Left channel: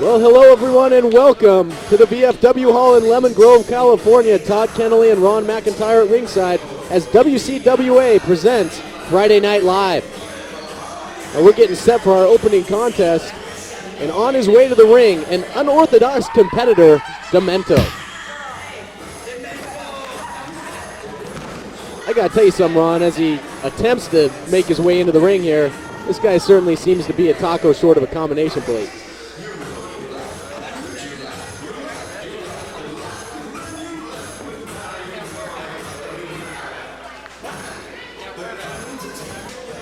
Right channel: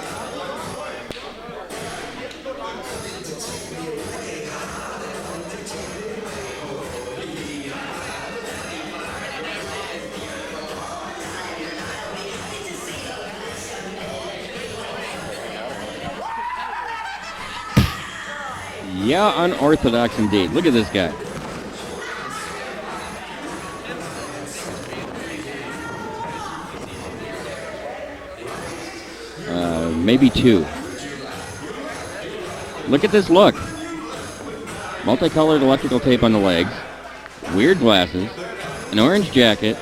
Well, hello everyone and welcome to the VFW Hall in Lemon Grove, California. Todd Kennelly and Ron McIntyre at ringside as WCWA presents Friday Night Live. And we're getting set for our opening contest. And on his way to the ring, an unorthodox competitor, Demento. Yeah, unorthodox indeed. Look at this guy. I gotta tell you something, Ron, as he attempts to make his way into the ring here, this guy certainly seems to be a taco short of a combination plate. Maybe two. Look at this look. Multicolored electrical tape on the legs, weird glasses, an orange jacket,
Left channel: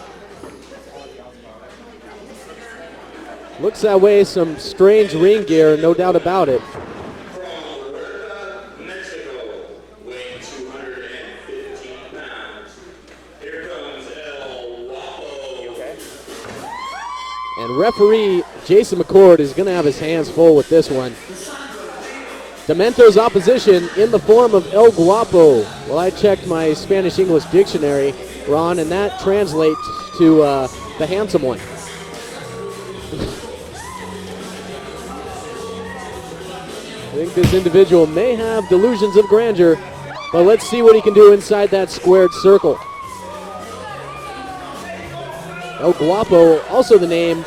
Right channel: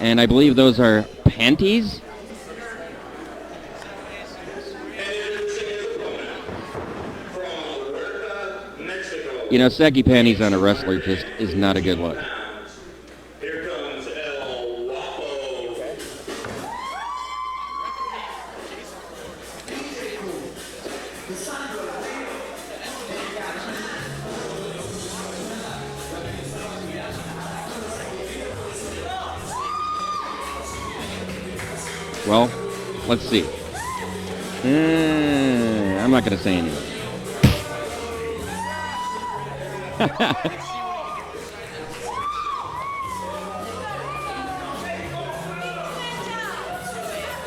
and I believe those are panties? Looks that way, some strange ring gear, no doubt about it. You know, saggy panties on a wrestler just is not a good look. And referee Jason McCord is going to have his hands full with this one. Demento's opposition in the form of El Guapo. Well, I checked my Spanish-English dictionary, Ron, and that translates to the handsome one. Well, let's see. I'm not going to say anything. I think This individual may have delusions of grandeur, but let's see what he can do inside that squared circle. El Guapo, also the name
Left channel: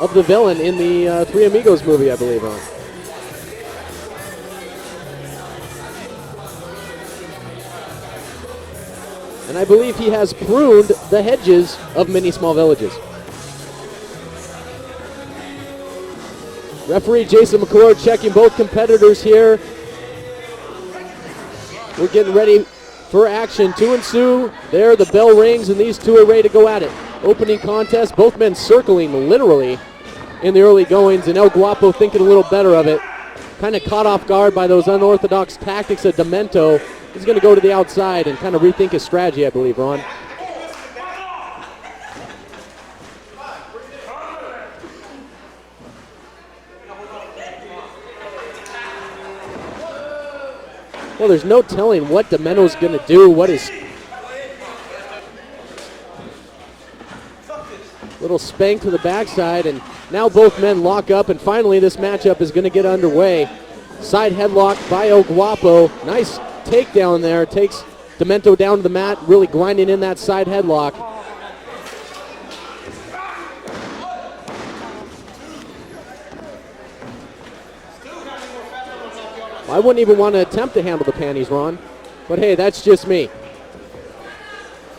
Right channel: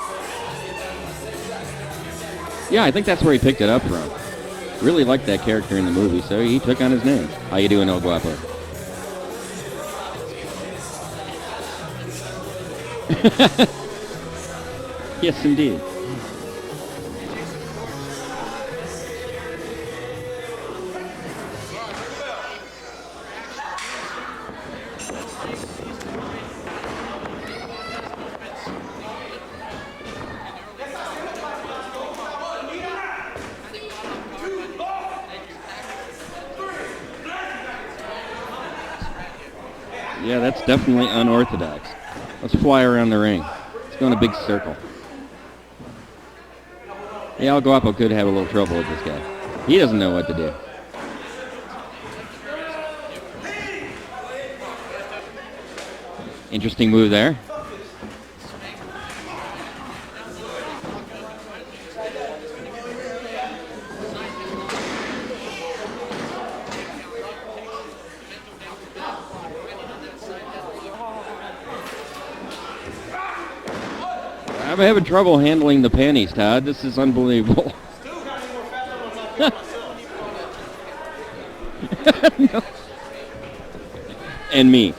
of the villain in the Three Amigos movie, I believe. Yeah, I think that's where he picked it up from. Really liked that character in the movie, so he took on his name. How you doing, El Guapo? And I believe he has pruned the hedges of many small villages. Yes, indeed. Referee Jason McCord checking both competitors here. We're getting ready for action to ensue. There, the bell rings, and these two are ready to go at it. Opening contest, both men circling literally in the early goings, and El Guapo thinking a little better of it. Kind of caught off guard by those unorthodox tactics of Demento. He's going to go to the outside and kind of rethink his strategy, I believe, Ron. Yeah, that's definitely unorthodox. Let's fly around the ring. Let's go in a big circle. Yeah, El Guapo could have a little trouble with this guy. He doesn't know what to do. Well, there's no telling what Demento's going to do. What is... Interesting move there. Little spank to the backside, and now both men lock up, and finally this matchup is going to get underway. Side headlock by El Guapo. Nice takedown there. Takes Demento down to the mat, really grinding in that side headlock. I'm having trouble handling the panties, Todd. This is unbelievable. I wouldn't even want to attempt to handle the panties, Ron. But hey, that's just me. And me.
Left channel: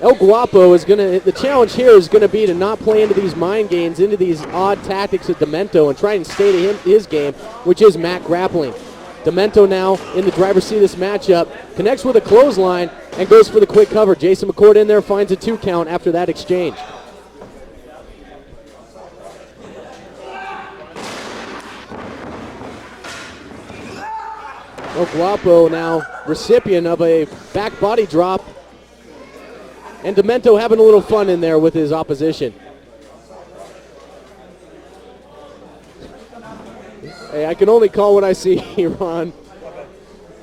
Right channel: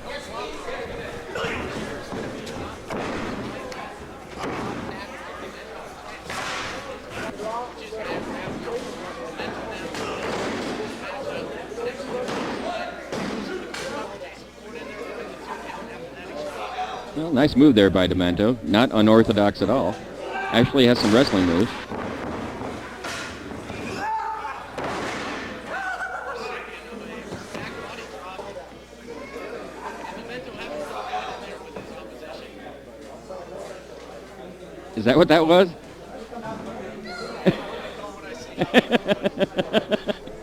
El Guapo is going to, the challenge here is going to be to not play into these mind games, into these odd tactics of Demento, and try and stay to his game, which is mat grappling. Demento now in the driver's seat of this matchup, connects with a clothesline and goes for the quick cover. Jason McCord in there, finds a 2 count after that exchange. Well, nice move there by Demento. Not unorthodox at all. Actually has some wrestling moves. El Guapo now recipient of a back body drop. And Demento having a little fun in there with his opposition. Is that what that was? Hey, I can only call what I see here, Ron.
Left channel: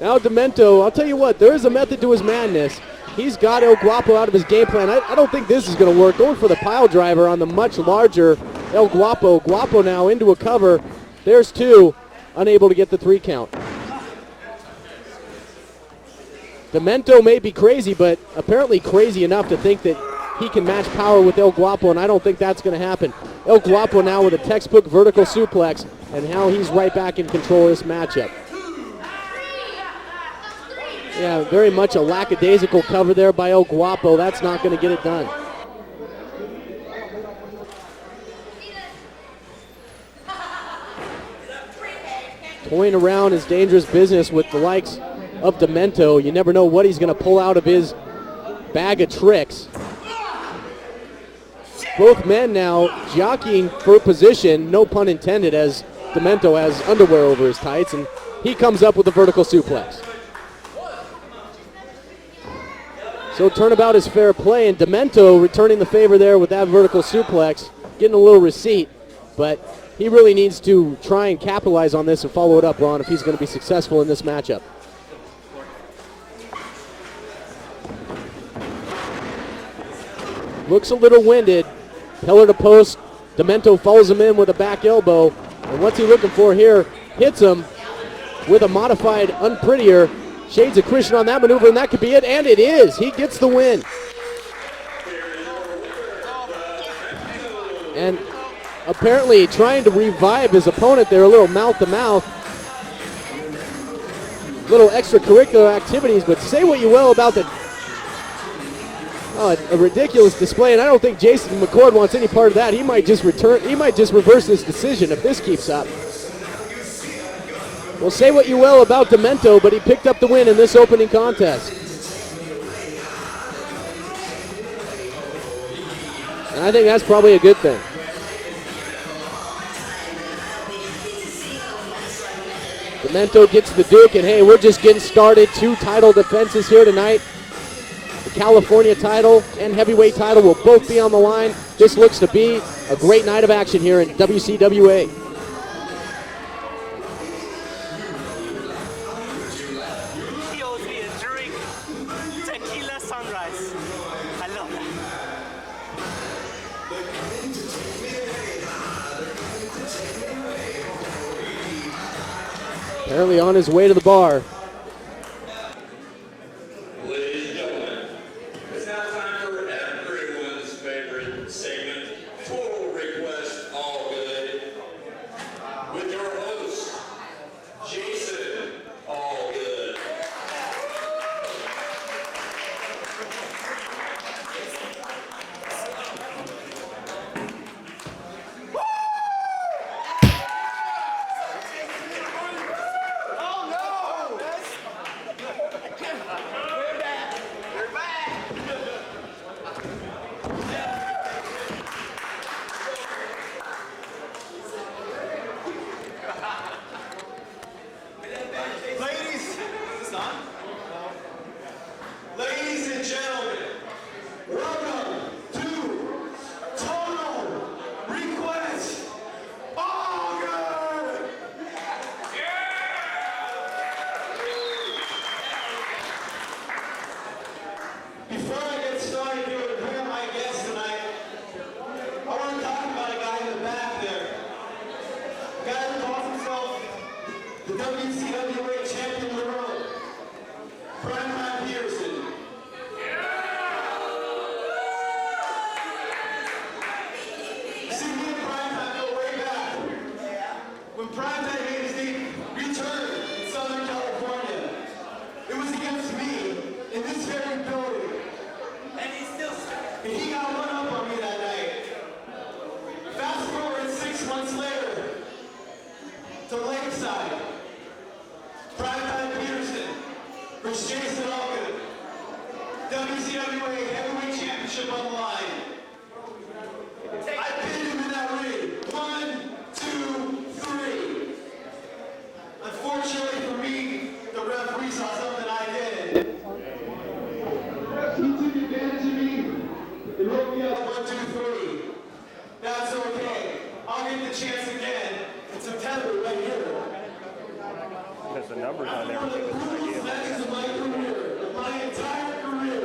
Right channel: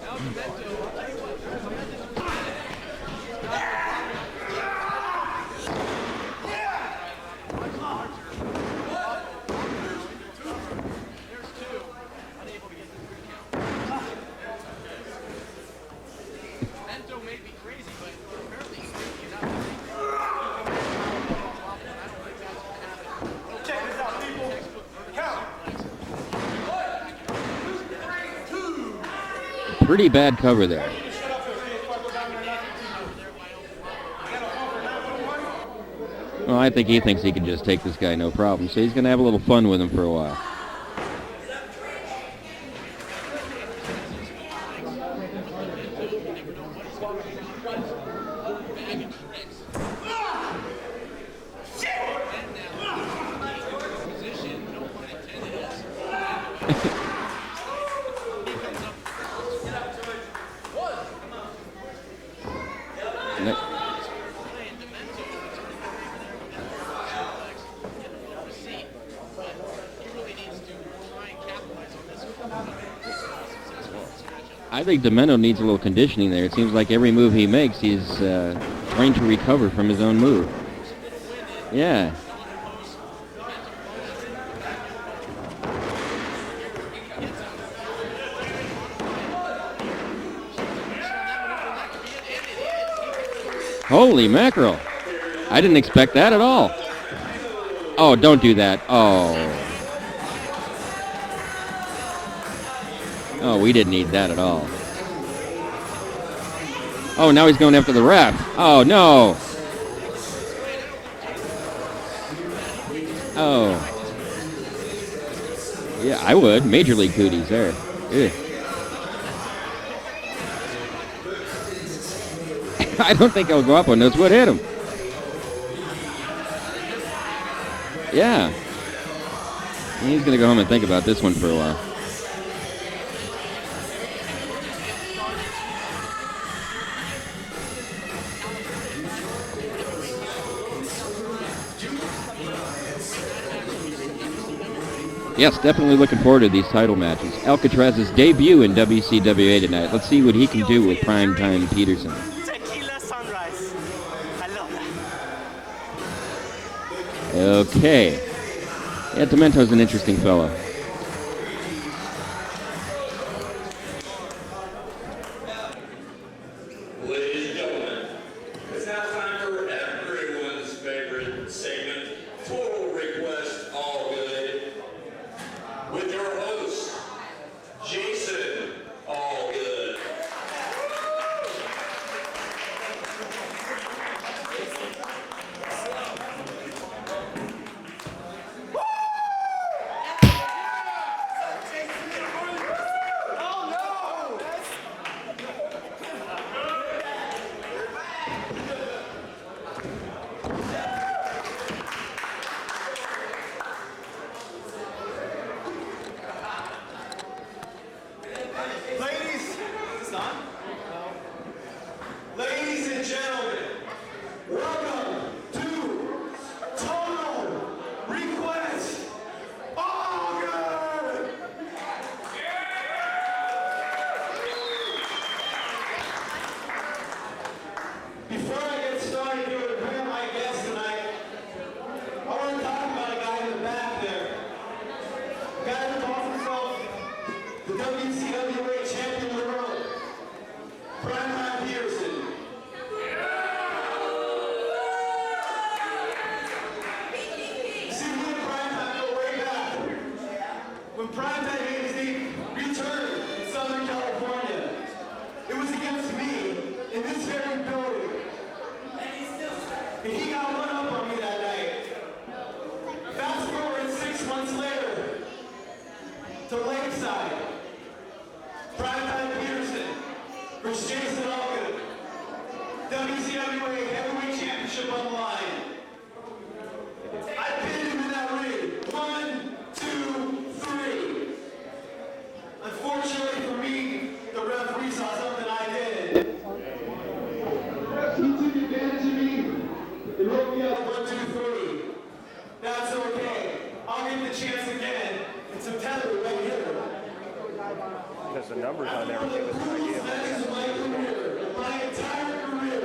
Now Demento, I'll tell you what, there is a method to his madness. He's got El Guapo out of his game plan. I don't think this is going to work. Going for the pile driver on the much larger El Guapo. Guapo now into a cover. There's 2, unable to get the 3 count. Demento may be crazy, but apparently crazy enough to think that he can match power with El Guapo, and I don't think that's going to happen. El Guapo now with a textbook vertical suplex, and now he's right back in control of this matchup. Pretty bad cover there. Yeah, very much a lackadaisical cover there by El Guapo. That's not going to get it done. Well, I think he thinks he can just take this guy no problem, so he's going to have a little fun with him for a while. Toying around is dangerous business with the likes of Demento. You never know what he's going to pull out of his bag of tricks. Both men now jockeying for position, no pun intended, as Demento has underwear over his tights, and he comes up with a vertical suplex. So turnabout is fair play, and Demento returning the favor there with that vertical suplex, getting a little receipt, but he really needs to try and capitalize on this and follow it up, Ron, if he's going to be successful in this matchup. I think Demento needs a little conditioning there. It seems like every move he makes, he's trying to recover from his own move. Looks a little winded. Yeah. Pillar to post. Demento follows him in with a back elbow. And what's he looking for here? Hits him with a modified unprettier. Shades of Christian on that maneuver, and that could be it. And it is. He gets the win. Holy mackerel. I didn't expect that at all. Oh, don't do that. Apparently trying to revive his opponent there, a little mouth-to-mouth. Oh, we didn't need that at all. Little extracurricular activities, but say what you will about... Oh, now he's going after the ref. Oh, no. A ridiculous display, and I don't think Jason McCord wants any part of that. He might just return. Oh. He might just reverse his decision if this keeps up. Yeah, I would. Major League cooties there. Well, say what you will about Demento, but he picked up the win in this opening contest. I don't think El Guapo knows what hit him. I think that's probably a good thing. Yeah. He's going to go home and think about this one for a while. Demento gets the Duke, and hey, we're just getting started. 2 title defenses here tonight. The California title and heavyweight title will both be on the line. This looks to be a great night of action here in WCWA. Yes, definitely looking forward to these title matches. Alcatraz's debut in WCWA tonight. Let's see what he can do with Primetime Peterson. Tequila Sunrise. I love that. Okay. Yeah, Demento's an interesting fellow. Apparently on his way to the bar. Ladies and gentlemen, it's now time for everyone's favorite segment, Total Request All Good, with your host, Jason Allgood. Ladies, is this on? Ladies and gentlemen, welcome to Total Request All Good. Before I get started here with who my guest tonight, I want to talk about a guy in the back there. A guy who calls himself the WCWA champion of the world, Primetime Peterson. See, me and Primetime go way back. When Primetime made his return in Southern California, it was against me in this very building. And he got one up on me that night. Fast forward 6 months later to Lakeside. Primetime Peterson versus Jason Allgood. WCWA Heavyweight Championship on the line. I pinned him in that ring. 1, 2, 3. Unfortunately for me, the referee saw something I did. He took advantage of me and wrote me up 1, 2, 3. That's okay. I'll get the chance again in September right here. Because the numbers on One of the everything was coolest matches of my career, of my entire career.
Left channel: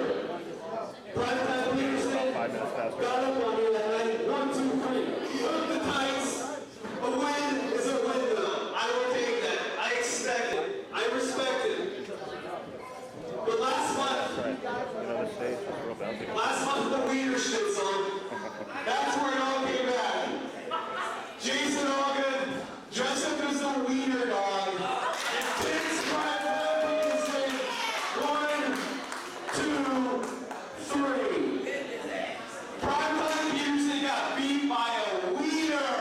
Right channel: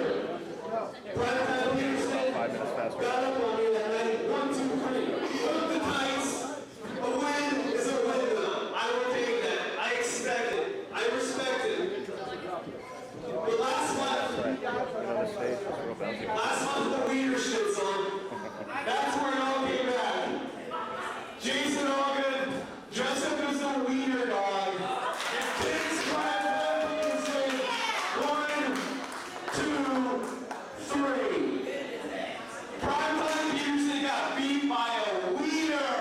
Primetime Peterson 5 minutes faster. got up on me that night. 1, 2, 3. Took the tights. A win is a win to them. I will take that. I expect it. I respect it. But last month, Right. The stage was real bouncy. last month the Wiener shit song. That's where it all came back. Jason Allgood dressed up as a wiener dog. Kids Primetime Peterson. 1, 2, 3. Primetime Peterson got beat by a wiener.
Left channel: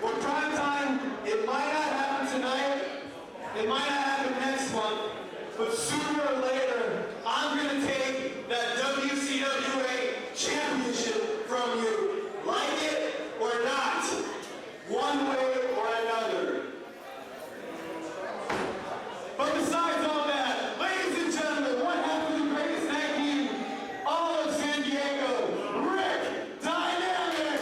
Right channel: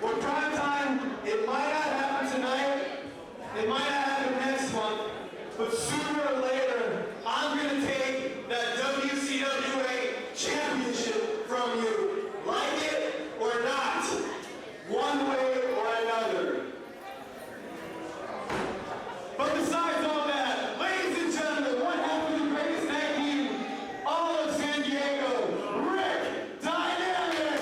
Well, Primetime, it might not happen tonight. It might not happen next month. But sooner or later, I'm going to take that WCWA championship from you. Like it or not. One way or another. But besides all that, ladies and gentlemen, one half of the greatest tag team, all of San Diego, Rick Dynamic!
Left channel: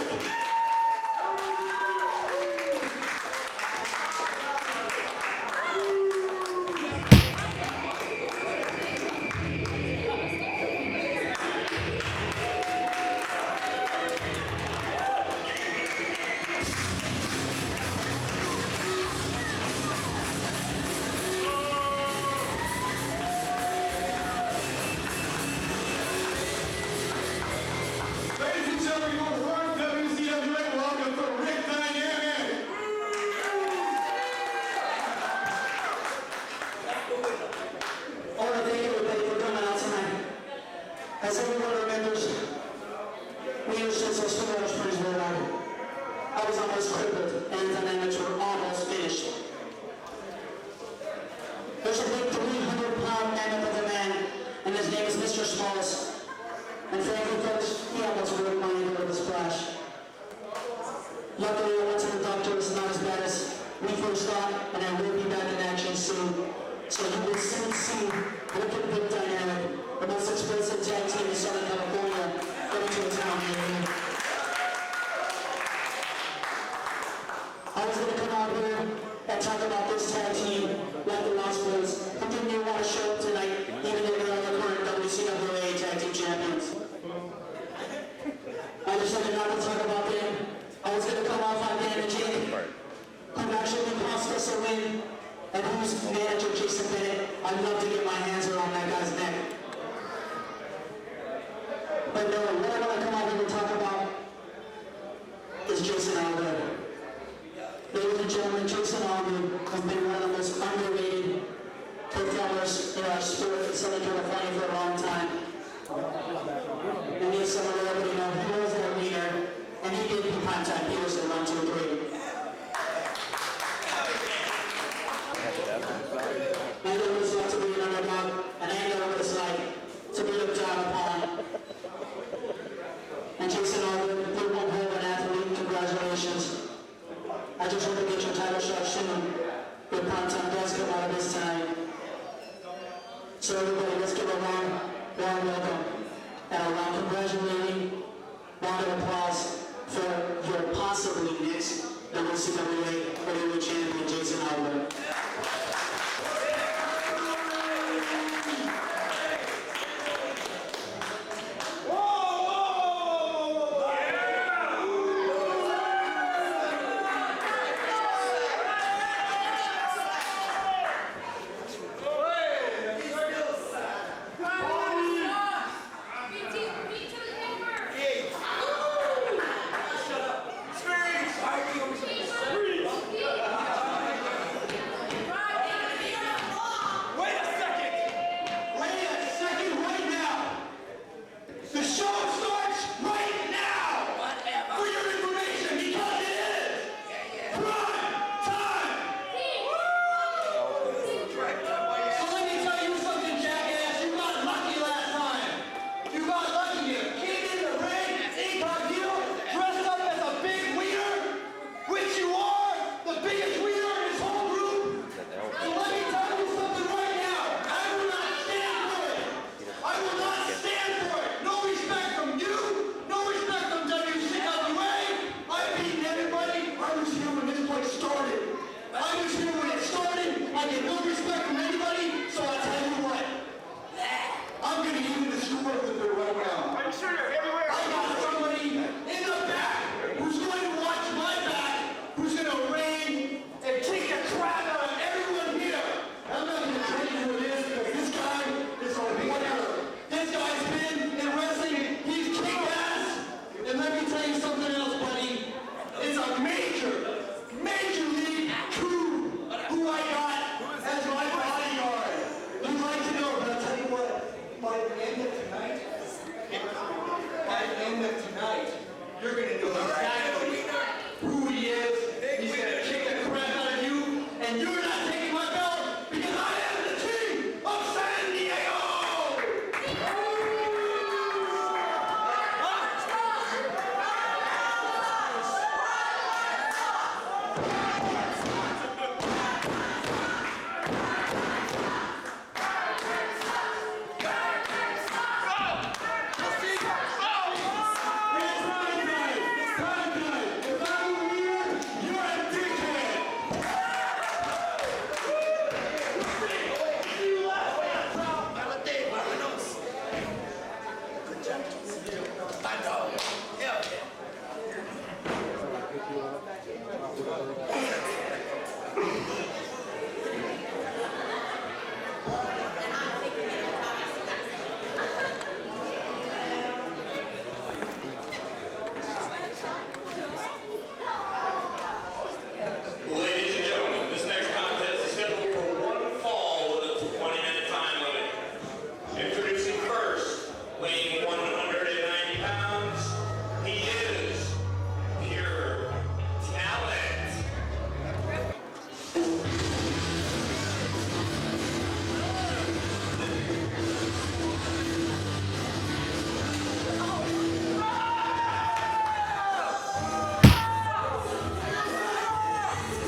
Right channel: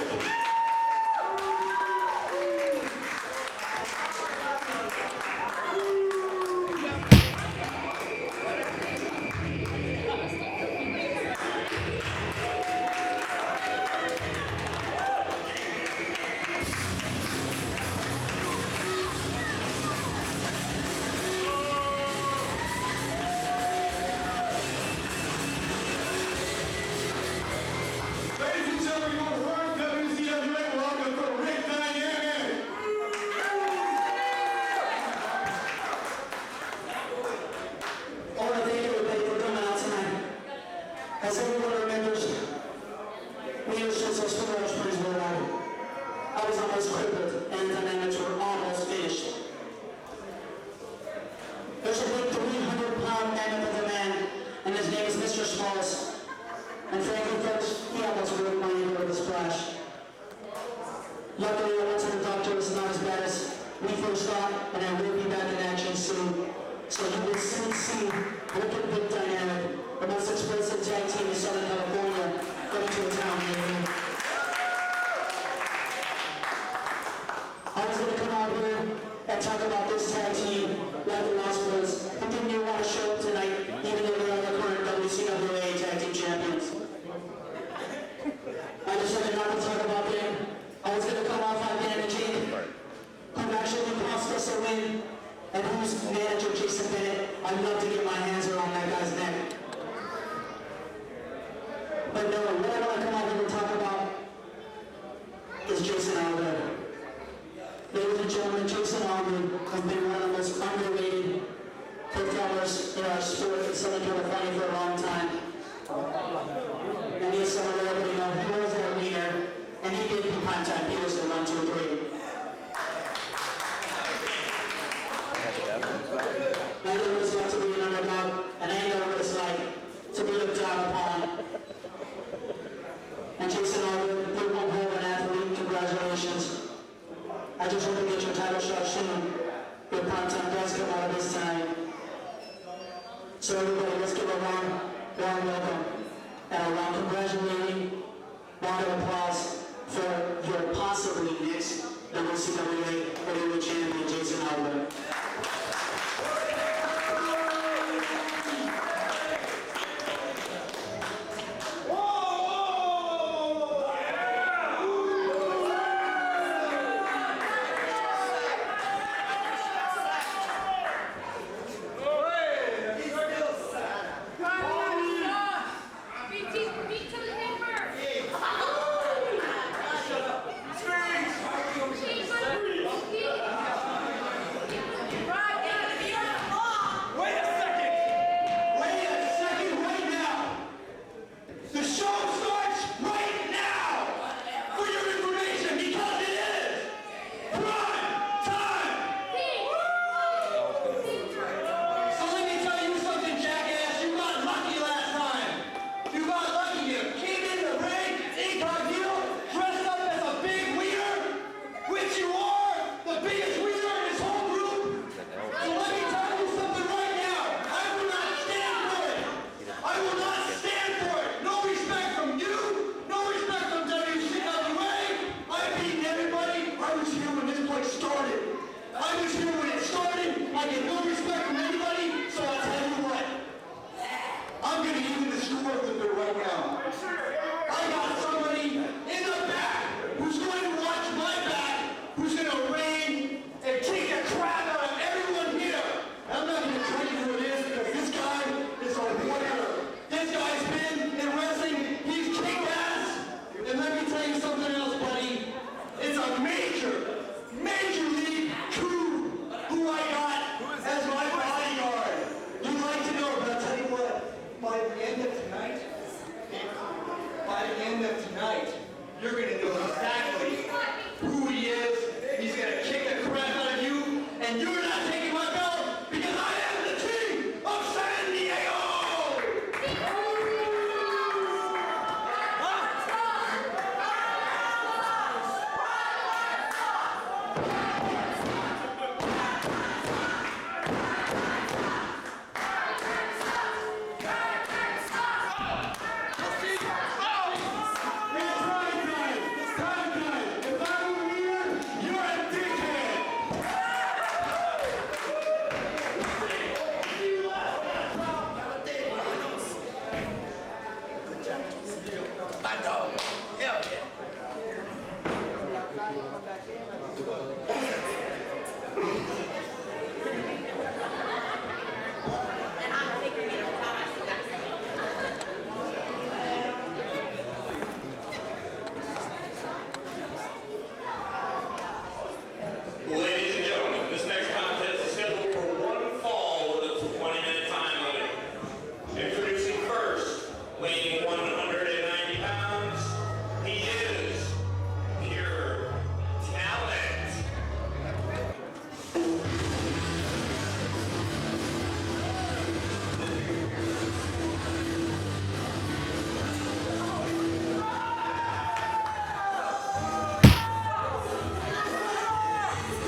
Ladies and gentlemen, your warm WCWA welcome for Rick Dynamic! I want to thank everybody for coming out tonight. As everyone remembers, we were since our school springs were around. I was almost crippled, and the dynamics were almost finished. There's a big 300-pound mammoth of a man, and his name is Mr. Smalls. And frankly, folks, he almost broke my ankle with a splash. Luckily, I went to the doctor. It's not as bad as we first thought, and I will be back in action soon. So you will soon see Rick and Vic Dynamic, the most explosive tag team in Southern California, coming to a town near you. I was going to come out here and talk about this tag team like the Lost Boys, who didn't even want to show up tonight, even though they're the current WCWA tag team champions. I just had an opportunity So everybody, let's give a warm welcome and a round congratulating round of applause for your possibly next WCWA Heavyweight Champion, Jason AWA.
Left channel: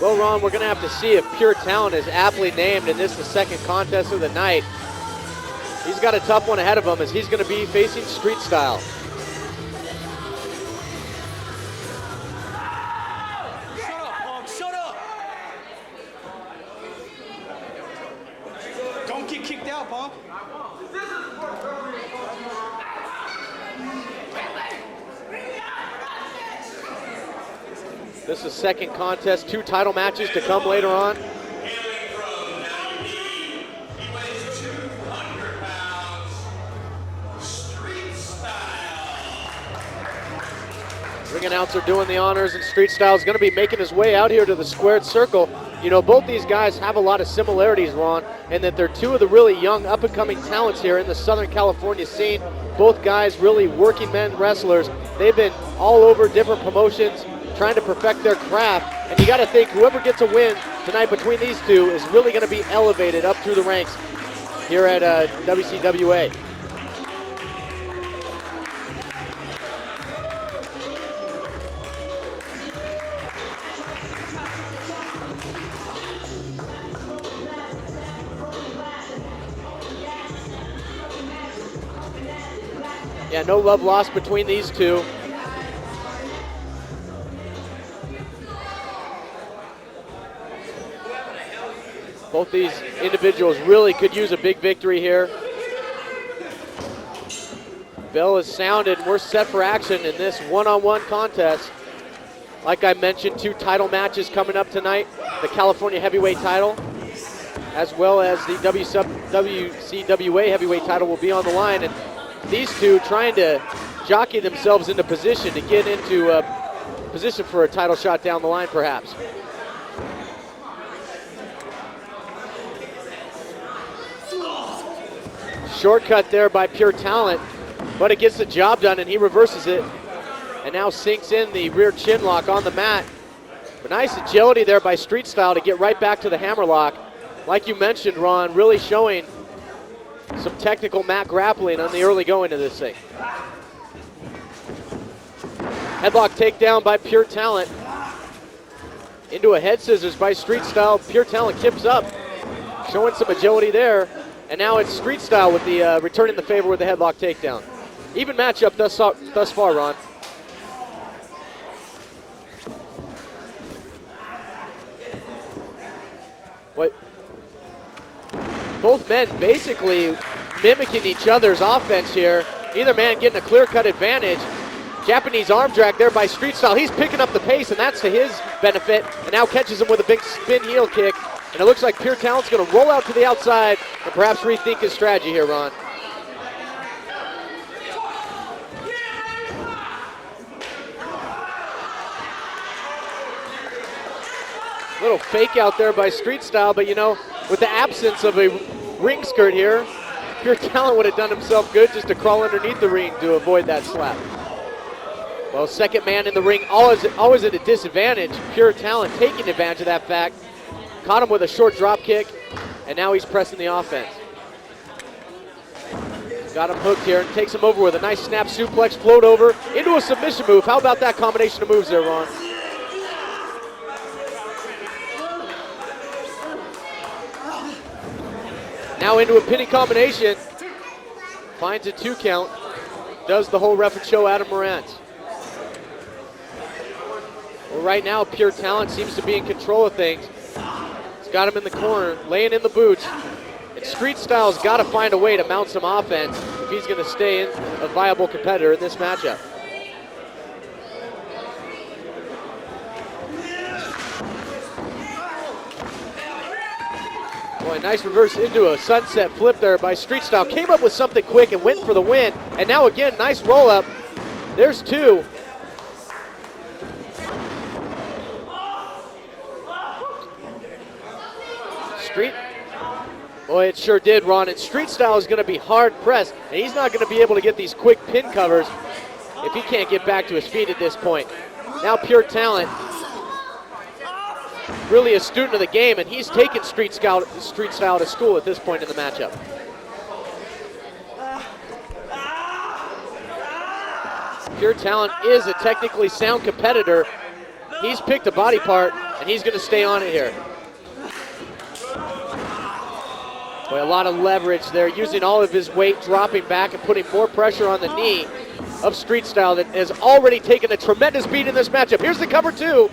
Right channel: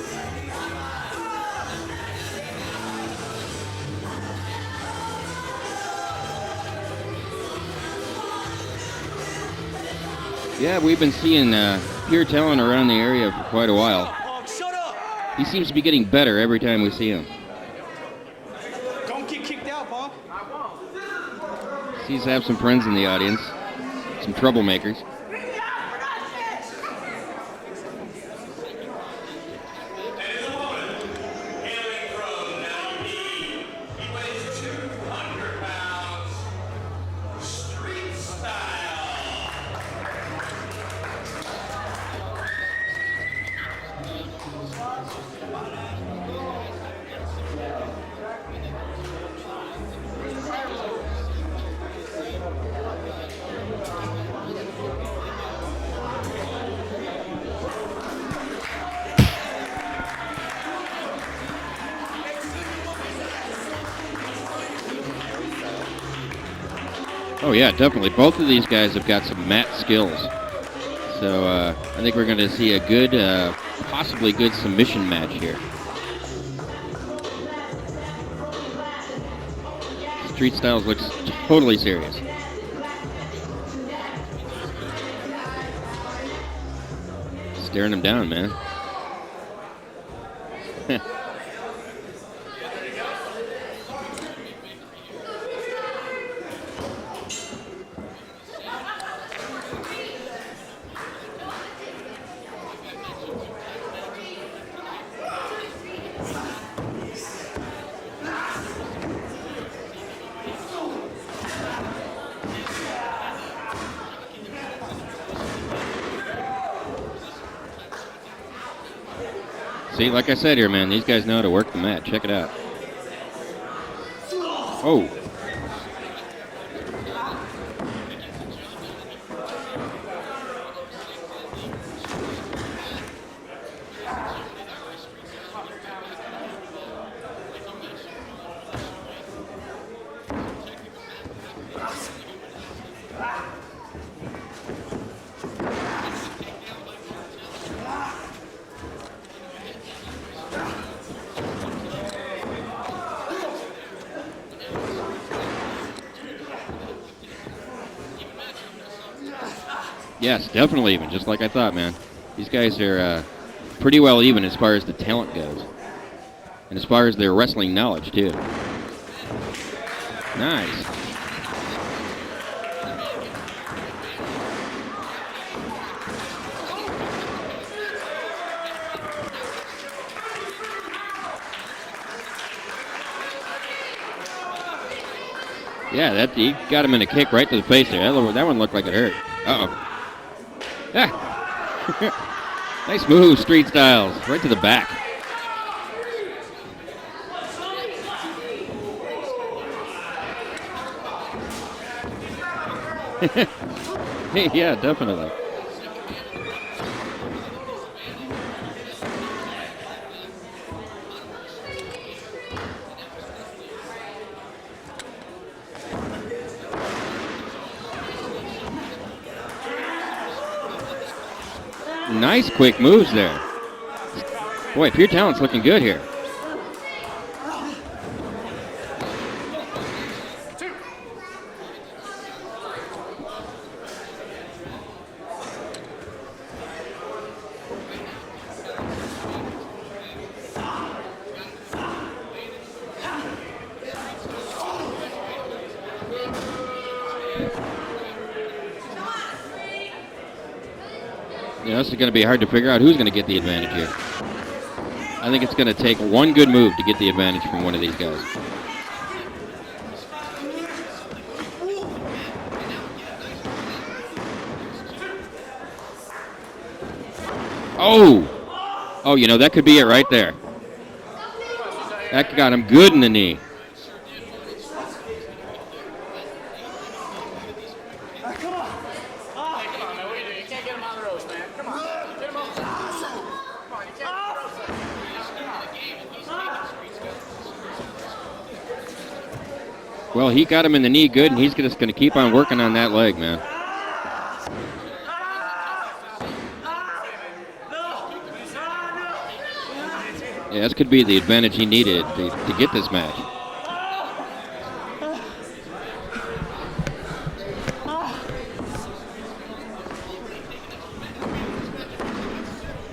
Well, Ron, we're going to have to see if Pure Talent is aptly named in this, the second contest of the night. He's got a tough one ahead of him as he's going to be facing Street Style. Yeah, we've been seeing Pure Talent around the area for quite a while. Shut up! He seems to be getting better every time we see him. Don't get kicked out, punk. He's have some friends in the audience, some troublemakers. This is second contest, 2 title matches to come later on. Hailing from WB, he weighs 200 pounds. Street Style. Ring announcer doing the honors, and Street Style is going to be making his way out here to the squared circle. You know, both these guys have a lot of similarities, Ron, in that they're 2 of the really young, up-and-coming talents here in the Southern California scene. Both guys really working men wrestlers. They've been all over different promotions, trying to perfect their craft, and you got to think whoever gets a win tonight between these 2 is really going to be elevated up through the ranks here at WCWA. Oh yeah, definitely. Both of these guys have got some mat skills. So I think we're going to see a good, possibly good submission match here. Street Styles looks totally serious. Yeah, no love lost between these two. Staring him down, man. Both these individuals really could use a big victory here. Bell has sounded. We're set for action in this one-on-one contest. Like I mentioned, 2 title matches coming up tonight. The California heavyweight title, as well as the WCWA heavyweight title will be on the line. And these two trying to jockey themselves into position to get into a position for a title shot down the line, perhaps. See, like I said here, man, these guys know how to work the mat. Check it out. Oh. Shortcut there by Pure Talent, but it gets the job done, and he reverses it. And now sinks in the rear chin lock on the mat. A nice agility there by Street Style to get right back to the hammerlock. Like you mentioned, Ron, really showing some technical mat grappling on the early going of this thing. Headlock takedown by Pure Talent. Into a head scissors by Street Style. Pure Talent tips up, showing some agility there. And now it's Street Style with the returning the favor with the headlock takedown. Even matchup thus far, Ron. Yes, definitely even, just like I thought, man. These guys are pretty well even as far as the talent goes. And as far as their wrestling knowledge, too. Both men basically mimicking each other's offense here. Either man getting a clear-cut advantage. Japanese arm drag there by Street Style. He's picking up the pace, and that's to his benefit. And now catches him with a big spin heel kick. And it looks like Pure Talent's going to roll out to the outside and perhaps rethink his strategy here, Ron. Yeah, he got him in a kick right to the face there. That one looked like it hurt. Uh-oh. Yeah. Nice move, Street Styles. Right to the back. A little fake out there by Street Style, but you know, with the absence of a ring skirt here, Pure Talent would have done himself good just to crawl underneath the ring to avoid that slap. Yeah, definitely. Well, second man in the ring, always at a disadvantage. Pure Talent taking advantage of that fact. Caught him with a short drop kick, and now he's pressing the offense. Got him hooked here and takes him over with a nice snap suplex, float over into a submission move. How about that combination of moves there, Ron? Nice quick moves there. Boy, Pure Talent's looking good here. Now into a pinning combination. Finds a 2 count. Does the whole ref and show Adam Morant. Well, right now, Pure Talent seems to be in control of things. He's got him in the corner, laying in the boots. And Street Style's got to find a way to mount some offense if he's going to stay a viable competitor in this matchup. Yeah, this is going to be hard to figure out who's going to get the advantage here. I think it's going to take one good move to get the advantage from one of these Nice guys. reverse into a sunset flip there by Street Style. Came up with something quick and went for the win. And now again, nice roll up. There's 2. Oh, you know, that could be it right there. That got him good in the knee. Boy, it sure did, Ron. And Street Style is going to be hard pressed. And he's not going to be able to get these quick pin covers if he can't get back to his feet at this point. Now Pure Talent, really a student of the game, and he's taken Street Style to school at this point in the matchup. Well, he got him in the knee good, and he's just going to keep on working on that leg, man. Pure Talent is a technically sound competitor. He's picked a body part, and he's going to stay on it here. Yeah, this could be the advantage he needed to get this match. But a lot of leverage there, using all of his weight, dropping back and putting more pressure on the knee of Street Style that has already taken a tremendous beat in this matchup. Here's the cover 2.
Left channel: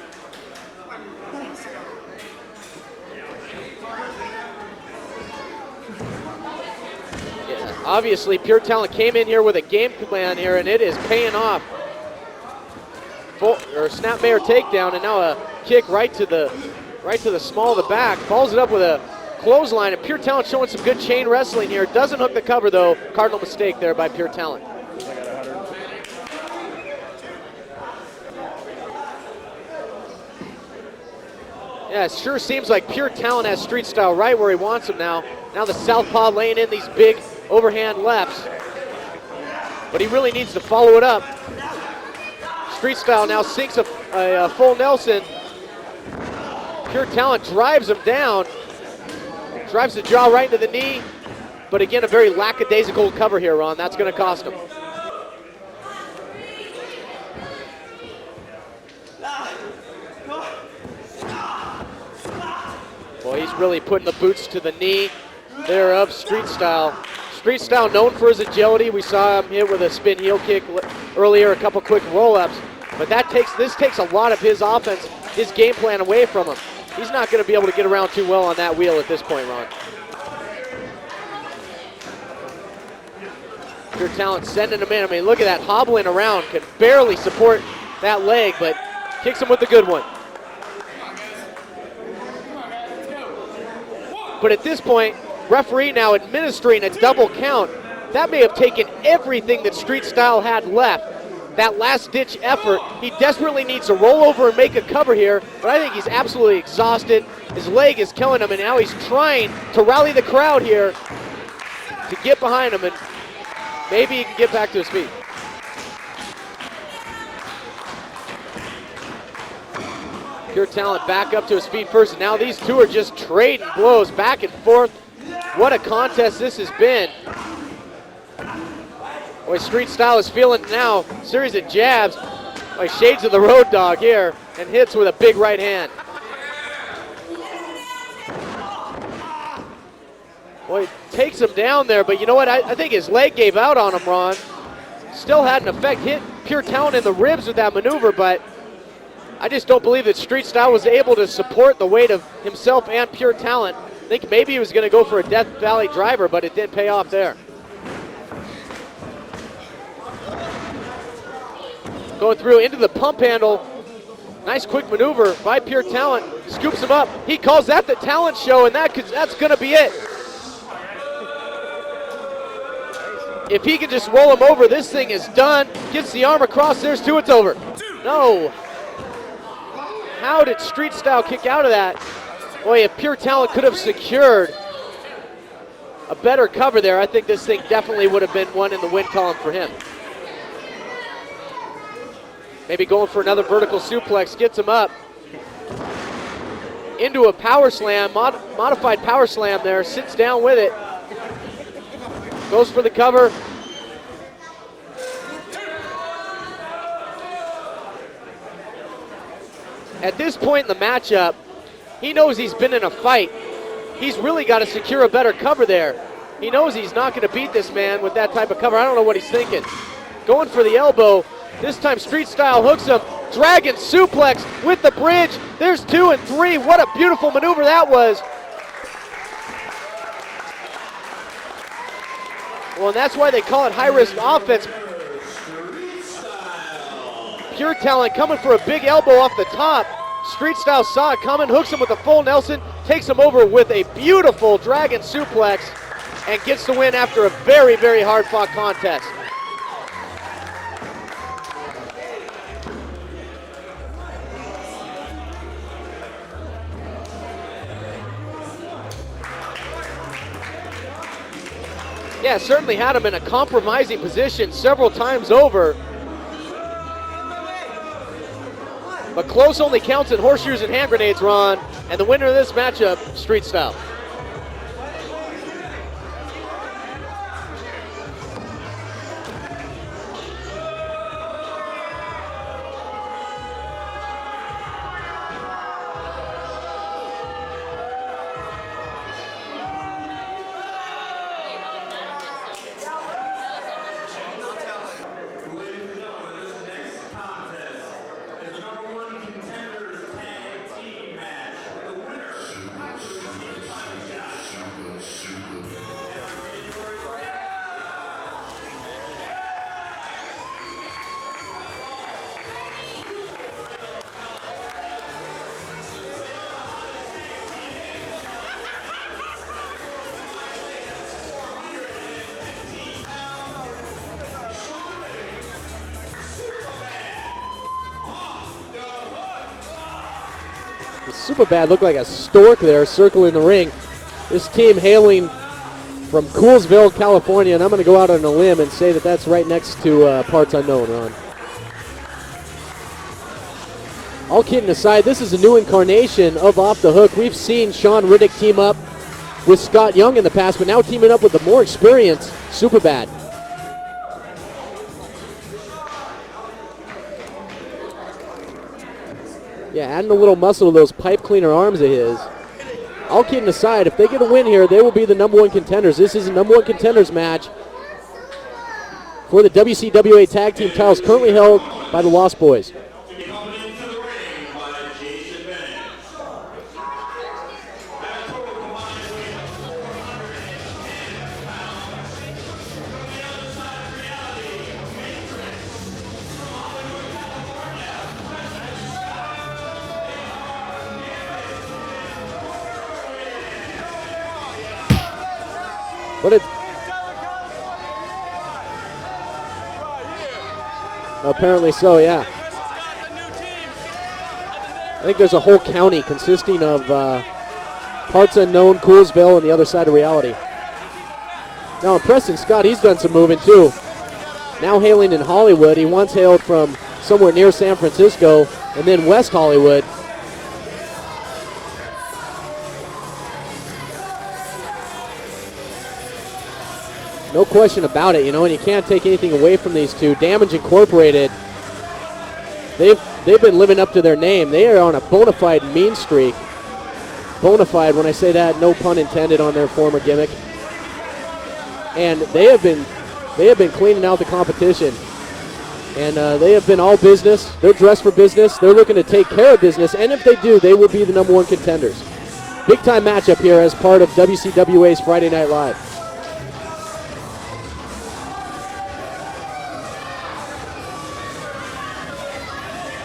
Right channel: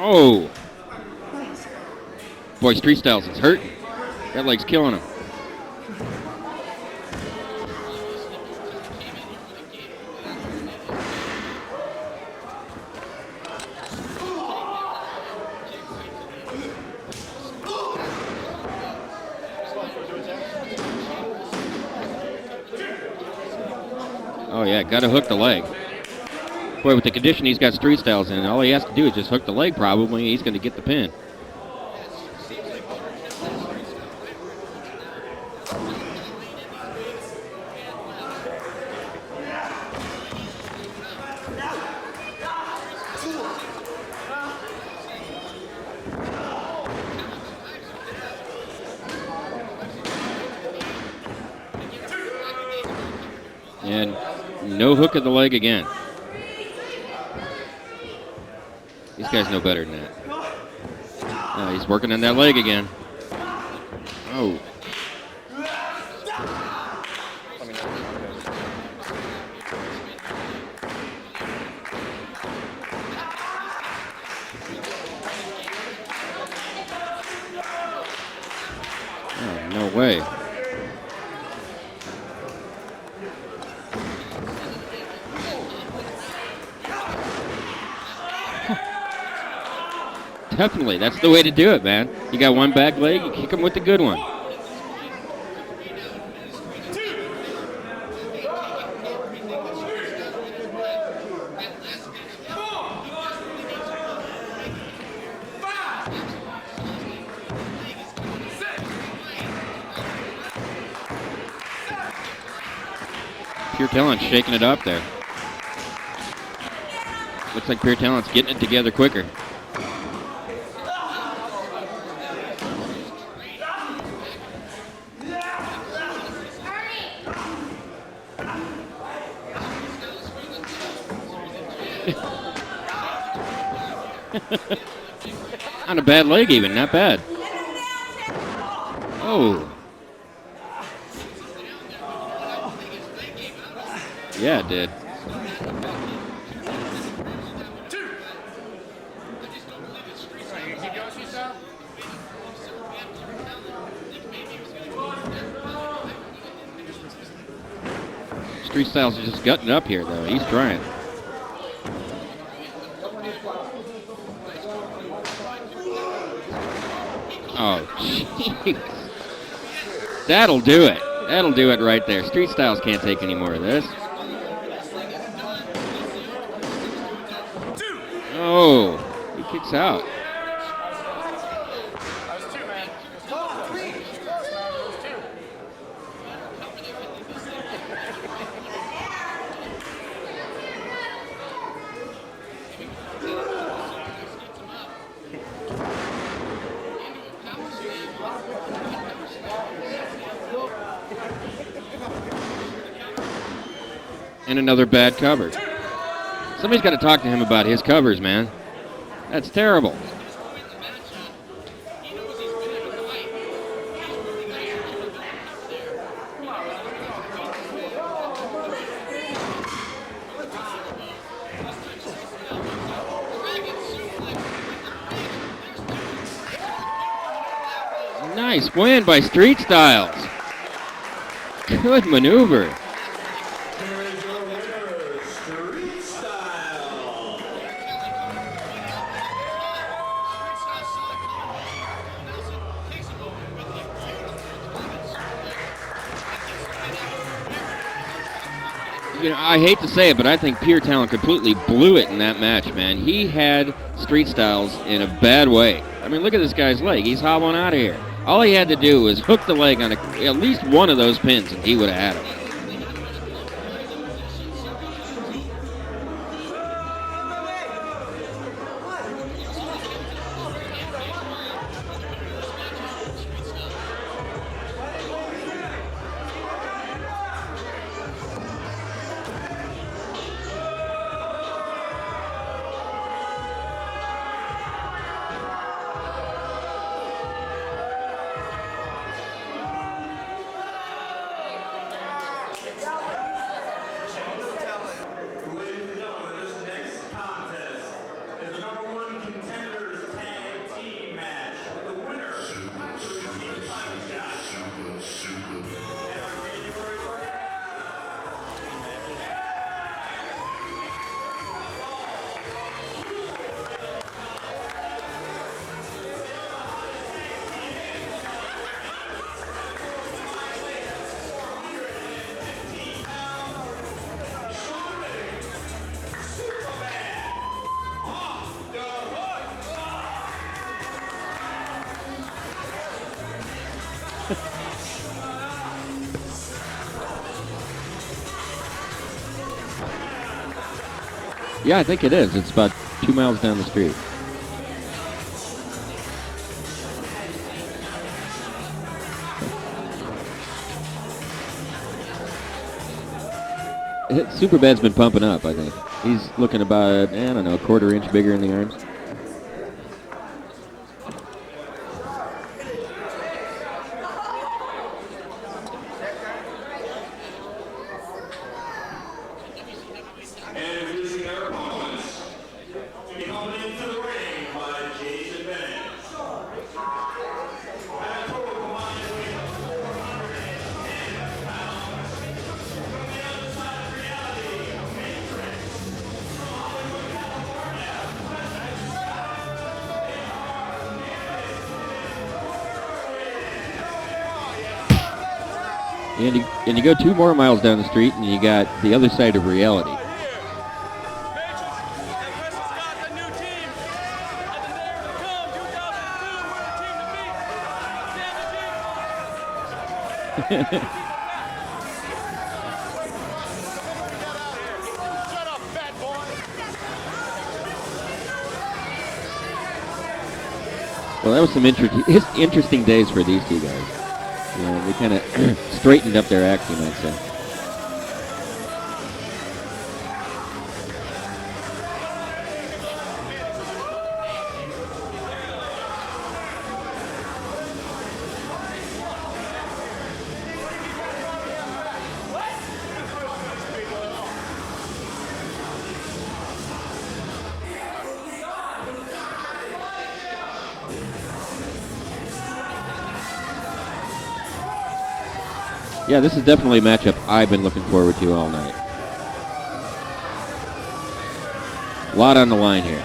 Oh. Boy, Street Styles is hurt. That leg's killing him. Obviously, Pure Talent came in here with a game plan here, and it is paying off. Snapmare takedown, and now a kick right to the small of the back. Follows it up with a clothesline, and Pure Talent showing some good chain wrestling here. Doesn't hook the cover, though. Cardinal mistake there by Pure Talent. Oh, yeah, got to hook the leg. Boy, with the condition he's got Street Styles in, all he has to do is just hook the leg probably, and he's going to get the pin. Yeah, it sure seems like Pure Talent has Street Style right where he wants him now. Now the southpaw laying in these big overhand lefts. But he really needs to follow it up. Street Style now sinks a full Nelson. Pure Talent drives him down. Drives the jaw right into the knee. But again, a very lackadaisical cover here, Ron. That's going to cost him. No hook of the leg again. These guys know better than that. No, he's working on that leg again. Well, he's really putting the boots to the knee. there of Street Style. Street Style known for his agility. We saw him hit with a spin heel kick earlier, a couple quick roll-ups. But this takes a lot of his offense, his game plan away from him. He's not going to be able to get around too well on that wheel at this point. No way. Pure Talent sending him in. I mean, look at that, hobbling around, could barely support that leg, but kicks him with a good one. Definitely, that's the way to do it, man. You got one back leg, you kick him with the good one. But at this point, referee now administering a double count. That may have taken everything that Street Style had left. That last-ditch effort. He desperately needs to roll over and make a cover here, but I think he's absolutely exhausted. His leg is killing him, and now he's trying to rally the crowd here to get behind him and Pure maybe Talent's he can get shaking it back up to his there. feet. Looks like Pure Talent's getting it together quicker. Pure Talent back up to his feet first, and now these two are just trading blows back and forth. What a contest this has been. Boy, Street Style is feeling now. Series of jabs by shades of the Road Dogg here, and hits with a big right hand. Not a bad leg even, not bad. Oh, Boy, takes him down there, but you know what? I think his leg gave out on him, Ron. yeah, it did. Still had an effect, hit Pure Talent in the ribs with that maneuver, but I just don't believe that Street Style was able to support the weight of himself and Pure Talent. I think maybe he was going to go for a Death Valley driver, but it did pay off there. Street Style's just gutting up here, though. He's trying. Going through into the pump handle. Nice quick maneuver by Pure Talent. Scoops him up. He calls that the talent show, and that's going to be it. That'll do it. That'll do it right there. Street Styles can't take any more. If he can just roll him over, this thing is done. Gets the arm across, there's two, it's over. No. Oh, he kicks out. How did Street Style kick out of that? Boy, if Pure Talent could have secured a better cover there, I think this thing definitely would have been one in the win column for him. Maybe going for another vertical suplex, gets him up into a power slam, modified power slam there, sits down with it, goes for the cover. And another bad cover. Somebody's got to talk to him about his covers, man. That's terrible. At this point in the matchup, he knows he's been in a fight. He's really got to secure a better cover there. He knows he's not going to beat this man with that type of cover. I don't know what he's thinking. Going for the elbow. This time Street Style hooks him. Dragon suplex with the bridge. There's 2 and 3. What a beautiful maneuver that was. Nice win by Street Styles. Good maneuver. Well, and that's why they call it high-risk offense. Pure Talent coming for a big elbow off the top. Street Style saw it coming, hooks him with a full Nelson, takes him over with a beautiful Dragon suplex, and gets the win after a very, very hard-fought contest. You know, I hate to say it, but I think Pure Talent completely blew it in that match, man. He had Street Styles in a bad way. I mean, look at this guy's leg. He's hobbling out of here. All he had to do was hook the leg on at least one of those pins, and he would have had it. Yeah, certainly had him in a compromising position several times over. But close only counts in horseshoes and hand grenades, Ron. And the winner of this matchup, Street Style. Superbad looked like a stork there circling the ring. This team hailing from Coolsville, California, and I'm going to go out on a limb and say that that's right next to Parts Unknown, Ron. Yeah, I think it is. It's about 2 miles down the street. All kidding aside, this is a new incarnation of Off the Hook. We've seen Sean Riddick team up with Scott Young in the past, but now teaming up with the more experienced Superbad. Superbad's been pumping up, I think. He's looking about, I don't know, a quarter inch bigger in the arms. Yeah, adding a little muscle to those pipe cleaner arms of his. all kidding aside, if they get a win here, they will be the number 1 contenders. This is a number 1 contenders match for the WCWA Tag Team titles, currently held by the Lost Boys. And you go 2 more miles down the street and you got the other side of reality. Apparently so, yeah. I think there's a whole county consisting of parts unknown, Coolsville, and the other side of reality. Now, Preston Scott, he's done some moving too. Now hailing in Hollywood. He once hailed from somewhere near San Francisco and then West Hollywood. Well, that was some interesting days for these two guys. You know, they kind of straightened up their action, I'd say. No question about it, you know, and you can't take anything away from these two. Damage Incorporated, they've been living up to their name. They are on a bona fide mean streak. Bona fide, when I say that, no pun intended on their former gimmick. And they have been cleaning out the competition. And they have been all business. They're dressed for business. They're looking to take care of business. And if they do, they will be the number 1 contenders. Big time matchup here as part of WCWA's Friday Night Live. Yeah, this is definitely a matchup I've been looking forward to all night. A lot on the line here.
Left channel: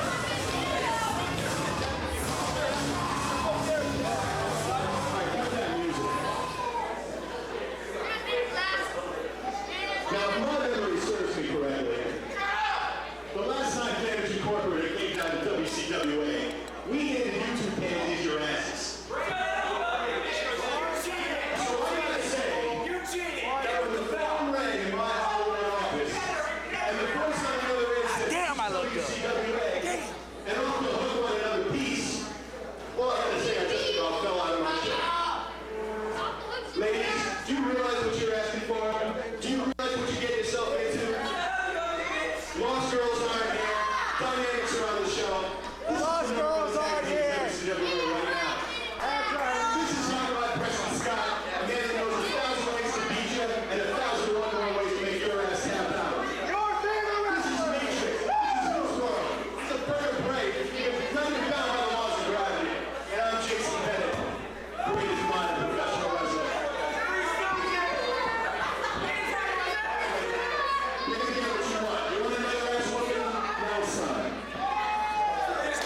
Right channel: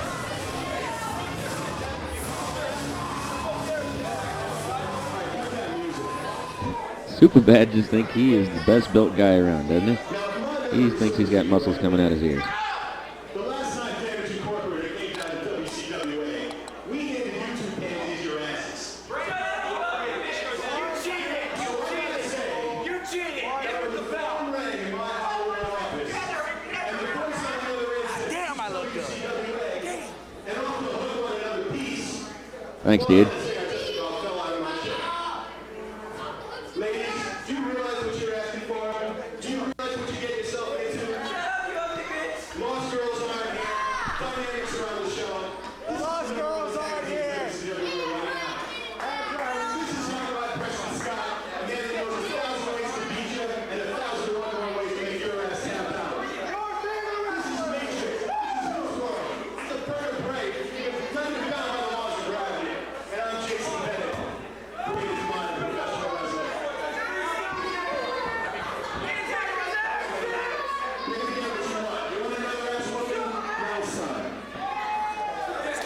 Superbad just thinks he is the best built guy around, doesn't he? He thinks he's got muscles coming out his ears. The last time Damage Incorporated came down to WCWA, we handed you 2 panties your asses. So what did I say? You cheated! That was the phone rang in my Hollywood office. And the voice on the other end said, damn, I look good. And off the hook on another piece. Thanks, dude. Ladies, do you realize what you're asking for? Do you realize what you get yourself into? Lost girls aren't here. Dynamics around the show. Lost girls aren't here. This is not my Preston Scott. A man that knows 1,000 ways to beat you and 1,001 more ways to make your ass tap out. This is Matrix. This is Goose World. It's a perfect break. It's not even bound by the laws of gravity. And I'm Jason Bennett. Greatest mind in professional wrestling.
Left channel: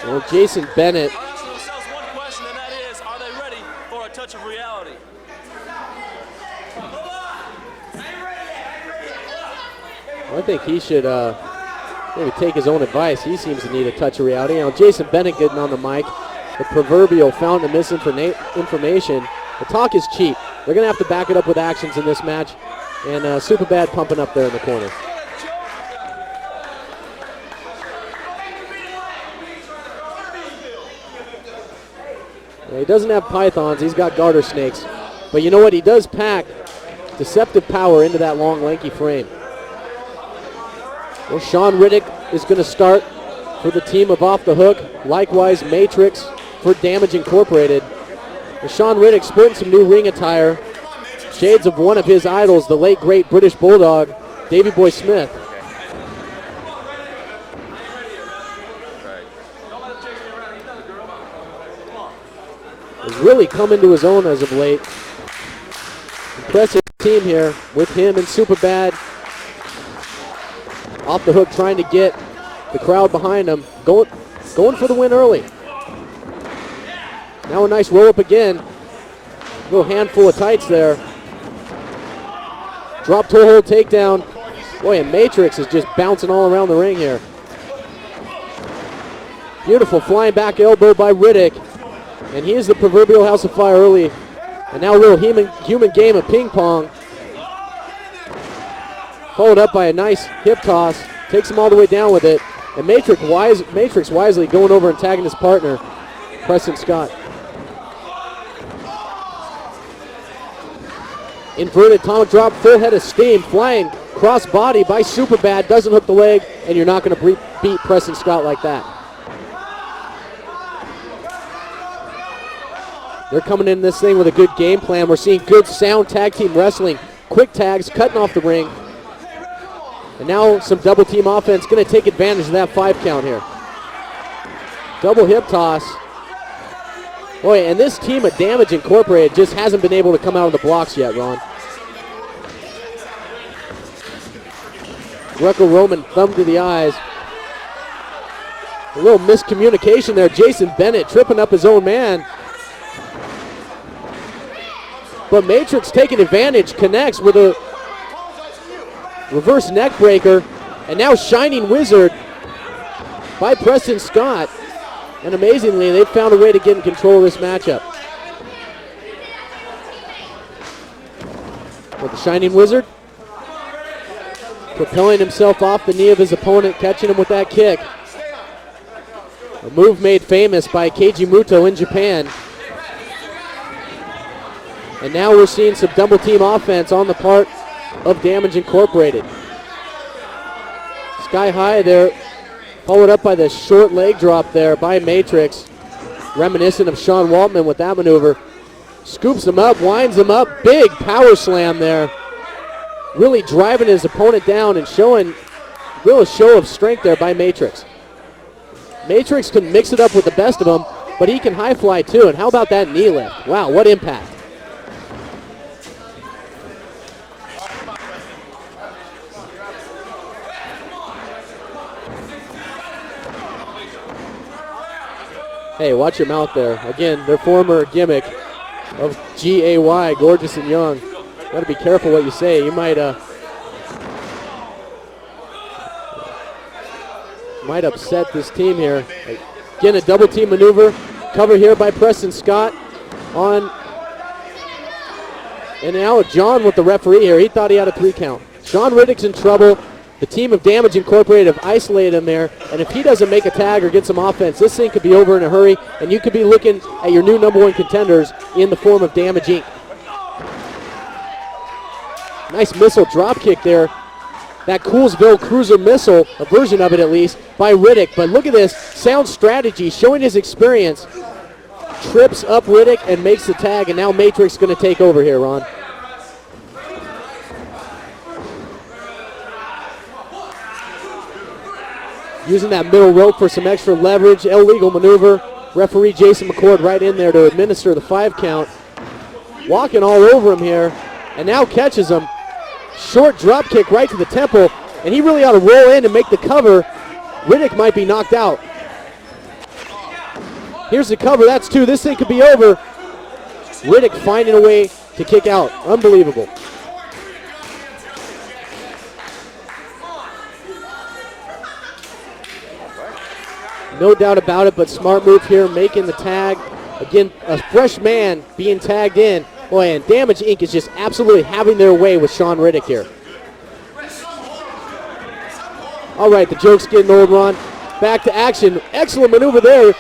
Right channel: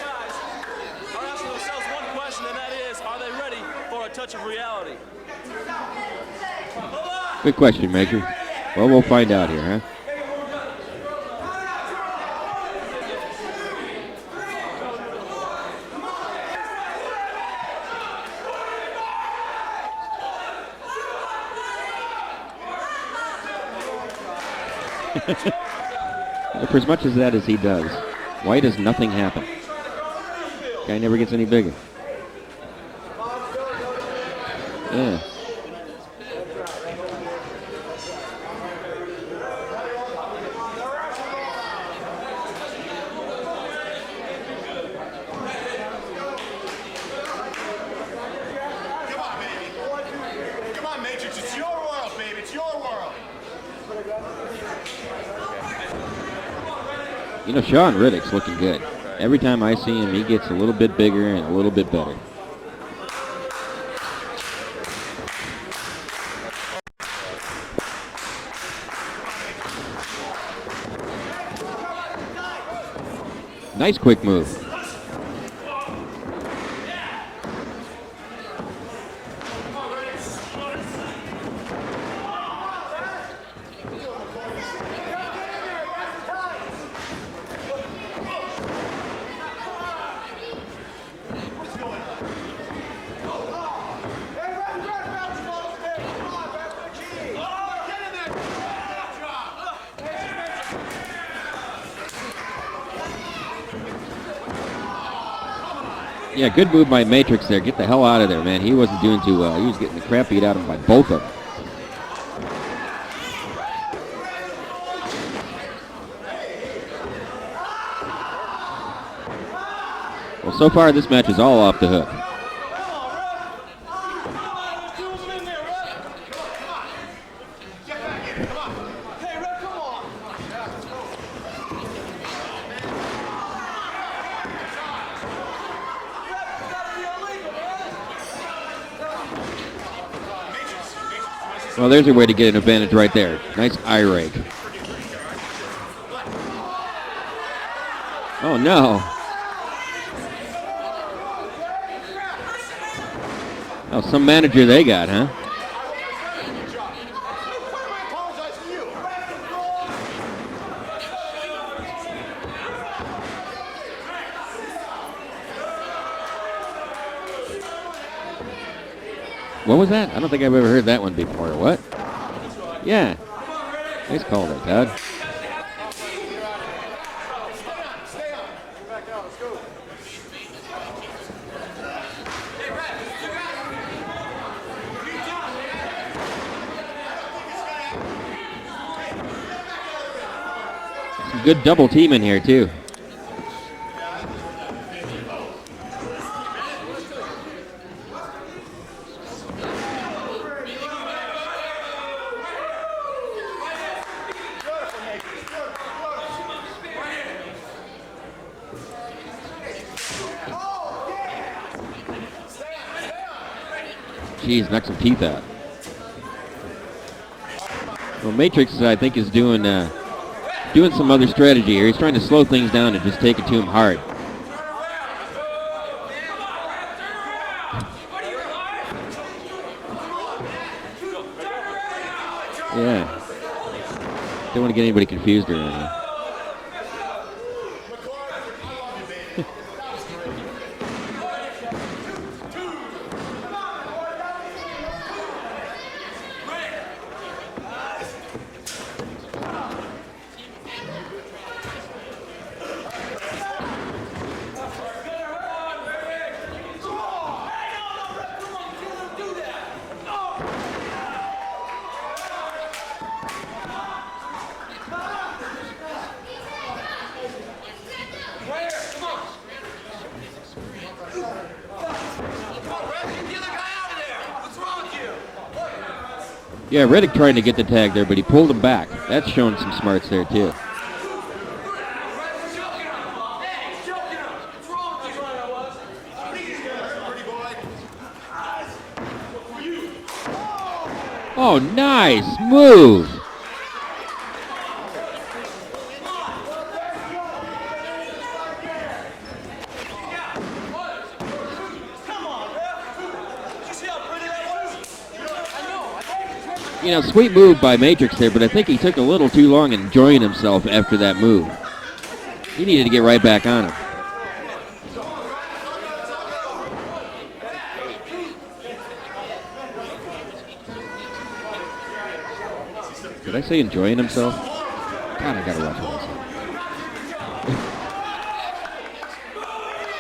Well, Jason Bennett. I'll ask themselves one question, and that is, are they ready for a touch of reality? Good question, Major. Well, we'll find out here, huh? I think he should maybe take his own advice. He seems to need a touch of reality. You know, Jason Bennett getting on the mic, the proverbial fountain of misinformation. The talk is cheap. They're going to have to back it up with actions in this match. And Superbad pumping up there in the corner. Well, for as much as that as he does, why does nothing happen? Guy never gets any bigger. Well, he doesn't have pythons. He's got garter snakes. Yeah. But you know what? He does pack deceptive power into that long, lanky frame. Well, Sean Riddick is going to start for the team of Off the Hook. Likewise, Matrix for Damage Incorporated. Well, Sean Riddick sporting some new ring attire. Shades of one of his idols, the late, great British Bulldog, Davey Boy Smith. You know, Sean Riddick's looking good. Every time I see him, he gets a little bit bigger and a little bit better. He's really come into his own as of late. Impressive team here with him and Superbad. Off the Hook trying to get the crowd behind him. Nice quick move. Going for the win early. Now a nice roll up again. Little handful of tights there. Drop toe hold takedown. Boy, and Matrix is just bouncing all around the ring here. Beautiful flying back elbow by Riddick. And he is the proverbial house of fire early. And now a little human game of ping pong. Followed up by a nice hip toss. Takes him all the way down with it. And Matrix wisely going over and tagging his partner. Yeah, Preston good move by Scott. Matrix there. Get the hell out of there, man. He wasn't doing too well. He was getting the crap beat out of him by both of them. Inverted atomic drop, full head of steam, flying cross body by Superbad. Doesn't hook the leg, and you're not going to beat Preston Scott like that. Well, so far this match is all off the hook. They're coming in this thing with a good game plan. We're seeing good sound tag team wrestling. Quick tags, cutting off the ring. And now some double team offense. Going to take advantage of that 5 count here. Double hip toss. Boy, and this team of Damage Incorporated just hasn't been able to come out of the blocks yet, Ron. Well, there's a way to get an advantage right there. Nice eye rake. Greco-Roman thumb to the eyes. Oh, A no. little miscommunication there. Jason Bennett tripping up his own man. Oh, some manager they got, huh? But Matrix taking advantage, connects with a reverse neck breaker. And now Shining Wizard by Preston Scott. And amazingly, they've found a way to get in control of this matchup. What was that? I don't think I've ever heard that one before. What? With Shining Wizard Yeah. He's called it that. propelling himself off the knee of his opponent, catching him with that kick. A move made famous by Keiji Muto in Japan. And now we're seeing some double team offense on the part of Damage Incorporated. Sky Good high double there, team in here, too. followed up by the short leg drop there by Matrix. Reminiscent of Sean Waltman with that maneuver. Scoops him up, winds him up, big power slam there. Really driving his opponent down and showing real show of strength there by Matrix. Matrix can mix it up with the best of them, but he can high fly too. And how about that knee lift? Wow, what impact. Jeez, knocks some teeth out. Well, Matrix, I think, is doing some other strategy here. He's trying to slow things down and just take it to him hard. Hey, watch your mouth there. Again, their former gimmick of GAY, Gorgeous and Young. Got to be careful what you say. You might Don't want to get anybody confused or anything. might upset this team here. Again, a double team maneuver. Cover here by Preston Scott on. And now John with the referee here. He thought he had a 3 count. Sean Riddick's in trouble. The team of Damage Incorporated have isolated him there. And if he doesn't make a tag or get some offense, this thing could be over in a hurry. And you could be looking at your new #1 contenders in the form of Damage Inc. Nice missile drop kick there. That Coolsville Cruiser missile, a version of it at least, by Riddick. But look at this, sound strategy, showing his experience. Trips up Riddick and makes the tag, and now Matrix going to take over here, Ron. Yeah, Riddick trying to get the tag there, but he pulled him back. That's showing some smarts there, too. Using that middle rope for some extra leverage, illegal maneuver. Referee Jason McCord right in there to administer the 5 count. Walking all over him here. And now catches him. Nice move. Short drop kick right to the temple, and he really ought to roll in and make the cover. Riddick might be knocked out. Here's the cover, that's 2. This thing could be over. Riddick finding a way to kick out. Unbelievable. You know, sweet move by Matrix there, but I think he took a little too long enjoying himself after that move. He needed to get right back on it. No doubt about it, but smart move here, making the tag. Again, a fresh man being tagged in. Boy, and Damage Inc. is just absolutely having their way with Sean Riddick here. Did I say enjoying himself? All right, the joke's getting old, Ron. Back to action. Excellent maneuver there.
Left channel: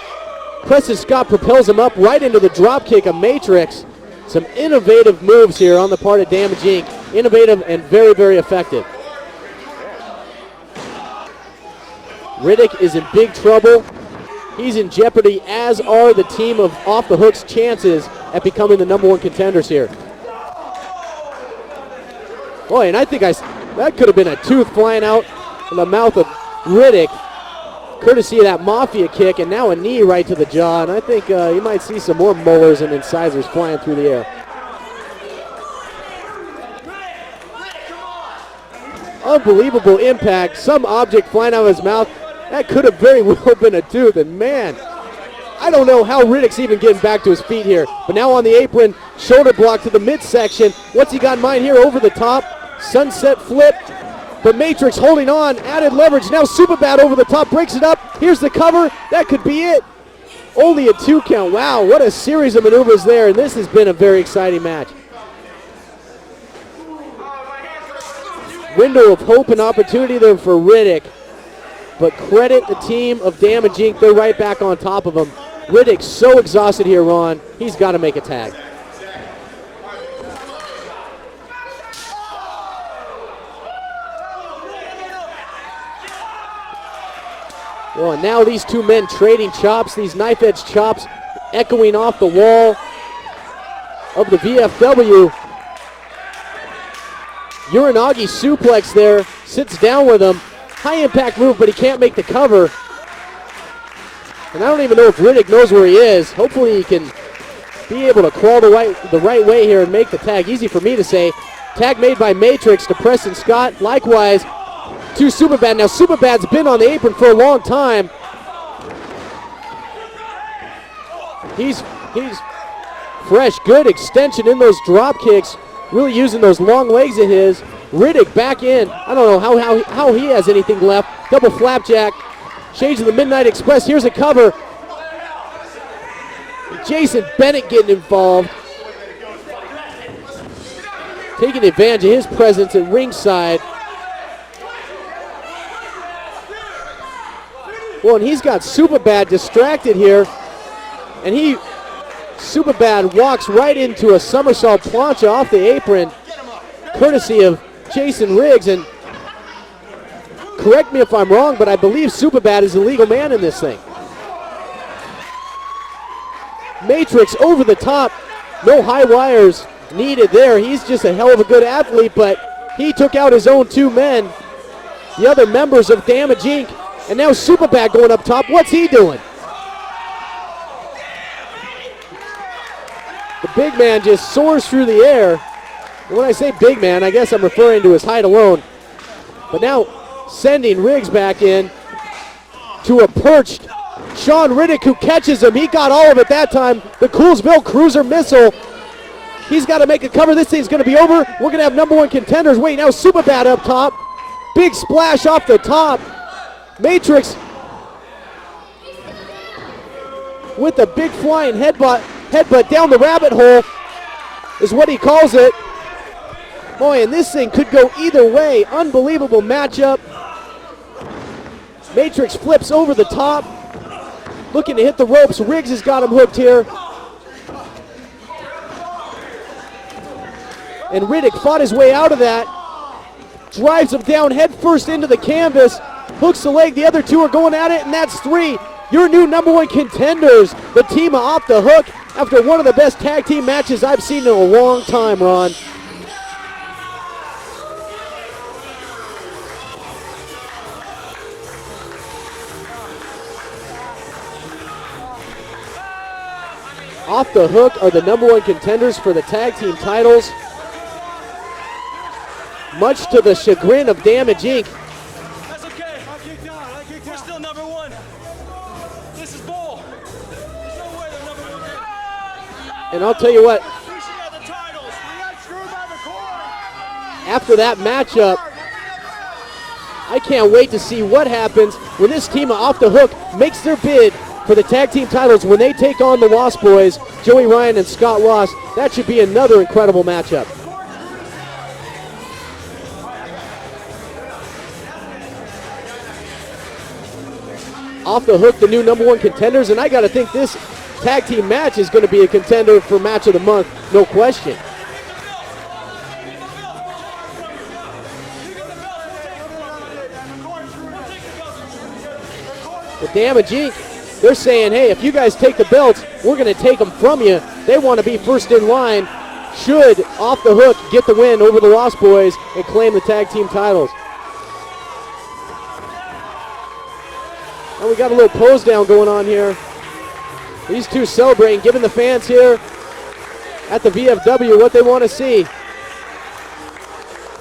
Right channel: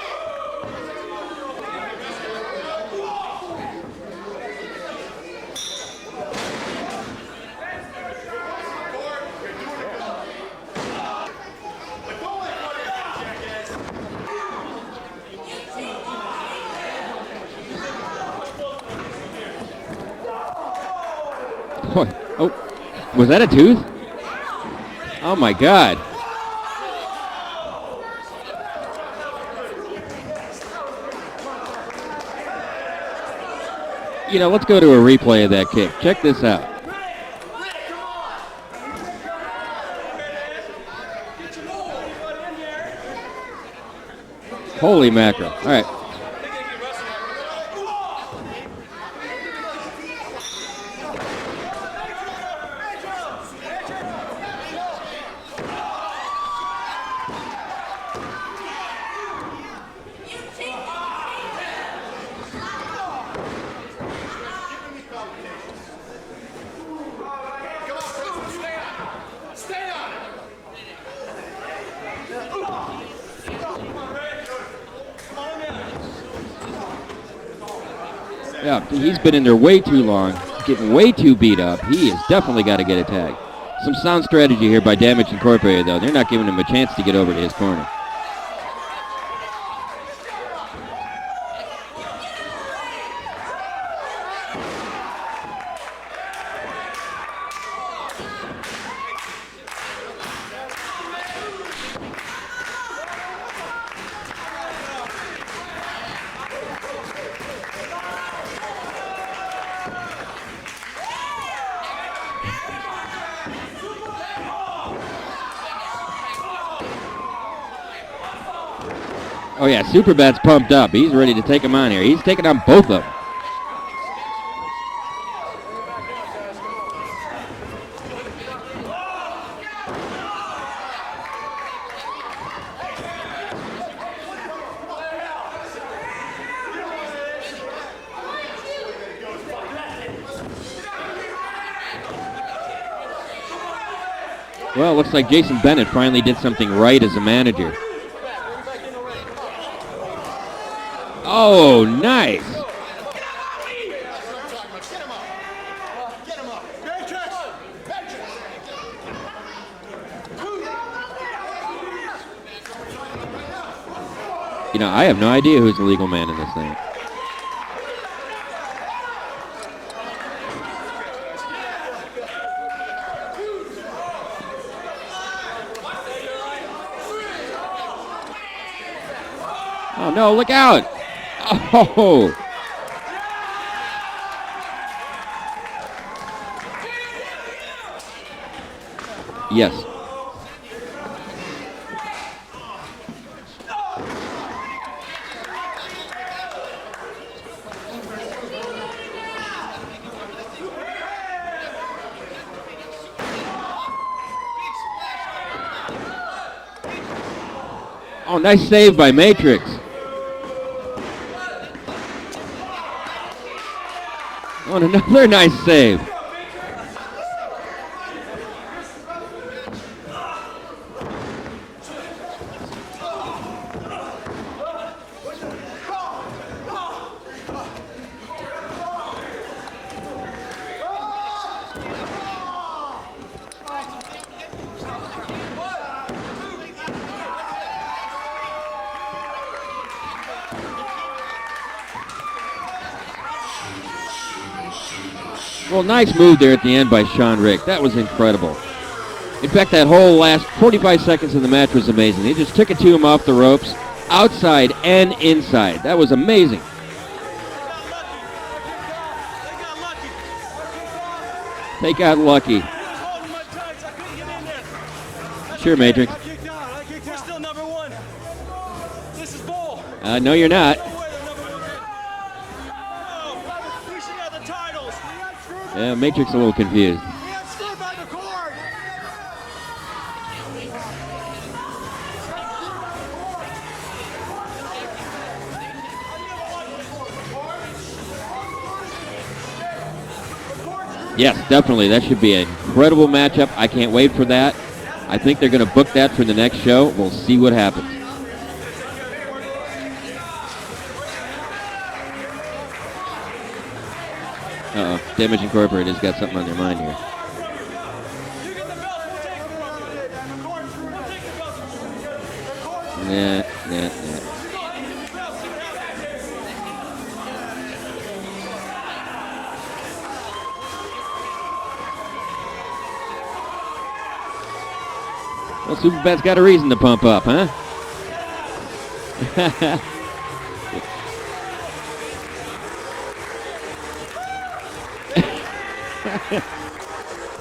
Preston Scott propels him up right into the drop kick of Matrix. Some innovative moves here on the part of Damage Inc. Innovative and very, very effective. Riddick is in big trouble. He's in jeopardy, as are the team of Off the Hook's chances at becoming the #1 contenders here. Oh, Boy, and I think was that a tooth? that could have been a tooth flying out Oh my of the God. mouth of Riddick, courtesy of that Mafia kick, and now a knee right to the jaw. And I think you might see some more molars and incisors flying through the air. You know, let's go to a replay of that kick. Check this out. Unbelievable impact. Some object flying out of his mouth. That could have very well been a tooth, and man, Holy mackerel. I don't know how Riddick's even getting back to his feet here. But now on the apron, shoulder block to the midsection. What's he got in mind here? Over the top, sunset flip. But Matrix holding on, added leverage. Now Superbad over the top, breaks it up. Here's the cover. That could be it. Only a 2 count. Wow, what a series of maneuvers there. And this has been a very exciting match. Window of hope and opportunity there for Riddick. But credit the team of Damage Inc. They're right back on top of him. Riddick's so exhausted here, Ron. He's got to make a tag. Yeah, he's been in there way too long, getting way too beat up. He has definitely got to get a tag. Some sound strategy here by Damage Incorporated, though. They're not giving him a chance to get over to his corner. Well, and now these two men trading chops, these knife-edge chops echoing off the wall. of the VFW. Uranagi suplex there, sits down with him. High impact move, but he can't make the cover. And I don't even know if Riddick knows where he is. Hopefully he can be able to crawl the right way here and make the tag. Easy for me to say. Tag made by Matrix to Preston Scott. Likewise to Superbad. Now Superbad's been on the apron for a long time. Oh yeah, Superbad's pumped up. He's ready to take him on here. He's taking on both of them. Fresh, good extension in those drop kicks. Really using those long legs of his. Riddick back in. I don't know how he has anything left. Double flapjack. Changing the Midnight Express. Here's a cover. Jason Bennett getting involved. Taking advantage of his presence at ringside. Well, it looks like Jason Bennett finally did something right as a manager. Well, and he's got Superbad distracted here. And nice. Superbad walks right into a somersault plancha off the apron, courtesy of Jason Riggs. And correct me if I'm wrong, but I believe Superbad is the legal man in this thing. You know, I have no idea who's the legal man in this thing. Matrix over the top. No high wires needed there. He's just a hell of a good athlete, but he took out his own two men, the other members of Damage Inc. And now Superbad going up top. What's he doing? Oh, no, look out. Oh. The big man just soars through the air. And when I say big man, I guess I'm referring to his height alone. But now sending Riggs back in to a perched Sean Riddick, who catches him. He got all of it that time. The Coolsville Cruiser Missile. He's got to make a cover. This thing's going to be over. We're going to have number one contenders. Wait, now Superbad up top. Big splash off the top. Matrix. Oh, nice save by Matrix. With a big flying headbutt down the rabbit hole is what he calls it. Nice save. Boy, and this thing could go either way. Unbelievable matchup. Matrix flips over the top, looking to hit the ropes. Riggs has got him hooked here. And Riddick fought his way out of that. Drives him down head first into the canvas. Hooks the leg. The other two are going at it, and that's three. Your new number one contenders, the team Off the Hook, after one of the best tag team matches I've seen in a long time, Ron. Well, nice move there at the end by Sean Riggs. That was incredible. In fact, that whole last 45 seconds of the match was amazing. He just took it to him off the ropes, outside and inside. That was amazing. Off the Hook are the number one contenders for the tag team titles. They got lucky. Much to the chagrin of Damage Inc. Sure, Matrix. We're still number one. This is bull. No, you're not. And I'll tell you what, We should have the titles. Yeah, Matrix a little confused. after that matchup, I can't wait to see what happens when this team of Off the Hook makes their bid for the tag team titles when they take on the Ross Boys, Joey Ryan and Scott Ross. That should be another incredible matchup. Yes, definitely. That should be an incredible matchup. I can't wait for that. I think they're going to book that for the next show. We'll see what happens. Off the Hook, the new number one contenders, and I got to think this tag team match is going to be a contender for match of the month, no question. Damage Incorporated's got something on their mind here. The Damage Inc., they're saying, hey, if you guys take the belts, we're going to take them from you. They want to be first in line. Should Off the Hook get the win over the Ross Boys and claim the tag team titles. Well, Superbad's got a reason to pump up, huh? And we got a little pose down going on here. These two celebrating, giving the fans here at the VFW what they want to see.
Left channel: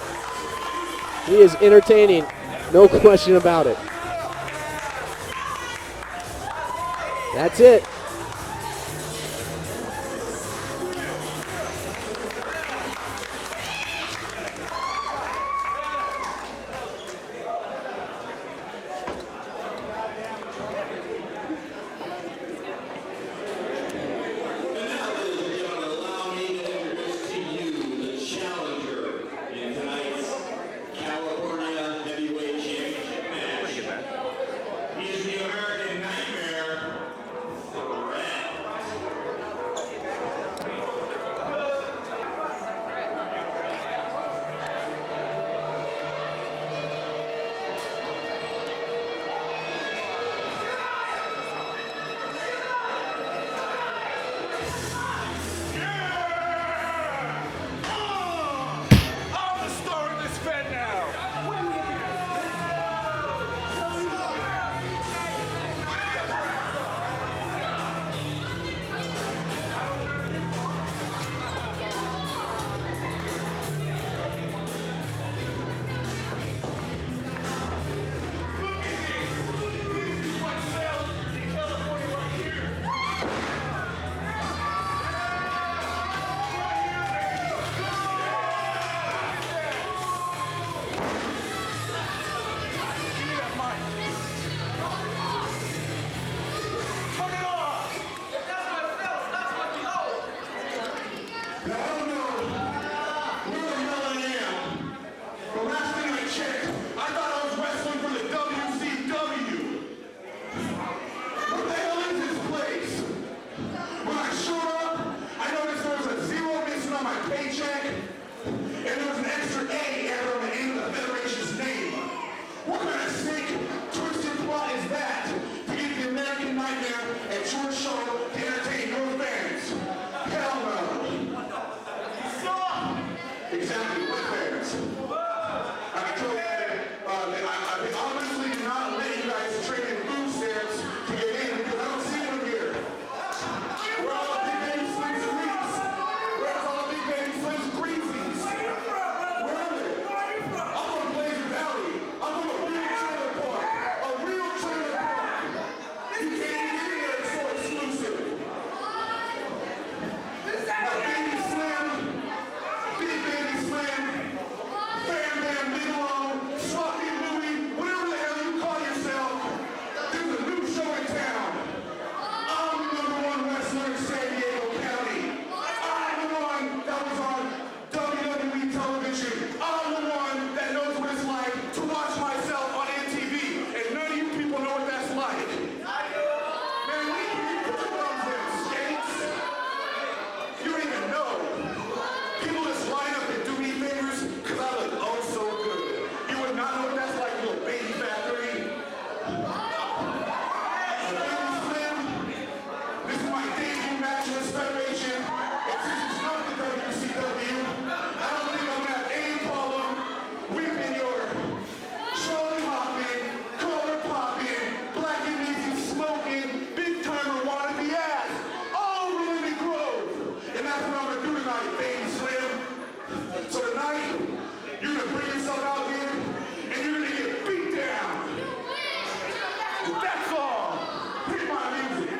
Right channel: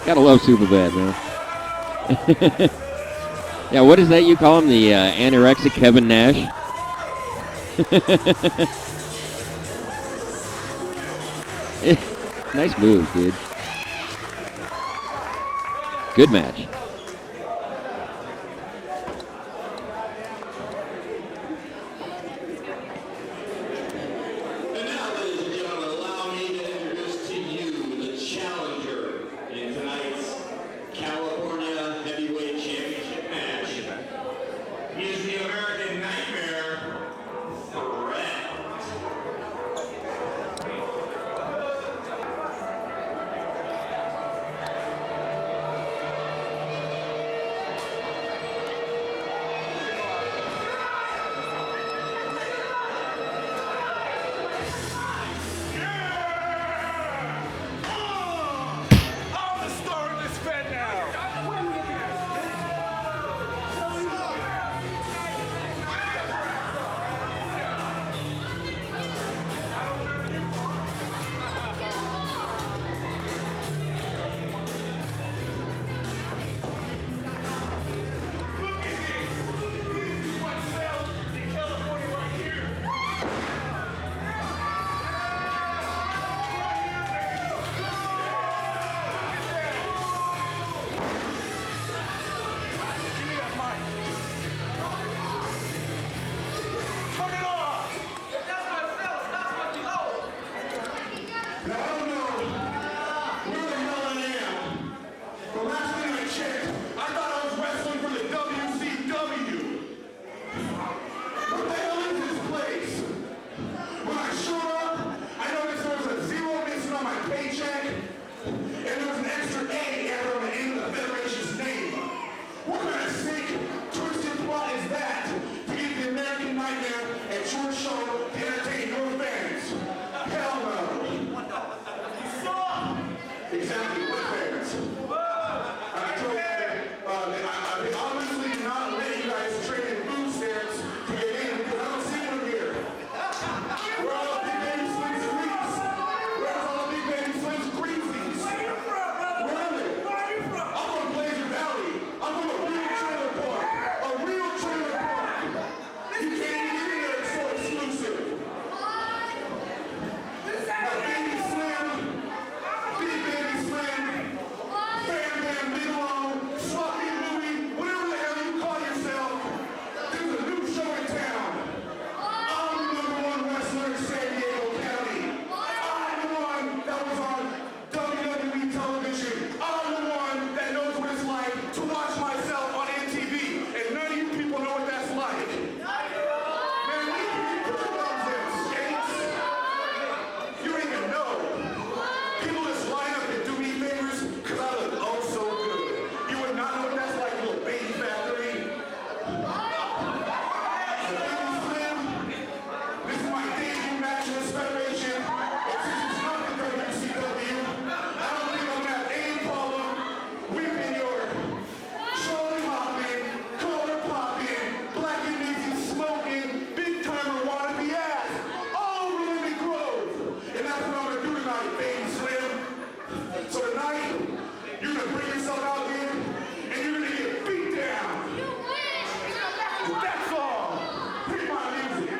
Gotta love Superbad, man. He is entertaining, no question about it. Yeah, what is that you call him? The anorexic Kevin Nash? That's it. Nice move, dude. Good match. the Federation's name. What kind of sick, twisted plot is that to get the American Nightmare at your show to entertain your fans? Hell no. Exactly, what fans? I told you, I obviously do not let you guys trade in food stamps to get in because I don't see them here. Where are all the big baby slims and grease? Where's all the big baby slims and greasies? Where are they? I'm from Blazer Valley. I'm from a real trailer park. A real trailer park. You can't even get in there, it's so exclusive. Now, Baby Slim, Big Baby Slim, Bam Bam Bigelow, Sloppy Louie, whatever the hell you call yourself, there's a new show in town. I'm the #1 wrestler in San Diego County. I'm the one that was on WWE television. I'm the one that knows what it's like to watch myself on MTV, and none of you people know what that's like. Man, we can put your thumbs in, skates. You don't even know. People just line up and do me favors because I look oh so good. You would not know what that's like, little baby factory. Baby Slim, this is my debut match in this federation. And since it's not the WCW, I don't think I'm gonna have any problem whipping your Charlie hopping, collar popping, black and easy smoking, big timer wannabe ass all over Lemon Grove. And that's what I'm gonna do tonight, Baby Slim. So tonight, you're gonna bring yourself out here and you're gonna get beat down. That's all. Hit my music,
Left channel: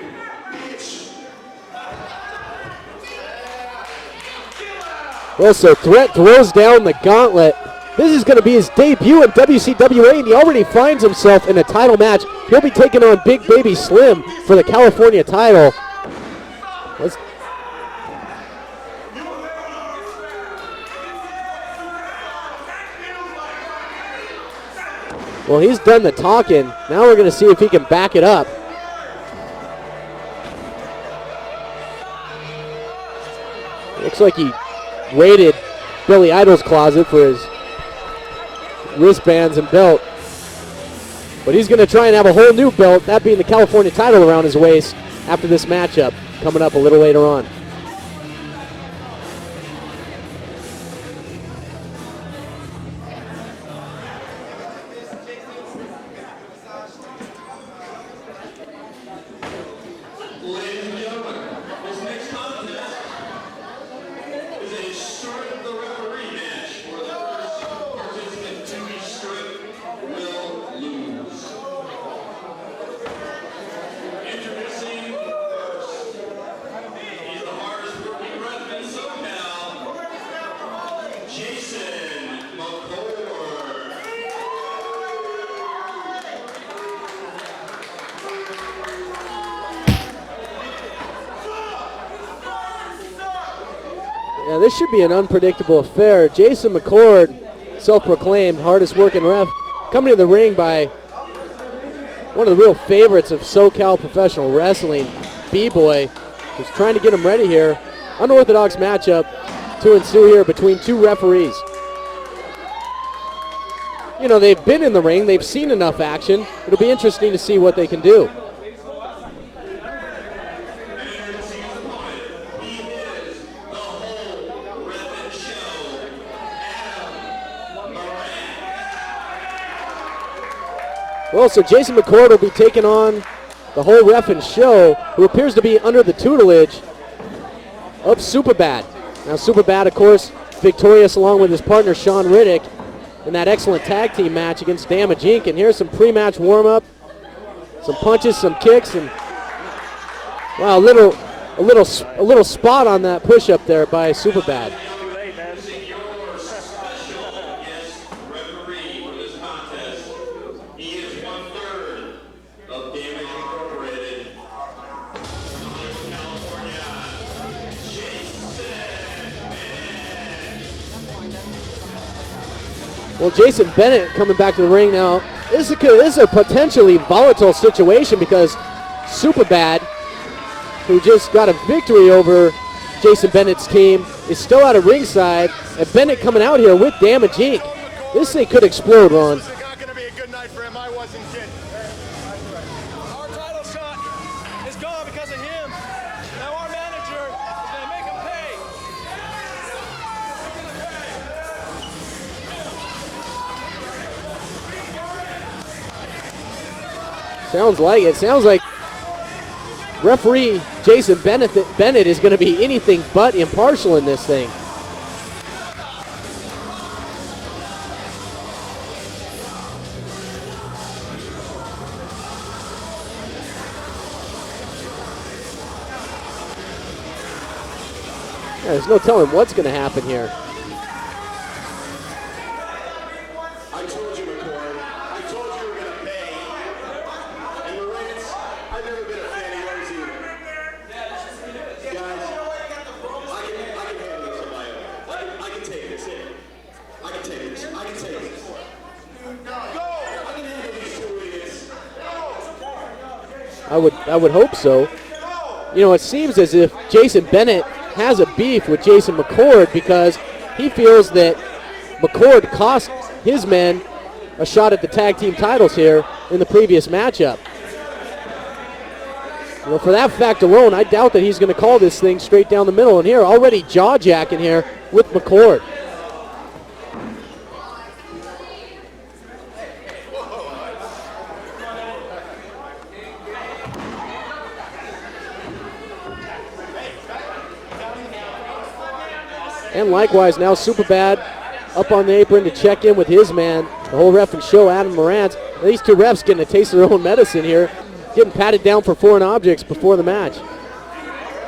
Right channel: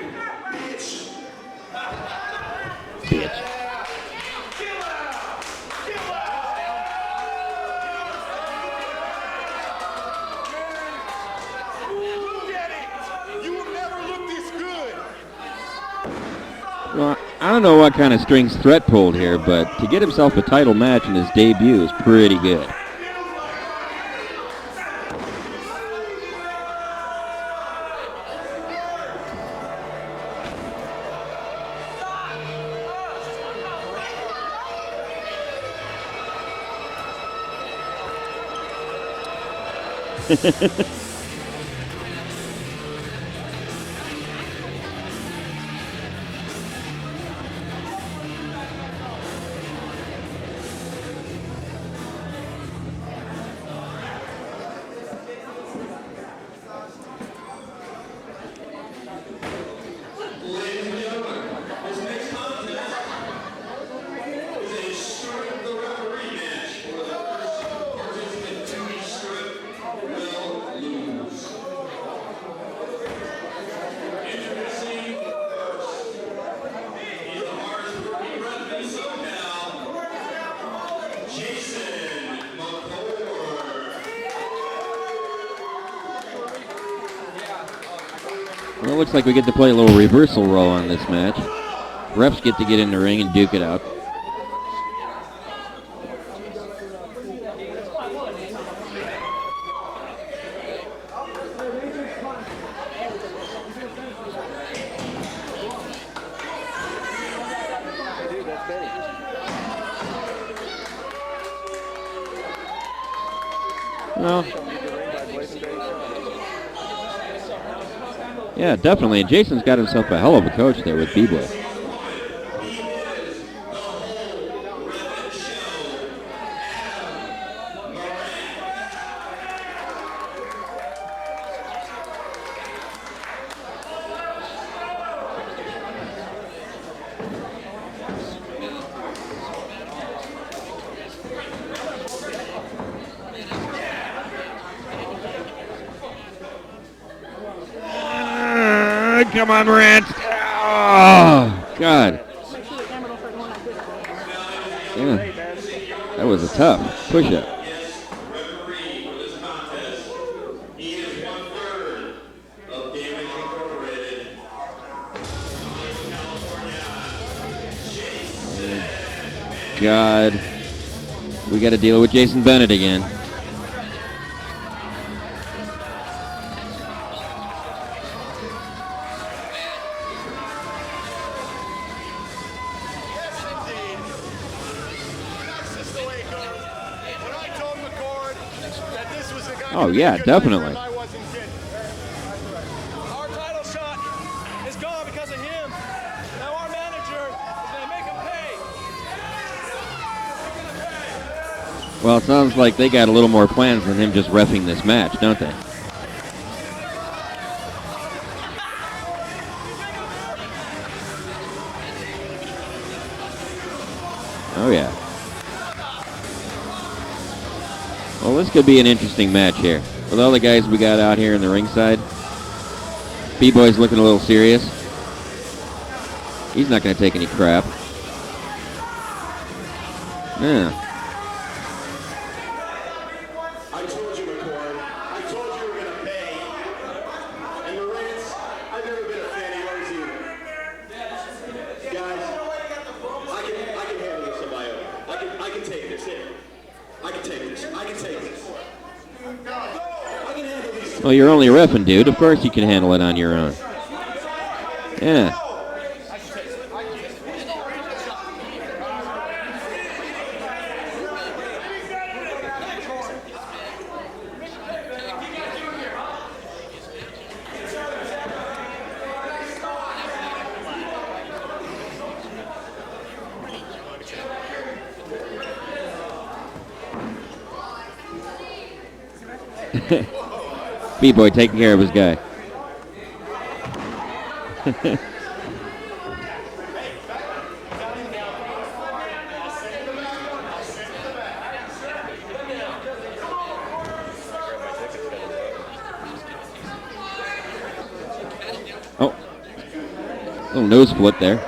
bitch. Well, so Threat throws down the gauntlet. This is going to be his debut in WCWA, and he already finds himself in a title match. He'll be taking on Big Baby Slim for the California title. Well, I don't know what kind of strings Threat pulled here, but to get himself a title match in his debut is pretty good. Well, he's done the talking. Now we're going to see if he can back it up. Looks like he raided Billy Idol's closet for his wristbands and belt. But he's going to try and have a whole new belt, that being the California title around his waist after this matchup coming up a little later on. Ladies and gentlemen, this next contest is a strip the referee match where the first participant to be stripped will lose. Introducing first, he's the hardest working ref in SoCal, Jason McCord. Well, it looks like we get to play a little reversal role on this match. Refs get to get in the ring and duke it out. Now this should be an unpredictable affair. Jason McCord, self-proclaimed hardest working ref, coming to the ring by one of the real favorites of SoCal professional wrestling, B-Boy. Just trying to get him ready here. Unorthodox matchup to ensue here between two referees. You know, they've been in the ring, they've seen enough action. It'll be interesting to see what they can do. Yeah, definitely. Jason's got himself a hell of a coach there with B-Boy. Well, so Jason McCord will be taking on the whole ref and show, who appears to be under the tutelage of Superbad. Now Superbad, of course, victorious along with his partner Sean Riddick in that excellent tag team match against Damage Inc. And here's some pre-match warm-up, some punches, some kicks. And, Come on, Rant. well, God. a little spot on that push-up there by Superbad. Yeah. That was a tough push-up. Referee for this contest. He is 1/3 of Damage Incorporated. California. Jason. God. We got to deal with Jason Bennett again. Well, Jason Bennett coming back to the ring now. This is a potentially volatile situation because Superbad, who just got a victory over Jason Bennett's team, is still out of ringside. And Bennett coming out here with Damage Inc. This thing could explode, Ron. Oh, yeah, definitely. Our title shot is gone because of him. Now our manager is going to make him pay. Well, it sounds like they got a little more plans than him just reffing this match, don't they? Sounds like it. Sounds like referee Jason Bennett is going to be anything but impartial in this thing. Oh, yeah. Well, this could be an interesting match here. With all the guys we got out here in the ringside, B-Boy's looking a little serious. He's not going to take any crap. Yeah, there's no telling what's going to happen here. Yeah. I told you, McCord. I told you we were going to pay. And Lawrence, I've never been a fan of yours either. Guys, I can handle this on my own. I can take this in. I can take this. I can take this. Well, you're only a reffing, dude. Of course you can handle it on your own. I would hope so. Yeah. You know, it seems as if Jason Bennett has a beef with Jason McCord because he feels that McCord cost his men a shot at the tag team titles here in the previous matchup. Well, for that fact alone, I doubt that he's going to call this thing straight down the middle. And here, already jaw-jacking here with McCord. B-Boy taking care of his guy. And likewise, now Superbad up on the apron to check in with his man. The whole ref and show, Adam Morant. These two refs getting a taste of their own medicine here. Getting patted down for foreign objects before the match. Little nose split there.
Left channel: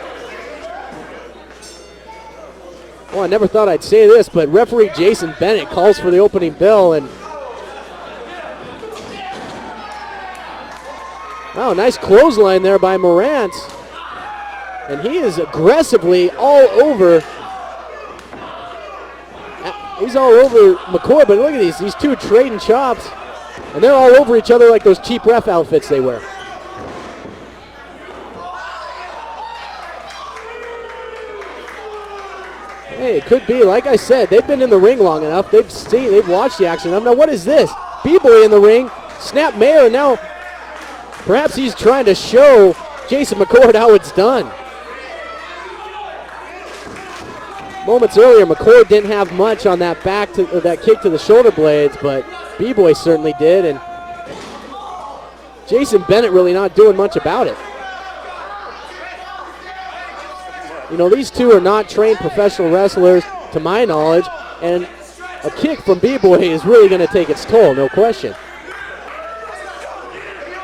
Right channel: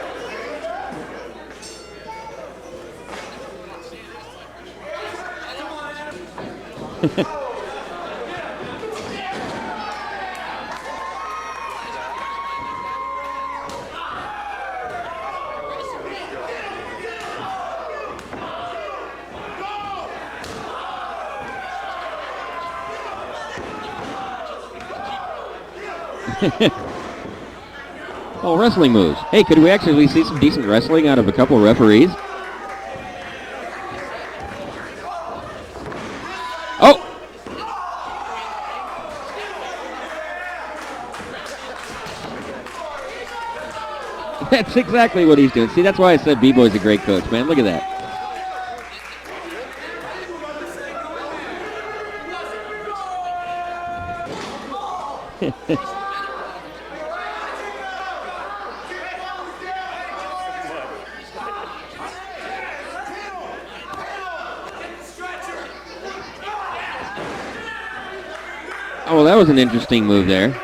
Oh, I never thought I'd say this, but referee Jason Bennett calls for the opening bell. And oh, nice clothesline there by Morant. And he is aggressively all over. He's all over McCord, but look at these two trading chops. And they're all over each other like those cheap ref outfits they wear. Oh, wrestling moves. Hey, could we actually see some decent wrestling out of a couple of referees? Hey, it could be. Like I said, they've been in the ring long enough. They've watched the action. Oh. Now, what is this? B-Boy in the ring. Snap Mayor. Now, perhaps he's trying to show Jason McCord how it's done. That's exactly what he's doing. See, that's why I said B-Boy's a great coach, man. Look at that. Moments earlier, McCord didn't have much on that that kick to the shoulder blades, but B-Boy certainly did, and Jason Bennett really not doing much about it. You know, these two are not trained professional wrestlers, to my knowledge, and a kick from B-Boy is really going to take its toll, no question. Oh, well, that was an interesting move there.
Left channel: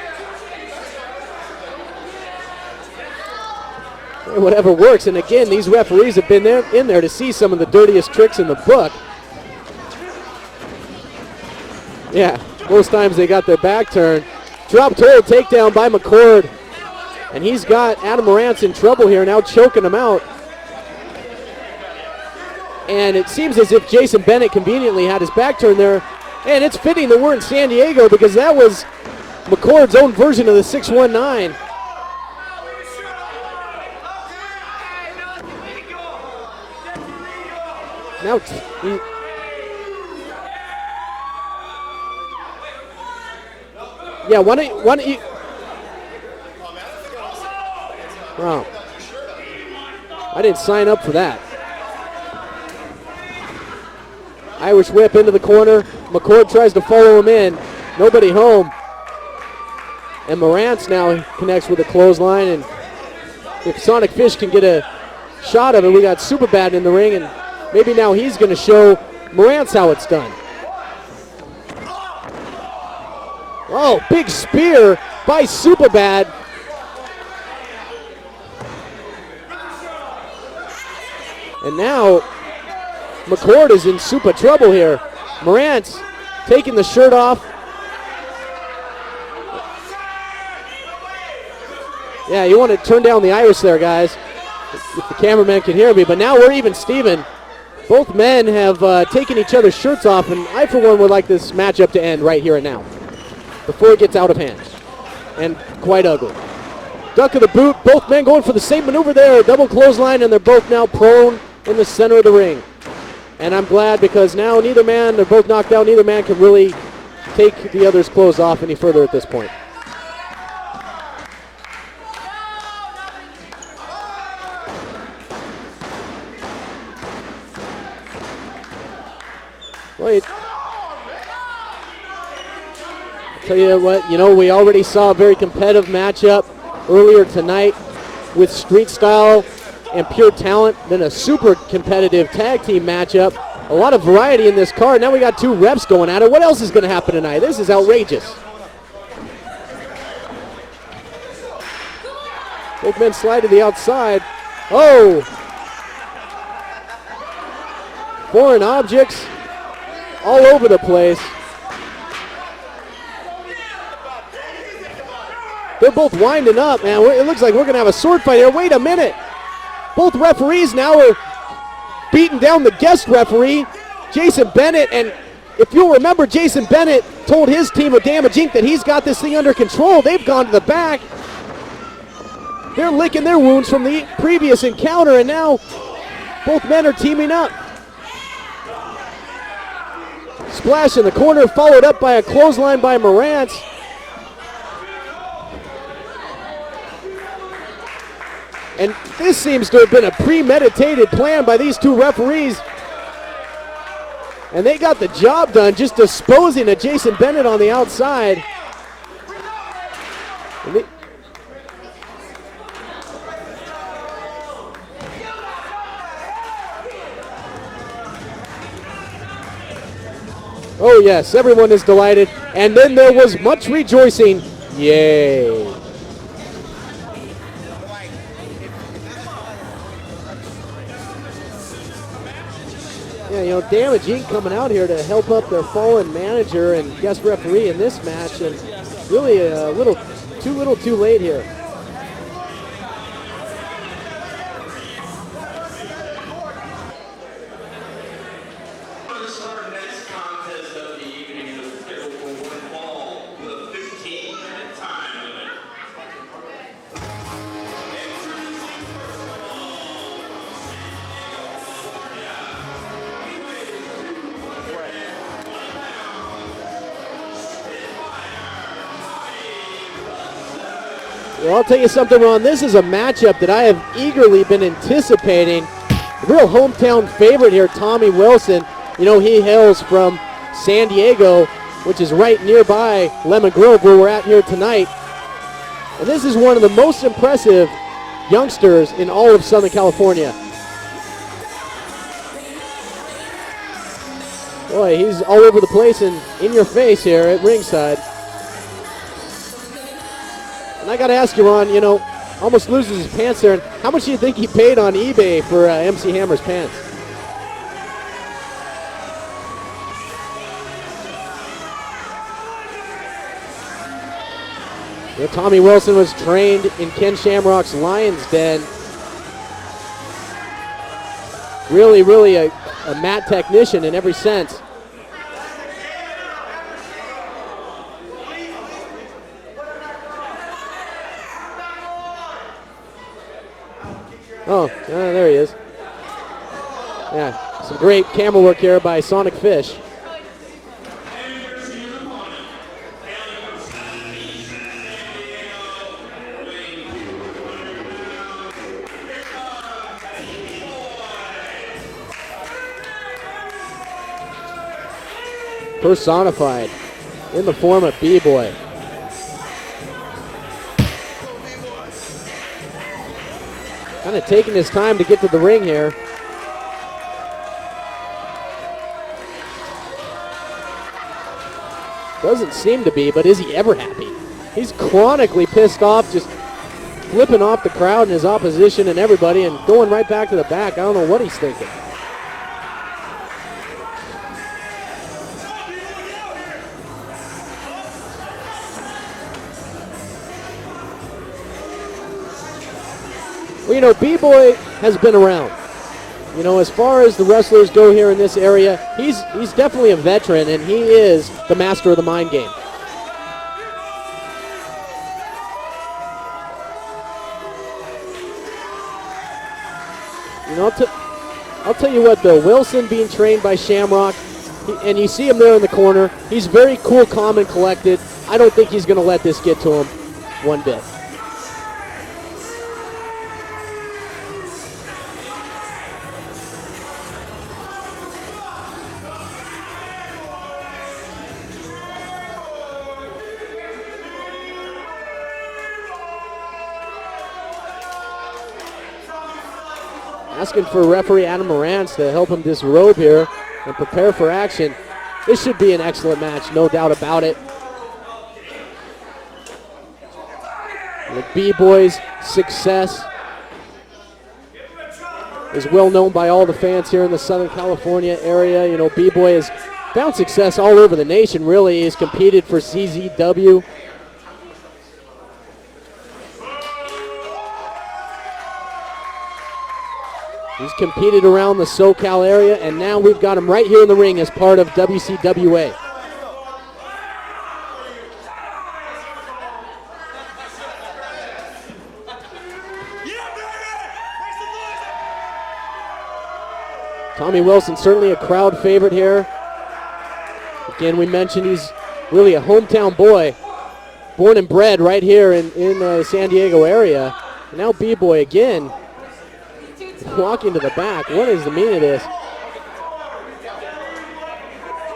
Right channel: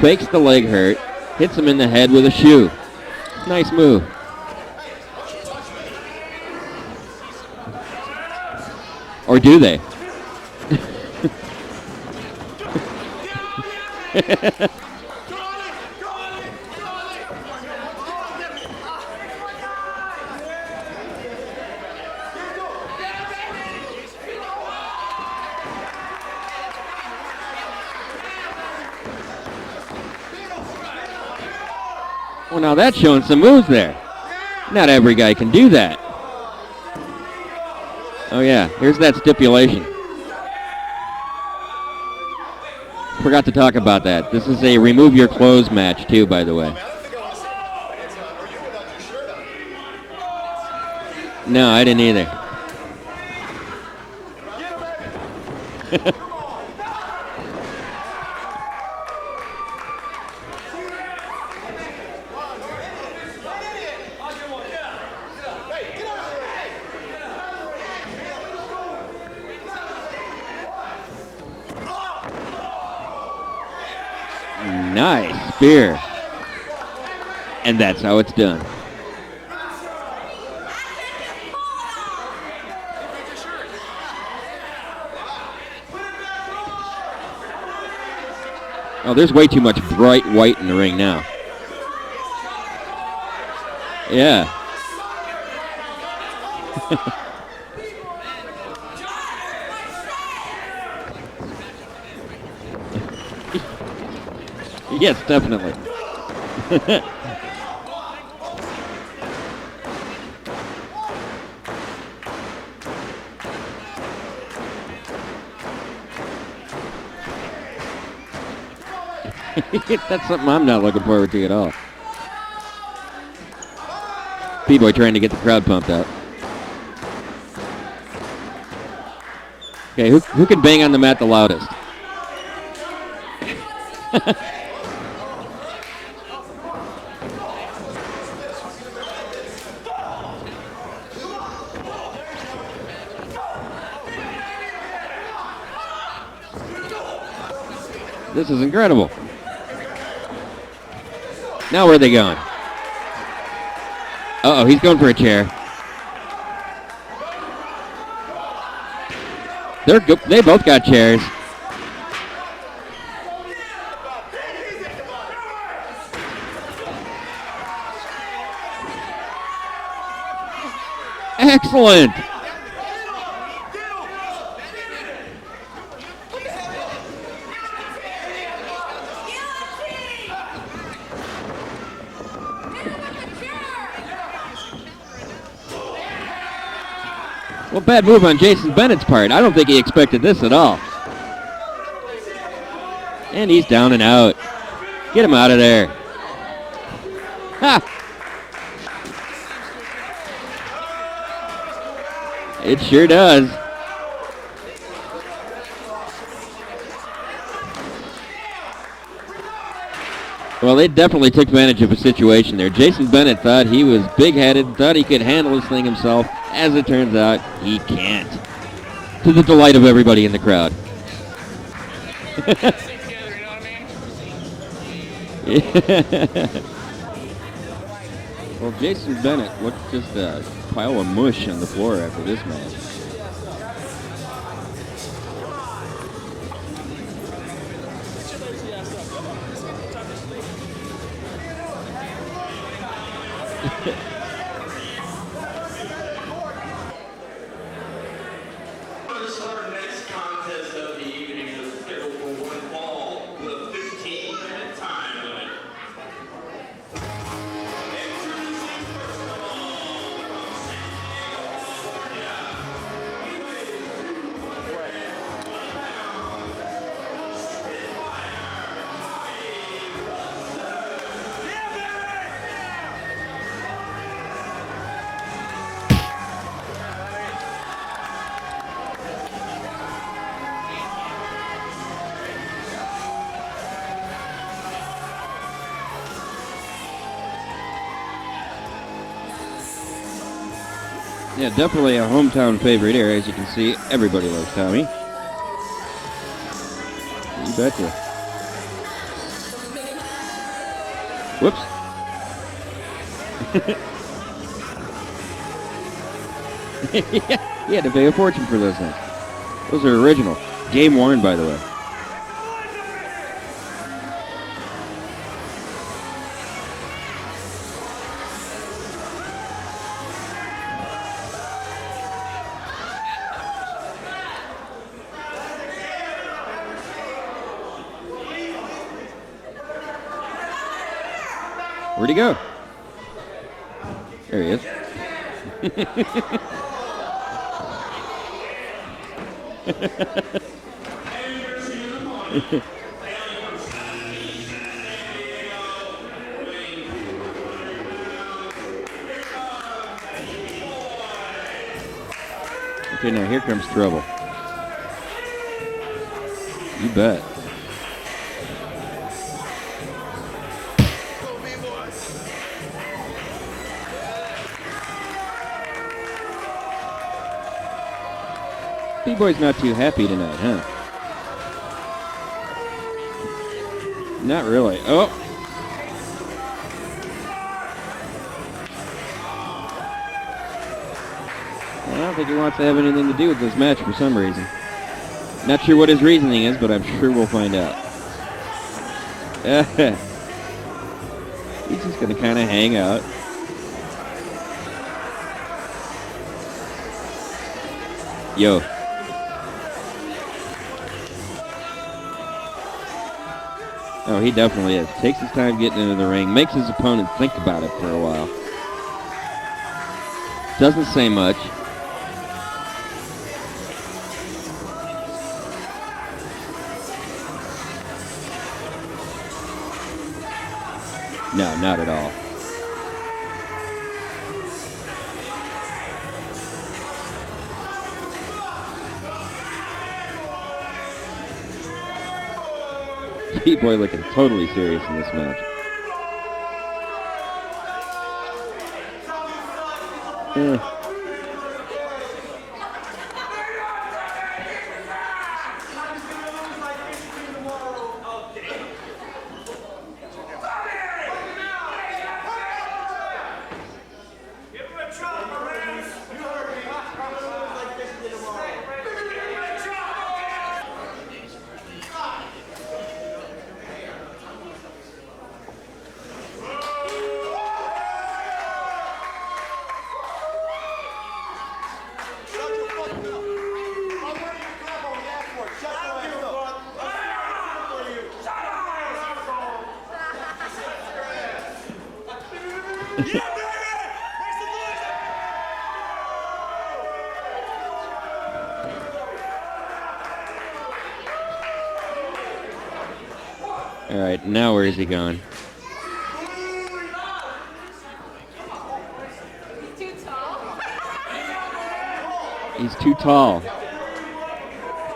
Fakes the leg hurt, hits him in the head with a shoe. Nice move. Whatever works, and again, these referees have been in there to see some of the dirtiest tricks in the book. Or do they? Yeah, most times they got their back turned. Drop toe takedown by McCord. And he's got Adam Morant in trouble here, now choking him out. And it seems as if Jason Bennett conveniently had his back turned there. And it's fitting that we're in San Diego because that was McCord's own version of the 619. Well, now that's showing some moves there. Not every guy can do that. Now, Oh, yeah, here's that stipulation. Forgot to talk about that. Yeah, This is a remove your clothes match, too, by the way. Wow. I didn't sign up for that. No, I didn't either. Irish whip into the corner. McCord tries to follow him in. Nobody home. And Morant's now connects with a clothesline. And if Sonic Fish can get a shot of it, we got Superbad in the ring. And maybe now he's going to show Morant's how it's done. Oh, big spear Nice by spear. Superbad. And that's how it's done. And now McCord is in super trouble here. Morant's taking the shirt off. Oh, there's way too much bright white in the ring now. Yeah, you want to turn down the iris there, guys. Yeah. If the cameraman can hear me, but now we're even Steven. Both men have taken each other's shirts off, and I, for one, would like this matchup to end right here and now, before it gets out of hand. Yes, definitely. And quite ugly. Duck of the boot, both men going for the same maneuver there. Double clothesline, and they're both now prone in the center of the ring. And I'm glad because now neither man, they're both knocked out, neither man can really take the other's clothes off any further at this point. That's something I'm not looking forward to at all. B-Boy trying to get the crowd pumped up. Okay, who can bang on the mat the loudest? Tell you what, we already saw a very competitive matchup earlier tonight with Street Style and Pure Talent, then a super competitive tag team matchup. A lot of variety in this card. Now we got two reps going at it. What else is going to happen tonight? This is outrageous. This is incredible. Now where are they going? Big men slide to the outside. Uh-oh, he's going for a chair. Foreign objects. They both got chairs. They're both winding up, man. It looks like we're going to have a sword fight here. Wait a minute. Both referees now are excellent beating down the guest referee, Jason Bennett. And if you'll remember, Jason Bennett told his team of Damage Inc. that he's got this thing under control. They've gone to the back. They're licking their wounds from the previous encounter, and now both men are teaming up. Well, bad move on Jason Bennett's part. I don't think he expected this at all. Splash in the corner, followed up by a clothesline by Moran. And he's down and out. Get him out of there. Ha! And this seems to have been a premeditated plan by these two referees. It sure does. And they got the job done, just disposing of Jason Bennett on the outside. Well, they definitely took advantage of a situation there. Jason Bennett thought he was big-headed, thought he could handle this thing himself. As it turns out, he can't. To the delight of everybody in the crowd. Oh, yes, everyone is delighted. And then there was much rejoicing. Yay. Well, Jason Bennett, what's just a pile of mush on the floor after this match? Yeah, Damage Inc. coming out here to help up their fallen manager and guest referee in this match. And really a little too late here. Our next contest of the evening is scheduled for one fall with a 15-minute time limit. Introducing first of all, Well, I'll tell you something, Ron. This is a matchup that I have eagerly been anticipating. Real hometown favorite here, Tommy Wilson. He hails from San Diego, which is right nearby Lemon Grove, where we're at here tonight. And this is one of the most impressive youngsters in all of Southern California. Yeah, definitely a hometown favorite here. As you can see, everybody loves Tommy. Boy, he's all over the place and in your face here at ringside. And I got to ask you, Ron, almost loses his pants there. How much do you think he paid on eBay for MC Hammer's pants? Yeah, he had to pay a fortune for those things. Those are original. Game worn, by the way. Yeah, Tommy Wilson was trained in Ken Shamrock's Lion's Den. Really, really a mat technician in every sense. Where'd he go? There he is. Oh, there he is. Yeah, some great camera work here by Sonic Fish. Okay, now here comes trouble. Personified. You bet. In the form of B-Boy. Kind of taking his time to get to the ring here. B-Boy's not too happy tonight, huh? Doesn't seem to be, but is he ever happy? Not really. He's chronically pissed off, just flipping off the crowd and his opposition and everybody and going right back to the back. I don't know what he's thinking. I don't think he wants to have anything to do with this match for some reason. Not sure what his reasoning is, but I'm sure we'll find out. He's just going to kind of hang out. Well, B-Boy has been around. As far as the wrestlers go here in this area, he's definitely a veteran, and he is the master of the mind game. Oh, he definitely is. Takes his time getting into the ring, makes his opponent think about it for a while. Doesn't say much. I'll tell you what, though, Wilson being trained by Shamrock, and you see him there in the corner, he's very cool, calm, and collected. I don't think he's going to let this get to him one bit. No, not at all. B-Boy looking totally serious in this match. Asking for referee Adam Morantz to help him disrobe here and prepare for action. This should be an excellent match, no doubt about it. The B-Boy's success is well known by all the fans here in the Southern California area. You know, B-Boy has found success all over the nation, really. He's competed for CZW. He's competed around the SoCal area, and now we've got him right here in the ring as part of WCWA. Tommy Wilson, certainly a crowd favorite here. Again, we mentioned he's really a hometown boy. All right, born and bred right going? here in the San Diego area. Now B-Boy again, walking to the back. What is the meaning of this? He's too tall.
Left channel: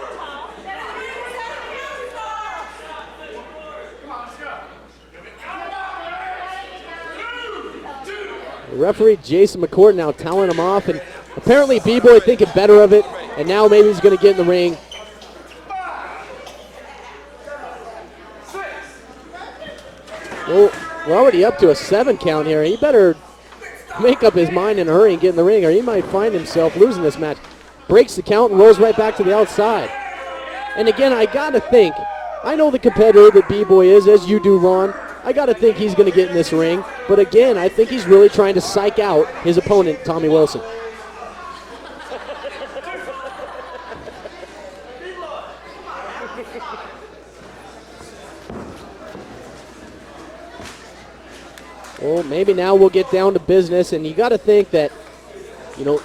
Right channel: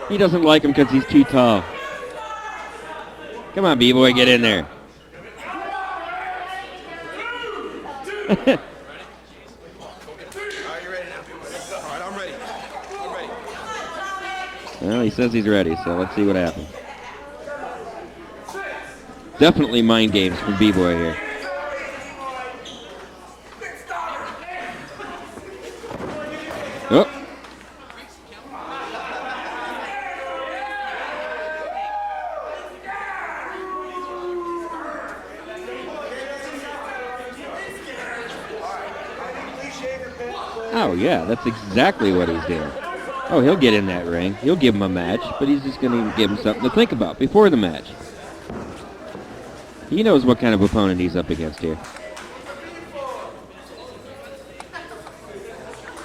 He doesn't like him because he's too tall. Come on, B-Boy, get in there. The referee Jason McCourt now telling him off, and apparently B-Boy thinking better of it, and now maybe he's going to get in the ring. Well, he says he's ready, so let's see what happens. Definitely mind games for B-Boy here. We're already up to a 7 count here. He better make up his mind in a hurry and get in the ring, or he might find himself losing this match. Breaks the count and rolls right back to the outside. And again, I got to think, I know the competitor that B-Boy is, as you do, Ron. I got to think he's going to get in this ring. But again, I think he's really trying to psych out his opponent, Tommy Wilson. Oh, yeah, that's exactly what he's doing. Oh, he'll get in that ring. He'll give him a match, but he's just going to give him something to think about before the match. He knows what kind of opponent he's up against here. Well, maybe now we'll get down to business, and you got to think that, you know,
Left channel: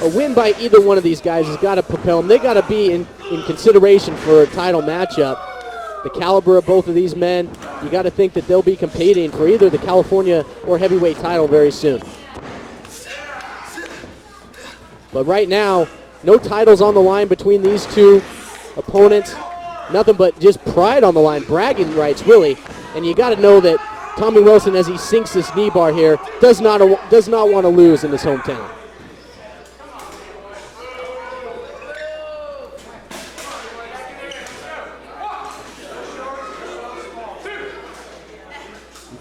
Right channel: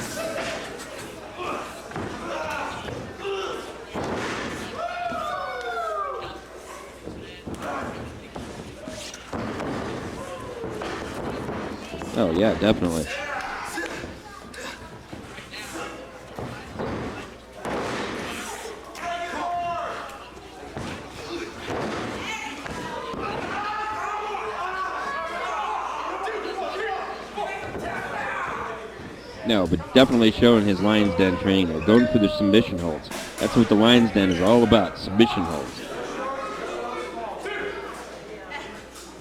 a win by either one of these guys has got to propel them. They got to be in consideration for a title matchup. The caliber of both of these men, you got to think that they'll be competing for either the California or heavyweight title very soon. Oh, yeah, definitely. But right now, no titles on the line between these two opponents. Nothing but just pride on the line, bragging rights, really. And you got to know that Tommy Wilson, as he sinks this knee bar here, does not want to lose in his hometown. No, but definitely showing his Lions Den training, going for the submission holds. That's what the Lions Den is all about, submission holds.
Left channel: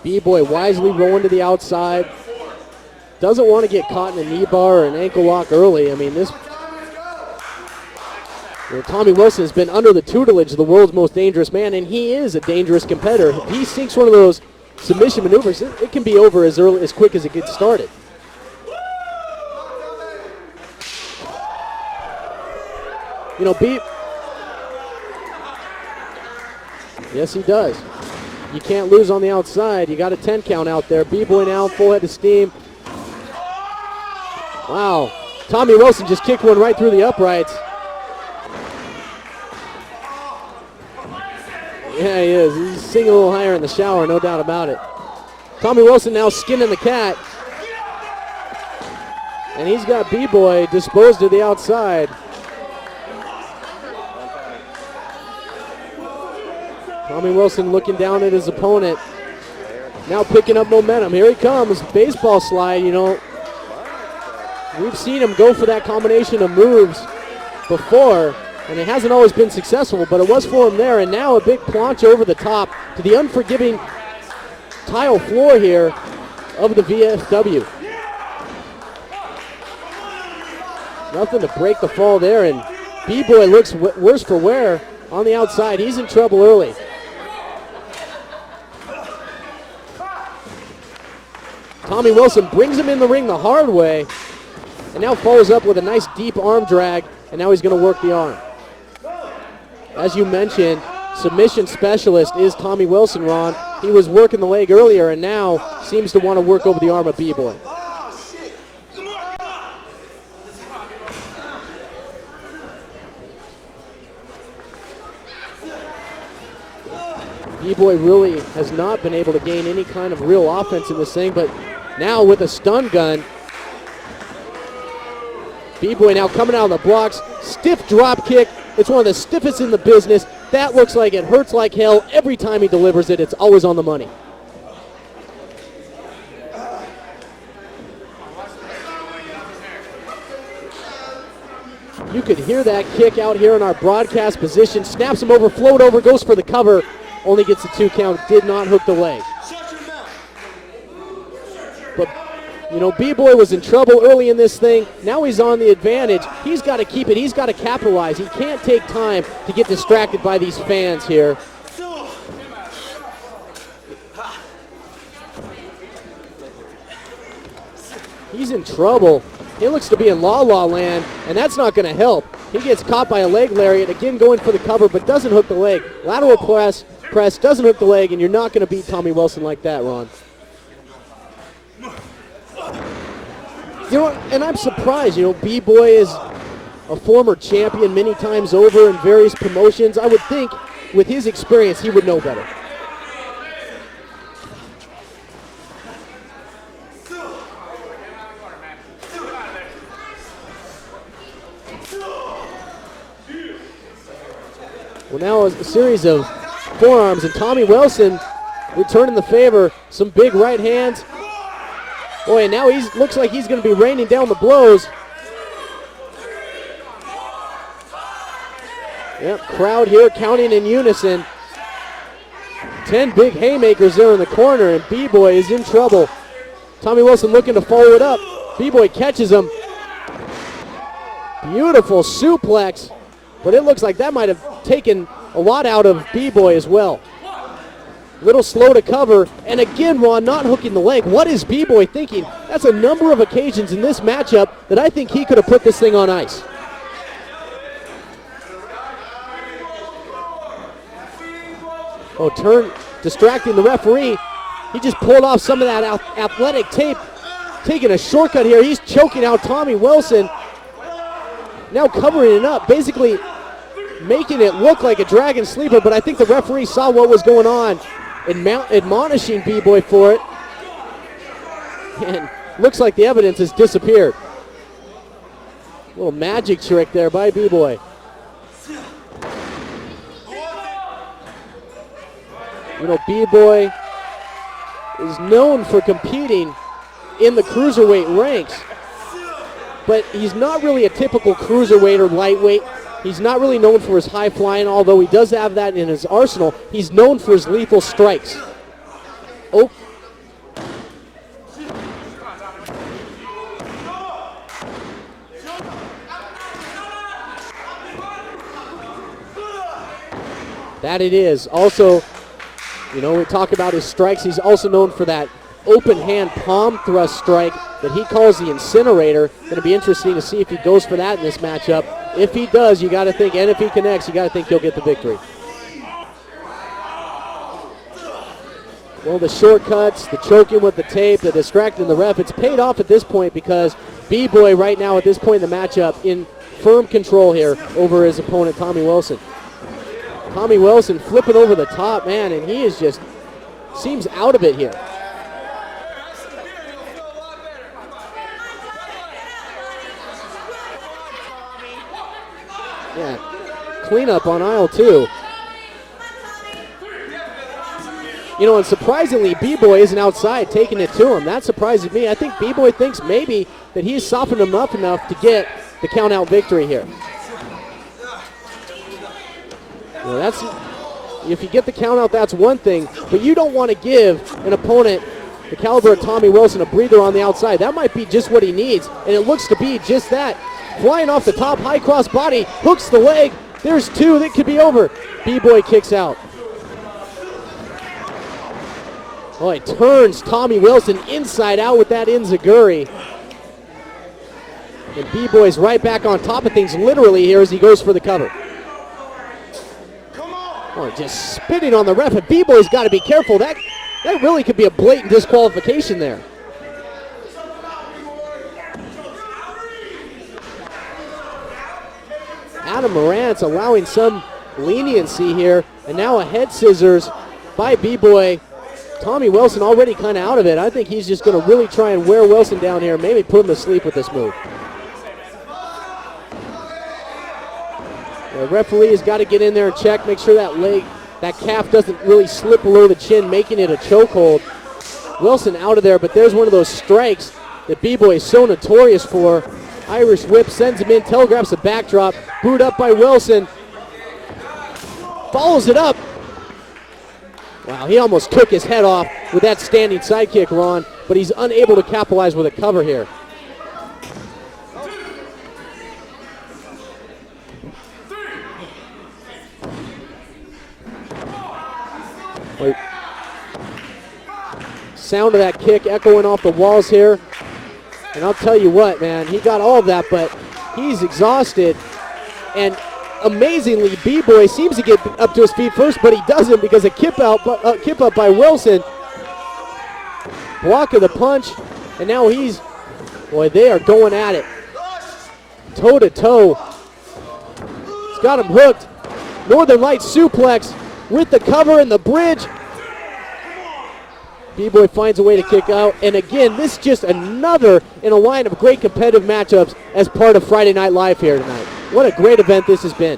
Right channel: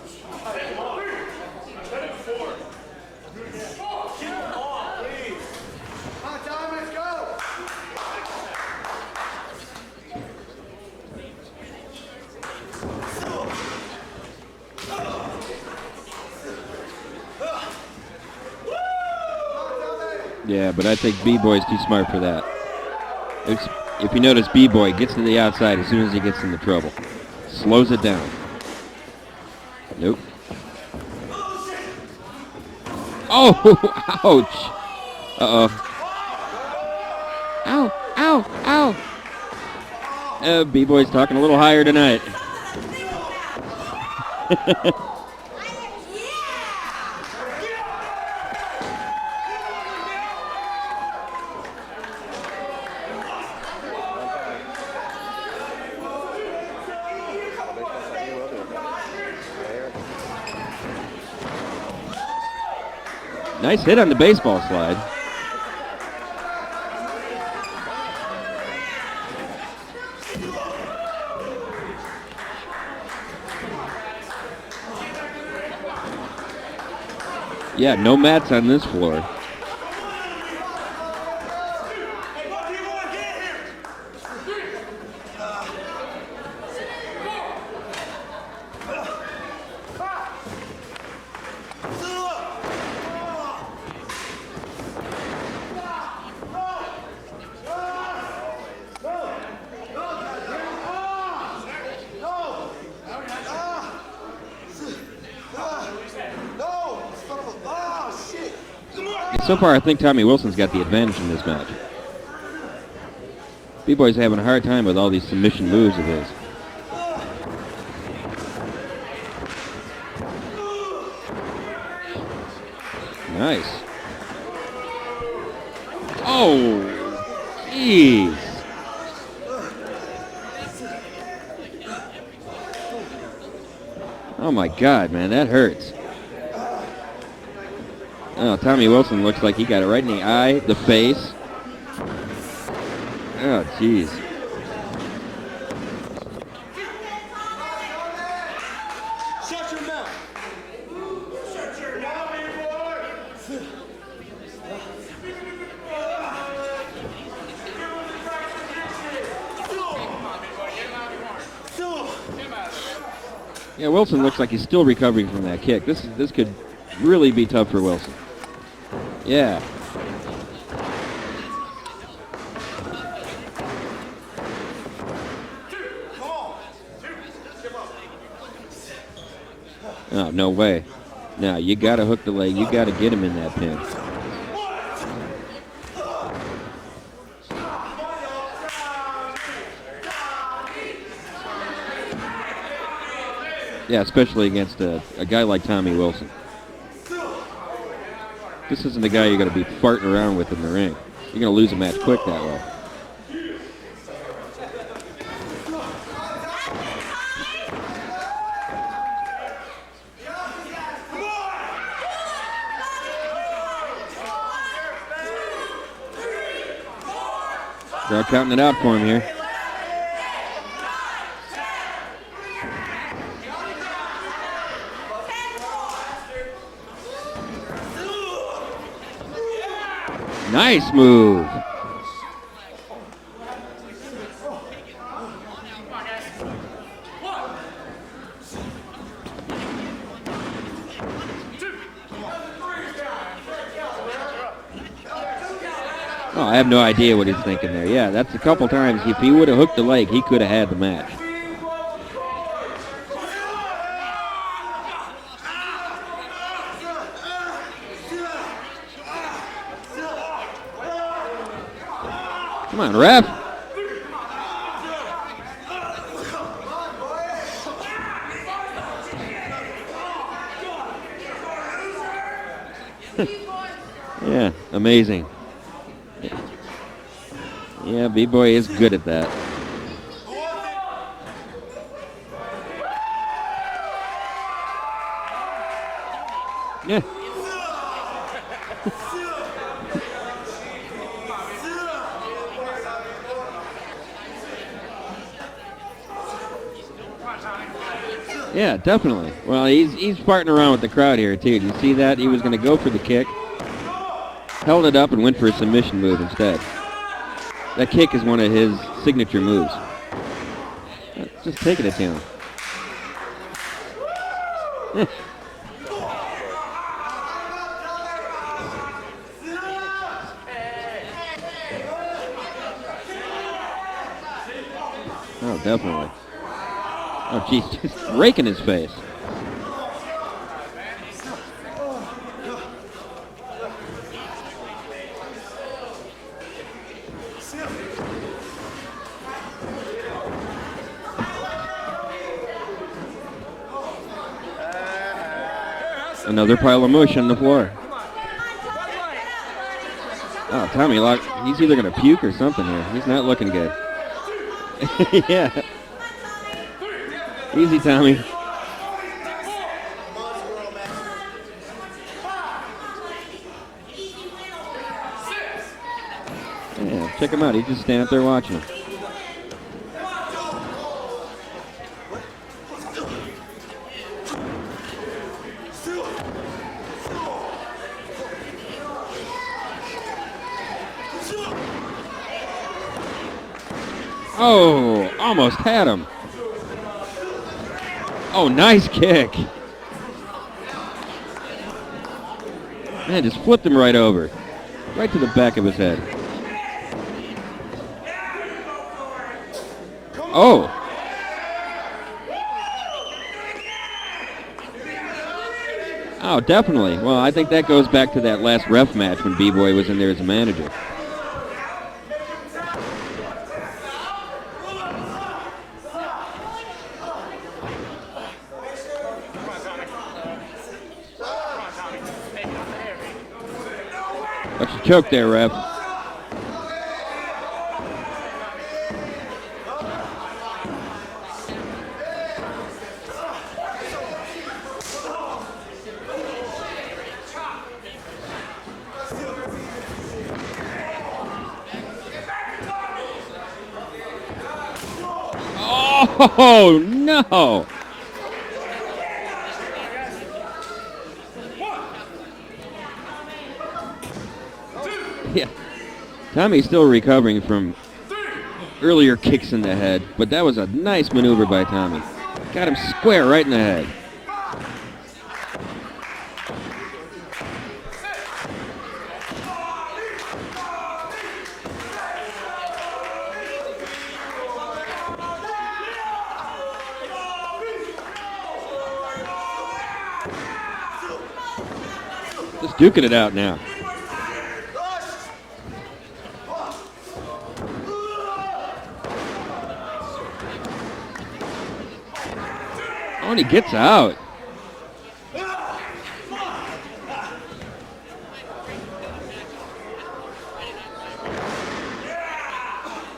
B-Boy wisely going to the outside. Doesn't want to get caught in a knee bar or an ankle lock early. I mean, Tommy Wilson has been under the tutelage of the world's most dangerous man, and he is a dangerous competitor. If he sinks one of those submission maneuvers, it can be over as quick as it gets started. Yeah, but I think B-Boy's too smart for that. You know, if you notice, B-Boy gets to the outside as soon as he gets into trouble. Yes, he does. Slows it down. You can't lose on the outside. You got a 10 count out there. B-Boy now full head of steam. Oh, ouch. Wow. Tommy Wilson just kicked one right through the uprights. Ow, ow, ow. B-Boy's talking a little higher tonight. Yeah, he is. He's singing a little higher in the shower, no doubt about it. Tommy Wilson now skinning the cat. And he's got B-Boy disposed to the outside. Tommy Wilson looking down at his opponent. Now picking up momentum. Here he comes. Baseball slide, you know. Nice hit on the baseball slide. We've seen him go for that combination of moves before, and it hasn't always been successful, but it was for him there. And now a big planche over the top to the unforgiving tile floor here of the VFW. Yeah, no mats on this floor. Nothing to break the fall there, and B-Boy looks worse for wear on the outside. He's in trouble early. Tommy Wilson brings him in the ring the hard way, and now follows up with a nice deep arm drag, and now he's going to work the arm. As you mentioned, submission specialist is Tommy Wilson, Ron. He was working the leg earlier, and now seems to want to work over the arm of B-Boy. It's So far, I think Tommy Wilson's got the advantage in this match. B-Boy's having a hard time with all these submission moves of his. B-Boy really has not been able to gain any kind of real offense in this thing, but now with a stun gun, Nice. B-Boy now coming out of the blocks, stiff drop kick. It's one of the stiffest in the business. That looks like it hurts like hell. Every time he delivers it, it's always on the money. Oh my God, man, that hurts. Oh, Tommy Wilson looks like he got it right in the eye, the face. You can hear that kick out here in our geez. broadcast position. Snaps him over, float over, goes for the cover. Only gets the 2 count, did not hook the leg. Shut your mouth. But, you know, B-Boy was in trouble early in this thing. Now he's on the advantage. He's got to keep it. He's got to capitalize. He can't take time to get distracted by these fans here. Yeah, Wilson looks like he's still recovering from that kick. This could really be tough for Wilson. He's in trouble. Yeah. He looks to be in la-la land, and that's not going to help. He gets caught by a leg lariat, again going for the cover, but doesn't hook the leg. Lateral press, doesn't hook the leg, and you're not going to beat Tommy Wilson like that, Ron. No way. No, you got to hook the leg. You got to get him in that pin. You know, and I'm surprised. You know, B-Boy is a former champion many times over in various promotions. I would think with his experience, he would know better. Yeah, especially against a guy like Tommy Wilson. This isn't the guy you're going to be farting around with in the ring. You're going to lose a match quick that way. Well, now a series of forearms, and Tommy Wilson returning the favor. Some big right hands. Boy, and now he looks like he's going to be raining down the blows. Crowd counting it out for him here. Yep, crowd here counting in unison. 10 big haymakers there in the corner, and B-Boy is in trouble. Tommy Wilson looking to follow it up. B-Boy catches him. Nice move. Beautiful suplex, but it looks like that might have taken a lot out of B-Boy as well. Little slow to cover, and again, Ron not hooking the leg. What is B-Boy thinking? That's a number of occasions in this matchup that I think he could have put this thing on ice. Oh, I have no idea what he's thinking there. Yeah, that's a couple times. If he would have hooked the leg, he could have had the match. Oh, distracting the referee. He just pulled off some of that athletic tape, taking a shortcut here. He's choking out Tommy Wilson. Now covering it up, basically making it look like a dragon sleeper, but I think the referee saw what was going on and admonishing B-Boy for it. And looks like the evidence has disappeared. Yeah, amazing. Little magic trick there by B-Boy. Yeah, B-Boy is good at that. You know, B-Boy is known for competing in the cruiserweight ranks, but he's not really a typical cruiserweight or lightweight. He's not really known for his high flying, although he does have that in his arsenal. He's known for his lethal strikes. Yeah, definitely. Well, he's farting around with the crowd here, too. You see that? He was going to go for the kick, held it up, and went for a submission move instead. That kick is one of his signature moves. That it is. Also, you know, we talk about his strikes. He's also known for that open hand palm thrust strike that he calls the incinerator. Going to be interesting to see if he goes for that in this matchup. If he does, you got to think, and if he connects, you got to think he'll get the victory. Oh, definitely. Oh, he's just raking his face. Well, the shortcuts, the choking with the tape, the distracting the ref, it's paid off at this point because B-Boy right now at this point in the matchup in firm control here over his opponent, Tommy Wilson. Tommy Wilson flipping over the top, man, and he is just, seems out of it here. Another pile of mush on the floor. Oh, Tommy, he's either going to puke or something here. He's not looking good. Cleanup on aisle 2. Yeah. Easy, Tommy. You know, and surprisingly, B-Boy isn't outside taking it to him. That surprises me. I think B-Boy thinks maybe that he's softened him up enough to get the count-out victory here. Yeah, check him out. He's just standing there watching. Well, if you get the count-out, that's one thing, but you don't want to give an opponent the caliber of Tommy Wilson a breather on the outside. That might be just what he needs, and it looks to be just that. Flying off the top, high cross body, hooks the leg. There's 2 that could be over. B-Boy kicks out. Oh, nice kick. Boy, turns Tommy Wilson inside out with that enziguri. Man, just flipped him right over. Right B-Boy's right back on top of things literally here as he goes for the cover. Oh. Just spitting on the ref, and B-Boy's got to be careful. That that really could be a blatant disqualification there. Oh, definitely. Well, I think that goes back to that last ref match when B-Boy was in there as a manager. Adam Morant's allowing some leniency here, and now a head scissors by B-Boy. Tommy Wilson already kind of out of it. I think he's just going to really try and wear Wilson down here, maybe put him to sleep with this move. That's a choke there, ref. The referee has got to get in there and check, make sure that leg, that calf doesn't really slip below the chin, making it a chokehold. Wilson out of there, but there's one of those strikes that B-Boy is so notorious for. Irish whip, sends him in, telegraphs a backdrop, booed up by Wilson. Follows it up. Oh, no. Wow, he almost took his head off with that standing sidekick, Ron, but he's unable to capitalize with a cover here. Yeah. Tommy's still recovering from earlier kicks in the head, but that was a nice maneuver by Tommy. Got him square right in the head. Sound of that kick echoing off the walls here. And I'll tell you what, man, he got all of that, but he's exhausted. And amazingly, B-Boy seems to get up to his feet first, but he doesn't because a kip up by Wilson. Block of the punch, and now he's just duking it out. Boy, now. they are going at it. Toe to toe. He's got him hooked. Northern Light suplex with the cover and the bridge. Oh, and he gets out. B-Boy finds a way to kick out. And again, this is just another in a line of great competitive matchups as part of Friday Night Live here tonight. What a great event this has been.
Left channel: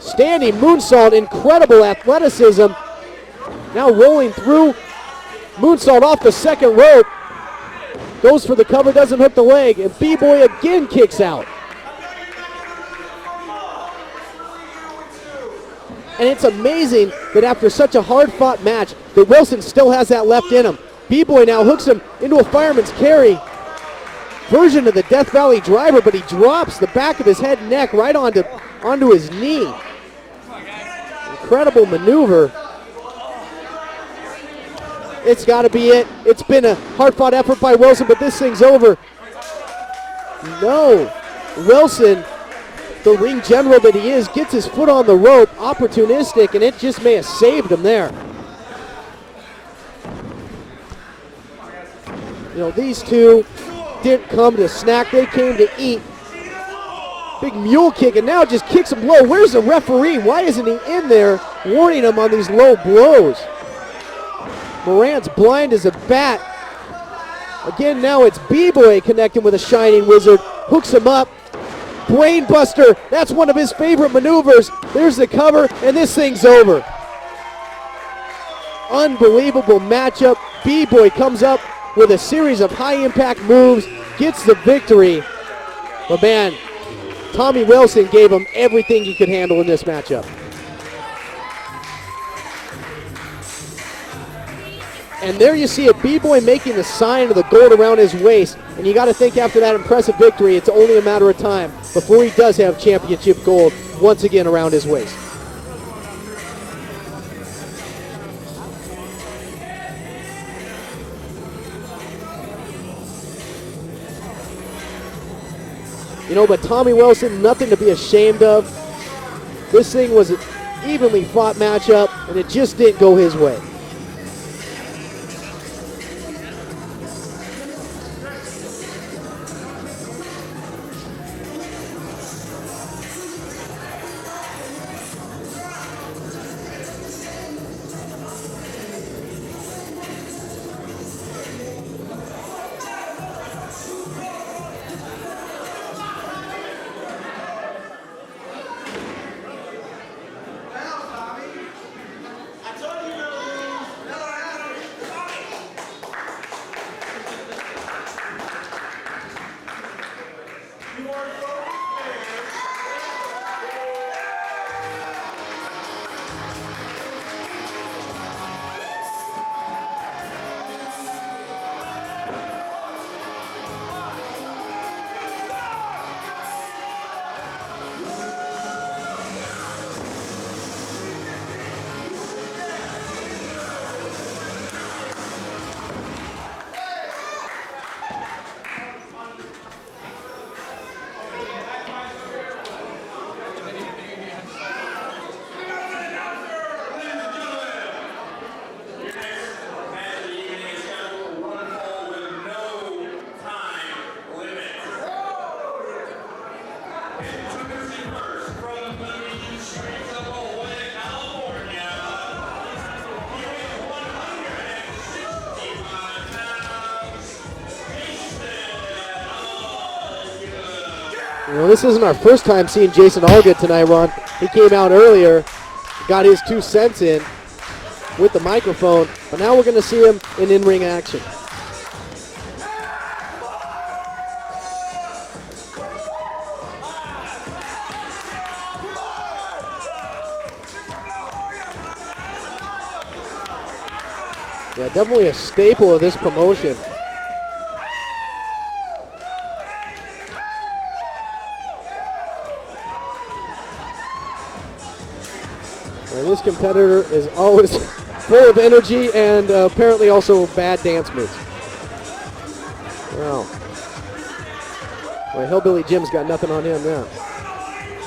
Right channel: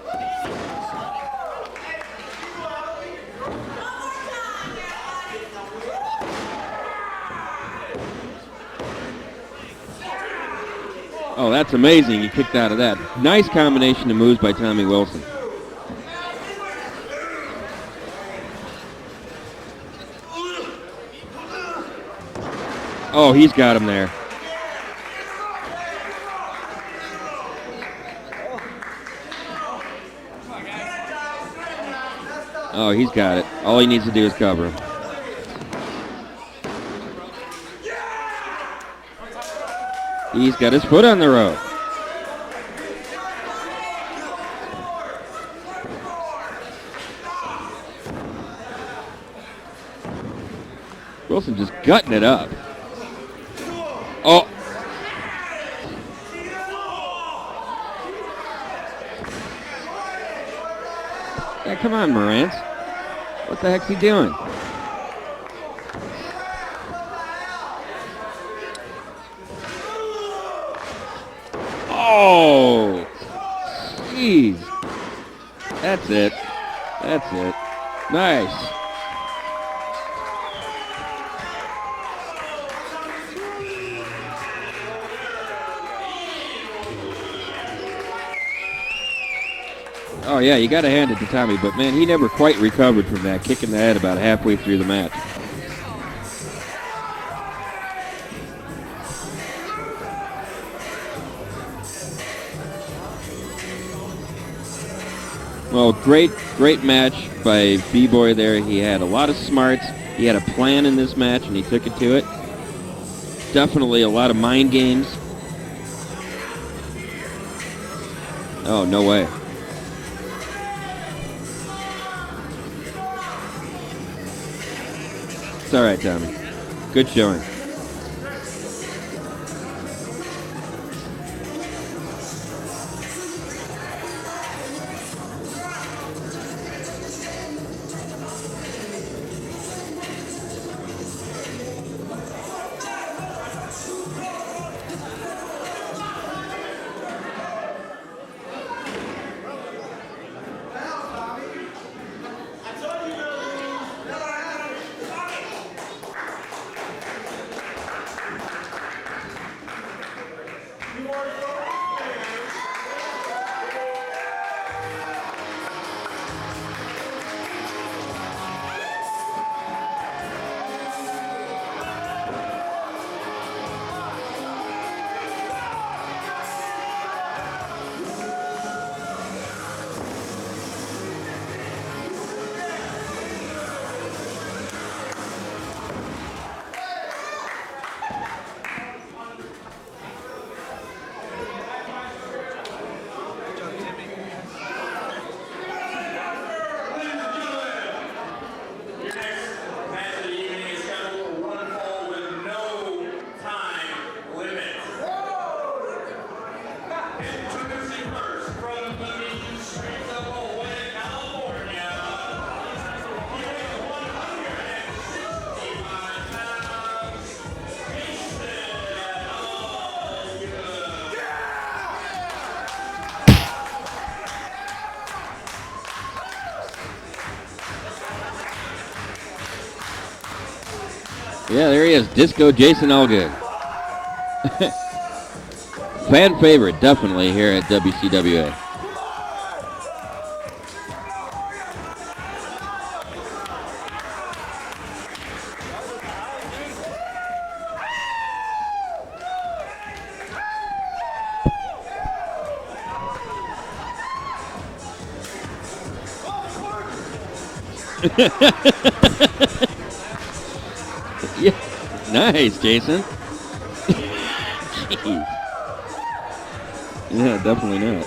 Standing moonsault, incredible athleticism. Now rolling through. Moonsault off the second rope. Goes for the cover, doesn't hook the leg. And B-Boy again kicks out. Oh, that's amazing. He kicked out of that. Nice combination of moves by Tommy Wilson. And it's amazing that after such a hard-fought match, that Wilson still has that left in him. B-Boy now hooks him into a fireman's carry. Oh, he's got him there. Version of the Death Valley driver, but he drops the back of his head and neck right onto his knee. Incredible maneuver. Oh, he's got it. All he needs to do is cover. It's got to be it. It's been a hard-fought effort by Wilson, but this thing's over. He's got his foot on the rope. Wilson, the ring general that he is, gets his foot on the rope, opportunistic, and it just may have saved him there. Wilson just gutting it up. You know, these two didn't come to snack, they came to eat. Big mule kick, and now just kicks him low. Where's the referee? Why isn't he in there warning him on these low blows? What the heck's he doing? Morant's blind as a bat. Again, now it's B-Boy connecting with a Shining Wizard. Hooks him up. Brainbuster. That's one of his favorite maneuvers. There's the cover, and this thing's over. That's it. Nice. Unbelievable matchup. B-Boy comes up with a series of high-impact moves, gets the victory. But man, Tommy Wilson gave him everything he could handle in this matchup. Oh, yeah, you got to hand it to Tommy, but man, he never quite recovered from that kick in the head about halfway through the match. And there you see a B-Boy making the sign of the gold around his waist. And you got to think after that impressive victory, it's only a matter of time before he does have championship gold once again around his waist. Well, great match by B-Boy there. He had a lot of smarts. He had a plan in this match, and he took it to it. Definitely a lot of mind games. You know, but Tommy Wilson, nothing to be ashamed of. Oh, no way. This thing was an evenly fought matchup, and it just didn't go his way. It's all right, Tommy. Good showing. this isn't our first time seeing Jason Allgood tonight, Ron. He came out earlier, got his 2 cents in with the microphone, but now we're going to see him in ring action. Yeah, there he is, Disco Jason Allgood. Fan favorite, definitely, here at WCWA. Yeah, definitely a staple of this promotion. Well, this competitor is always full of energy and apparently also bad dance moves. Yeah. Nice, Jason. Wow. Well, Hillbilly Jim's got nothing on him now. Yeah, definitely not.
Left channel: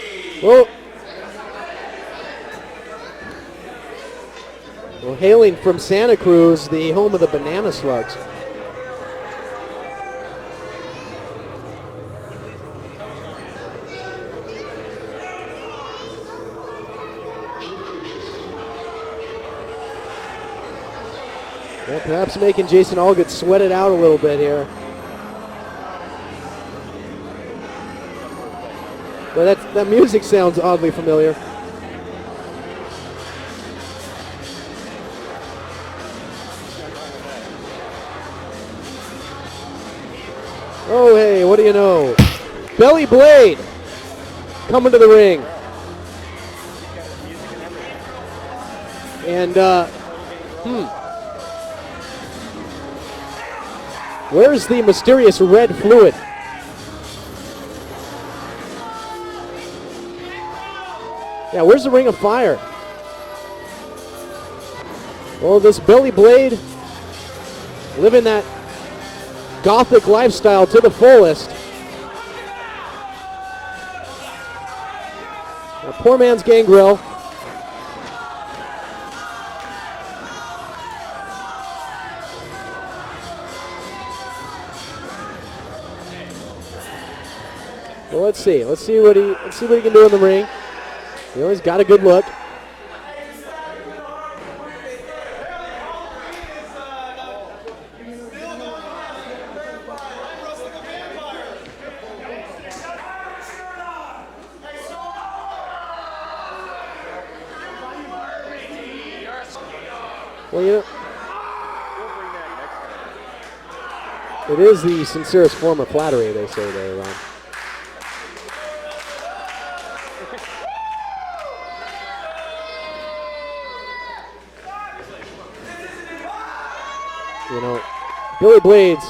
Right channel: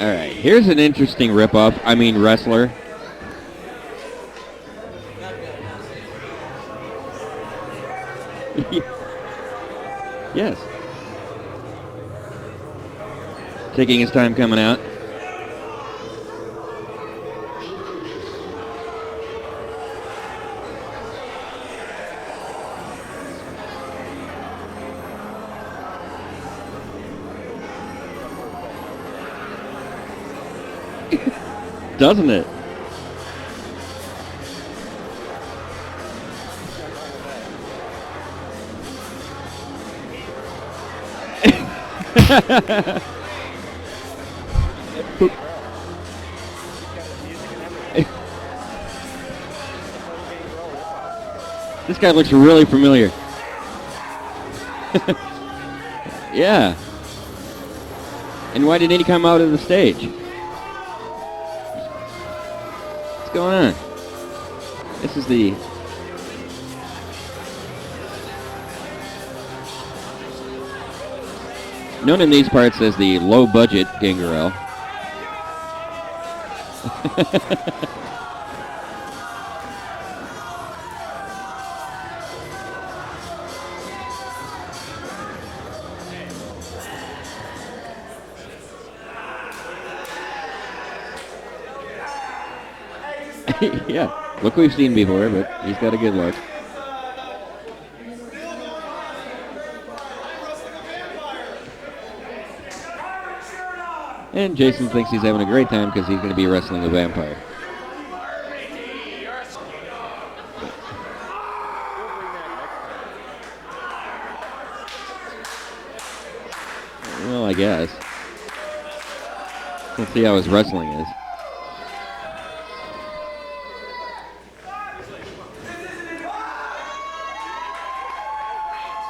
All right, here's an interesting ripoff. Wrestler. Well, hailing from Santa Cruz, the home of the Banana Slugs. Yes. Taking his time coming out. Well, perhaps making Jason Allgood sweat it out a little bit here. Well, that music sounds oddly familiar. Doesn't it? Oh, hey, what do you know? Belly Blade coming to the ring. And this guy looks really familiar. where's the mysterious red fluid? Yeah. And why didn't he come out of the stage? Yeah, where's the Ring of Fire? What's going on? This is the... Well, this Belly Blade living that gothic lifestyle to the fullest. known in these parts as the low-budget Gangrel. Poor man's Gangrel. Well, let's see what he can do in the ring. You know, he's got a good look. Yeah, look we've seen before, but he's got a good look. And Jason thinks he's having a great time because he's going to be wrestling the vampire. Well, yeah. It is the sincerest form of flattery, they say there. Right? Well, I guess. Let's see how his wrestling is. You know, Billy Blade's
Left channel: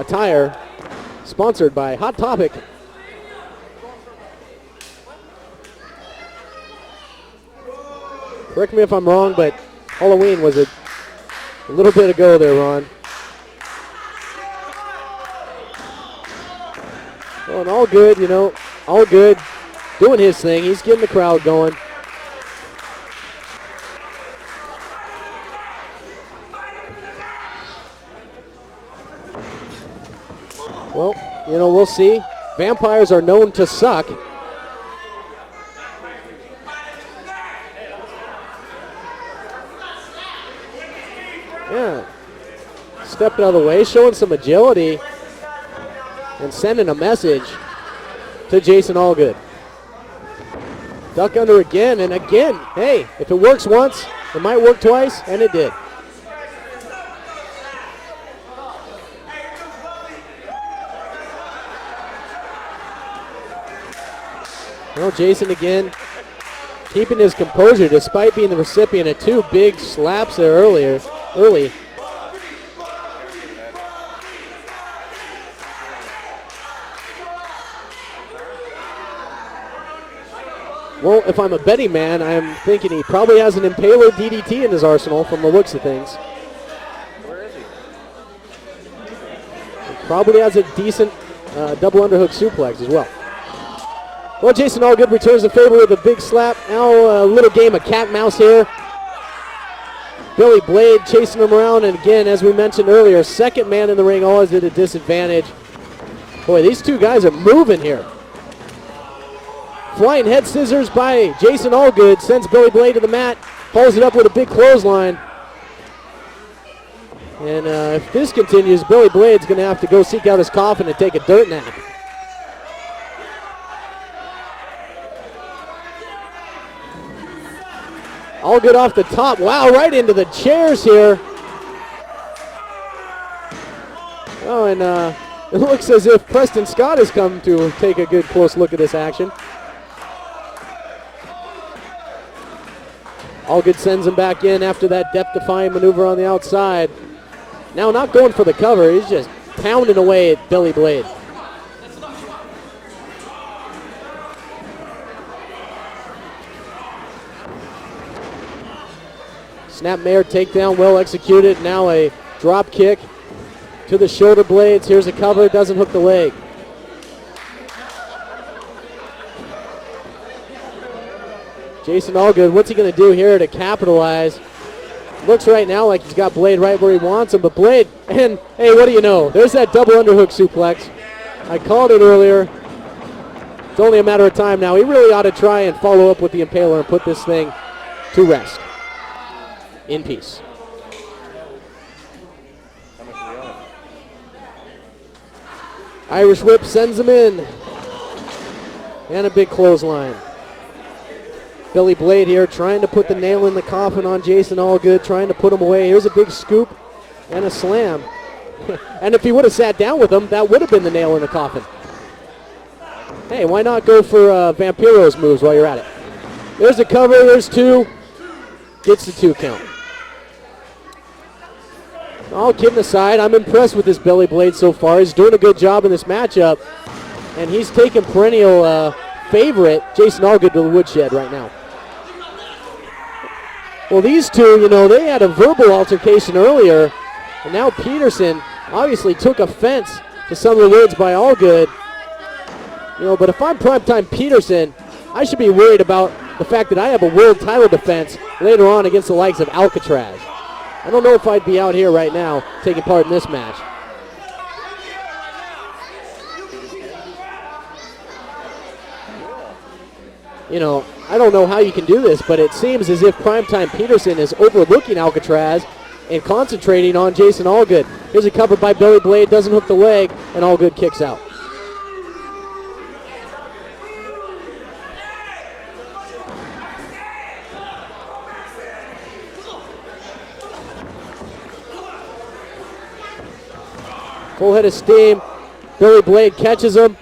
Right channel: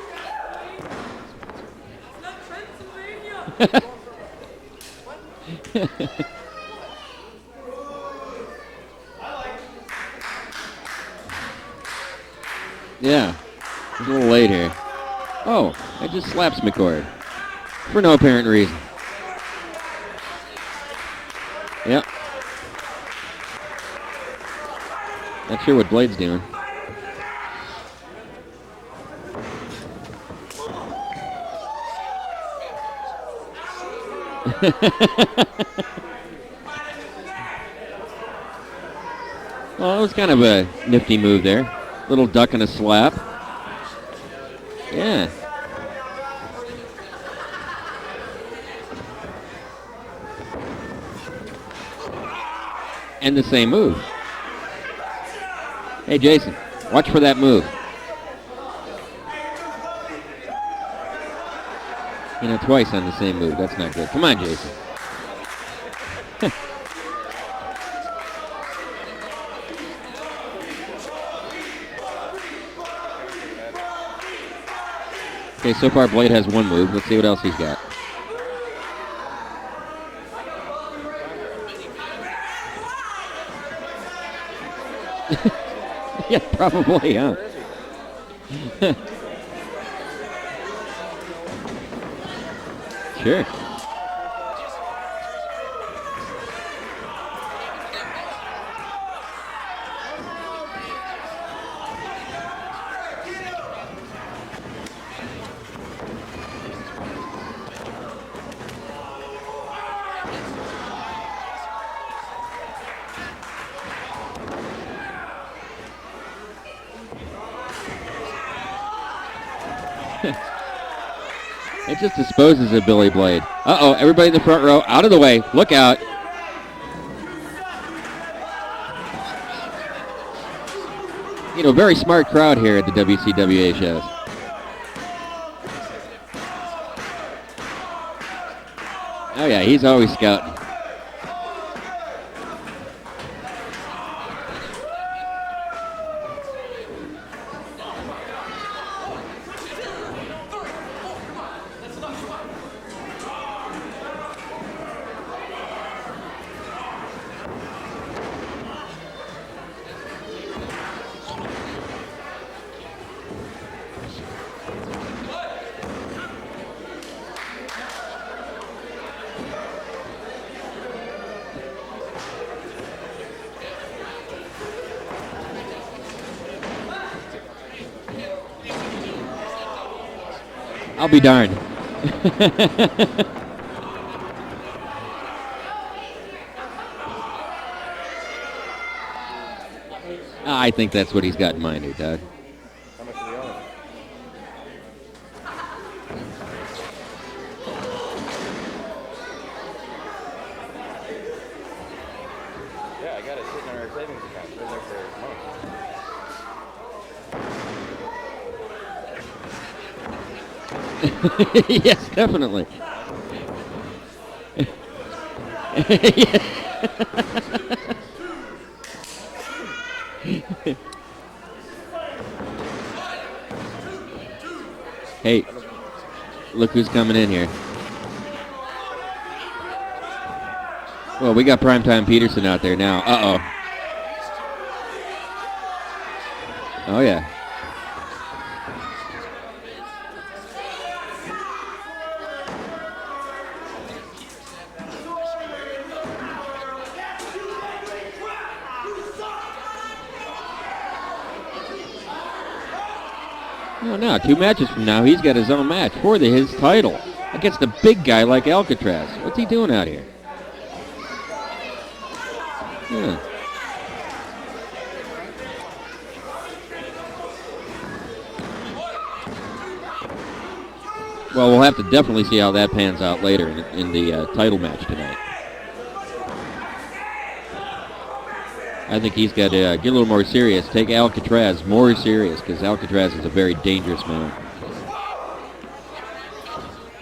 attire, sponsored by Hot Topic. Correct me if I'm wrong, but Halloween was a little bit ago there, Ron. Yeah, a little late here. Oh, it just slaps McCord. Oh, and all good, No apparent reason. all good. Doing his thing. He's getting the crowd going. Yep. Not sure what Blade's doing. Well, you know, we'll see. Vampires are known to suck. Well, it was kind of a nifty move there. Yeah. Little duck and a slap. Stepped out of the way, showing some agility Yeah. and sending a message to Jason Allgood. Duck under again and again. Hey, if And it the works same once, move. it might work twice, and it did. Hey, Jason, watch for that move. You know, twice on the same move. That's not good. Come on, Jason. Well, Jason again keeping his composure despite being the recipient of two big slaps there early. Okay, so far Blade has one move. Let's see what else he's got. Well, if I'm a betting man, I'm thinking he probably has an Impaler DDT in his arsenal from the looks of things. Yeah, probably, yeah. Probably has a decent double underhook suplex as well. Sure. Well, Jason Allgood returns the favor with a big slap. Now a little game of cat and mouse here. Billy Blade chasing him around, and again, as we mentioned earlier, second man in the ring always at a disadvantage. Boy, these two guys are moving here. Flying head scissors by Jason Allgood sends Billy Blade to the mat, follows it up with a big clothesline. And if this continues, Billy Blade's going to have to go seek out his coffin and take a dirt nap. It just disposes of Billy Blade. Uh-oh, everybody in the front row, out of the way. Look out. Allgood off the top. Wow, right into the chairs here. You know, very smart crowd here at the WCWA shows. Oh, and it looks as if Preston Scott has come to take a good close look at this action. Oh, yeah, he's always scouting. Allgood sends him back in after that death-defying maneuver on the outside. Now not going for the cover, he's just pounding away at Billy Blade. Snapmare takedown, well executed. Now a drop kick to the shoulder blades. Here's a cover, doesn't hook the leg. Jason Allgood, what's he going to do here to capitalize? Looks right now like he's got Blade right where he wants him, but Blade, and hey, what do you know? There's that double underhook suplex. I'll be darned. I called it earlier. It's only a matter of time now. He really ought to try and follow up with the Impaler and put this thing to rest. In peace. I think that's what he's got in mind here, Doug. How much are they on? Irish whip sends him in. And a big clothesline. Billy Blade here trying to put the nail in the coffin on Jason Allgood, trying to put him away. Here's a big scoop and a slam. And if he would have sat down with him, that would have been the nail in the coffin. Yes, definitely. Hey, why not go for Vampiro's moves while you're at it? Yeah. There's a cover, there's two. Gets the 2 count. All kidding aside, I'm impressed with this Billy Blade so far. He's doing a good job in this matchup. Look who's coming in here. And he's taking perennial favorite Jason Allgood to the woodshed right now. We got Primetime Peterson out there now. Uh-oh. Well, these two, you know, they had a verbal altercation earlier. Oh, yeah. And now Peterson obviously took offense to some of the words by Allgood. You know, but if I'm Primetime Peterson, I should be worried about the fact that I have a world title defense later on against the likes of Alcatraz. I don't know if I'd be out here right now taking part in this match. Oh, no, 2 matches from now, he's got his own match for his title against a big guy like Alcatraz. What's he doing out here? You know, I don't know how you can do this, but it seems as if Primetime Peterson is overlooking Alcatraz and concentrating on Jason Allgood. Here's a cover by Billy Blade, doesn't hook the leg, and Allgood kicks out. Well, we'll have to definitely see how that pans out later in the title match tonight. I think he's got to get a little more serious, take Alcatraz more serious, because Alcatraz is a very dangerous man. Full head of steam. Billy Blade catches him.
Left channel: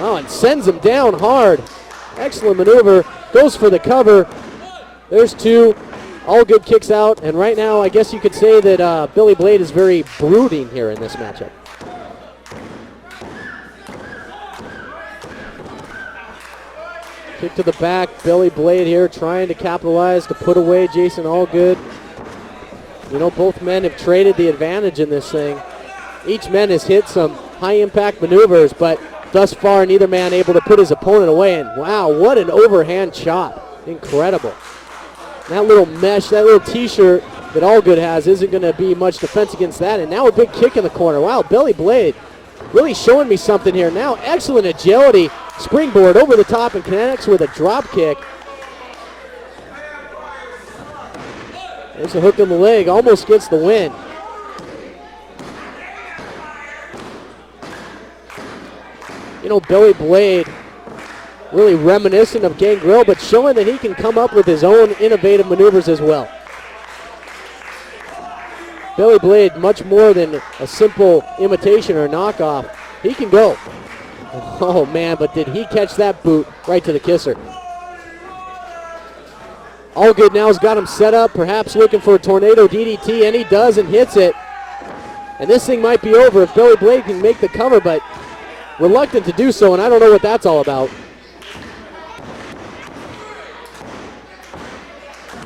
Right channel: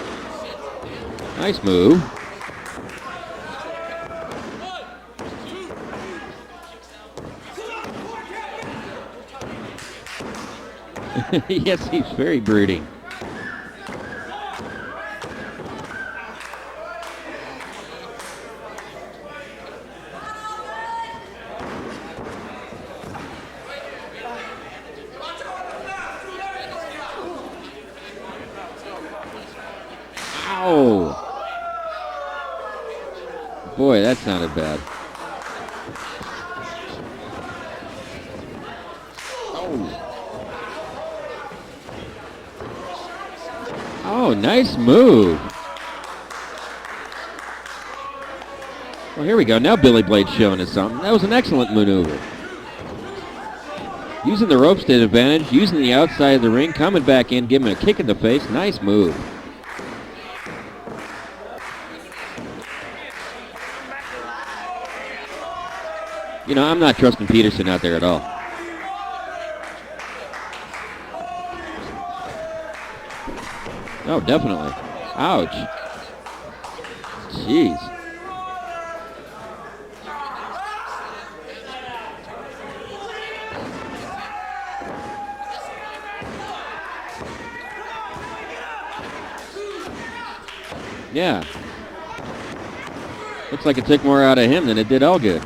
Oh, and sends him down hard. Nice move. Excellent maneuver. Goes for the cover. There's 2. Allgood kicks out, and right now I guess you could say that Billy Blade is very brooding here in this match. Yes, he's very brooding. Kick to the back. Billy Blade here trying to capitalize to put away Jason Allgood. You know, both men have traded the advantage in this thing. Each man has hit some high-impact maneuvers, but thus far neither man able to put his opponent away. And wow, what an overhand shot. Boy, that's incredible. not bad. That little mesh, that little t-shirt that Allgood has isn't going to be much defense against that. And now a big kick in the corner. Wow, Billy Blade really showing me something here now. Excellent nice agility. move. Springboard over the top and connects with a drop kick. Well, here we go. Now Billy Blade's showing us something. That was an excellent maneuver. There's a hook in the leg. Almost gets the win. Using the ropes to his advantage, using the outside of the ring, coming back in, giving him a kick in the face. Nice move. You know, Billy Blade really reminiscent of Gangrel, but showing that he can come up with his own innovative maneuvers as well. You know, I'm not trusting Peterson out there at all. Billy Blade, much more than a simple imitation or knockoff. He can go. Oh, definitely. Oh, man, but did he catch that boot right to the kisser. Jeez. Allgood now has got him set up, perhaps looking for a tornado DDT, and he does and hits it. And this thing might be over if Billy Blade can make the cover, but reluctant to do so, and I don't know what that's all about. Yeah. Looks like it took more out of him than it did Allgood.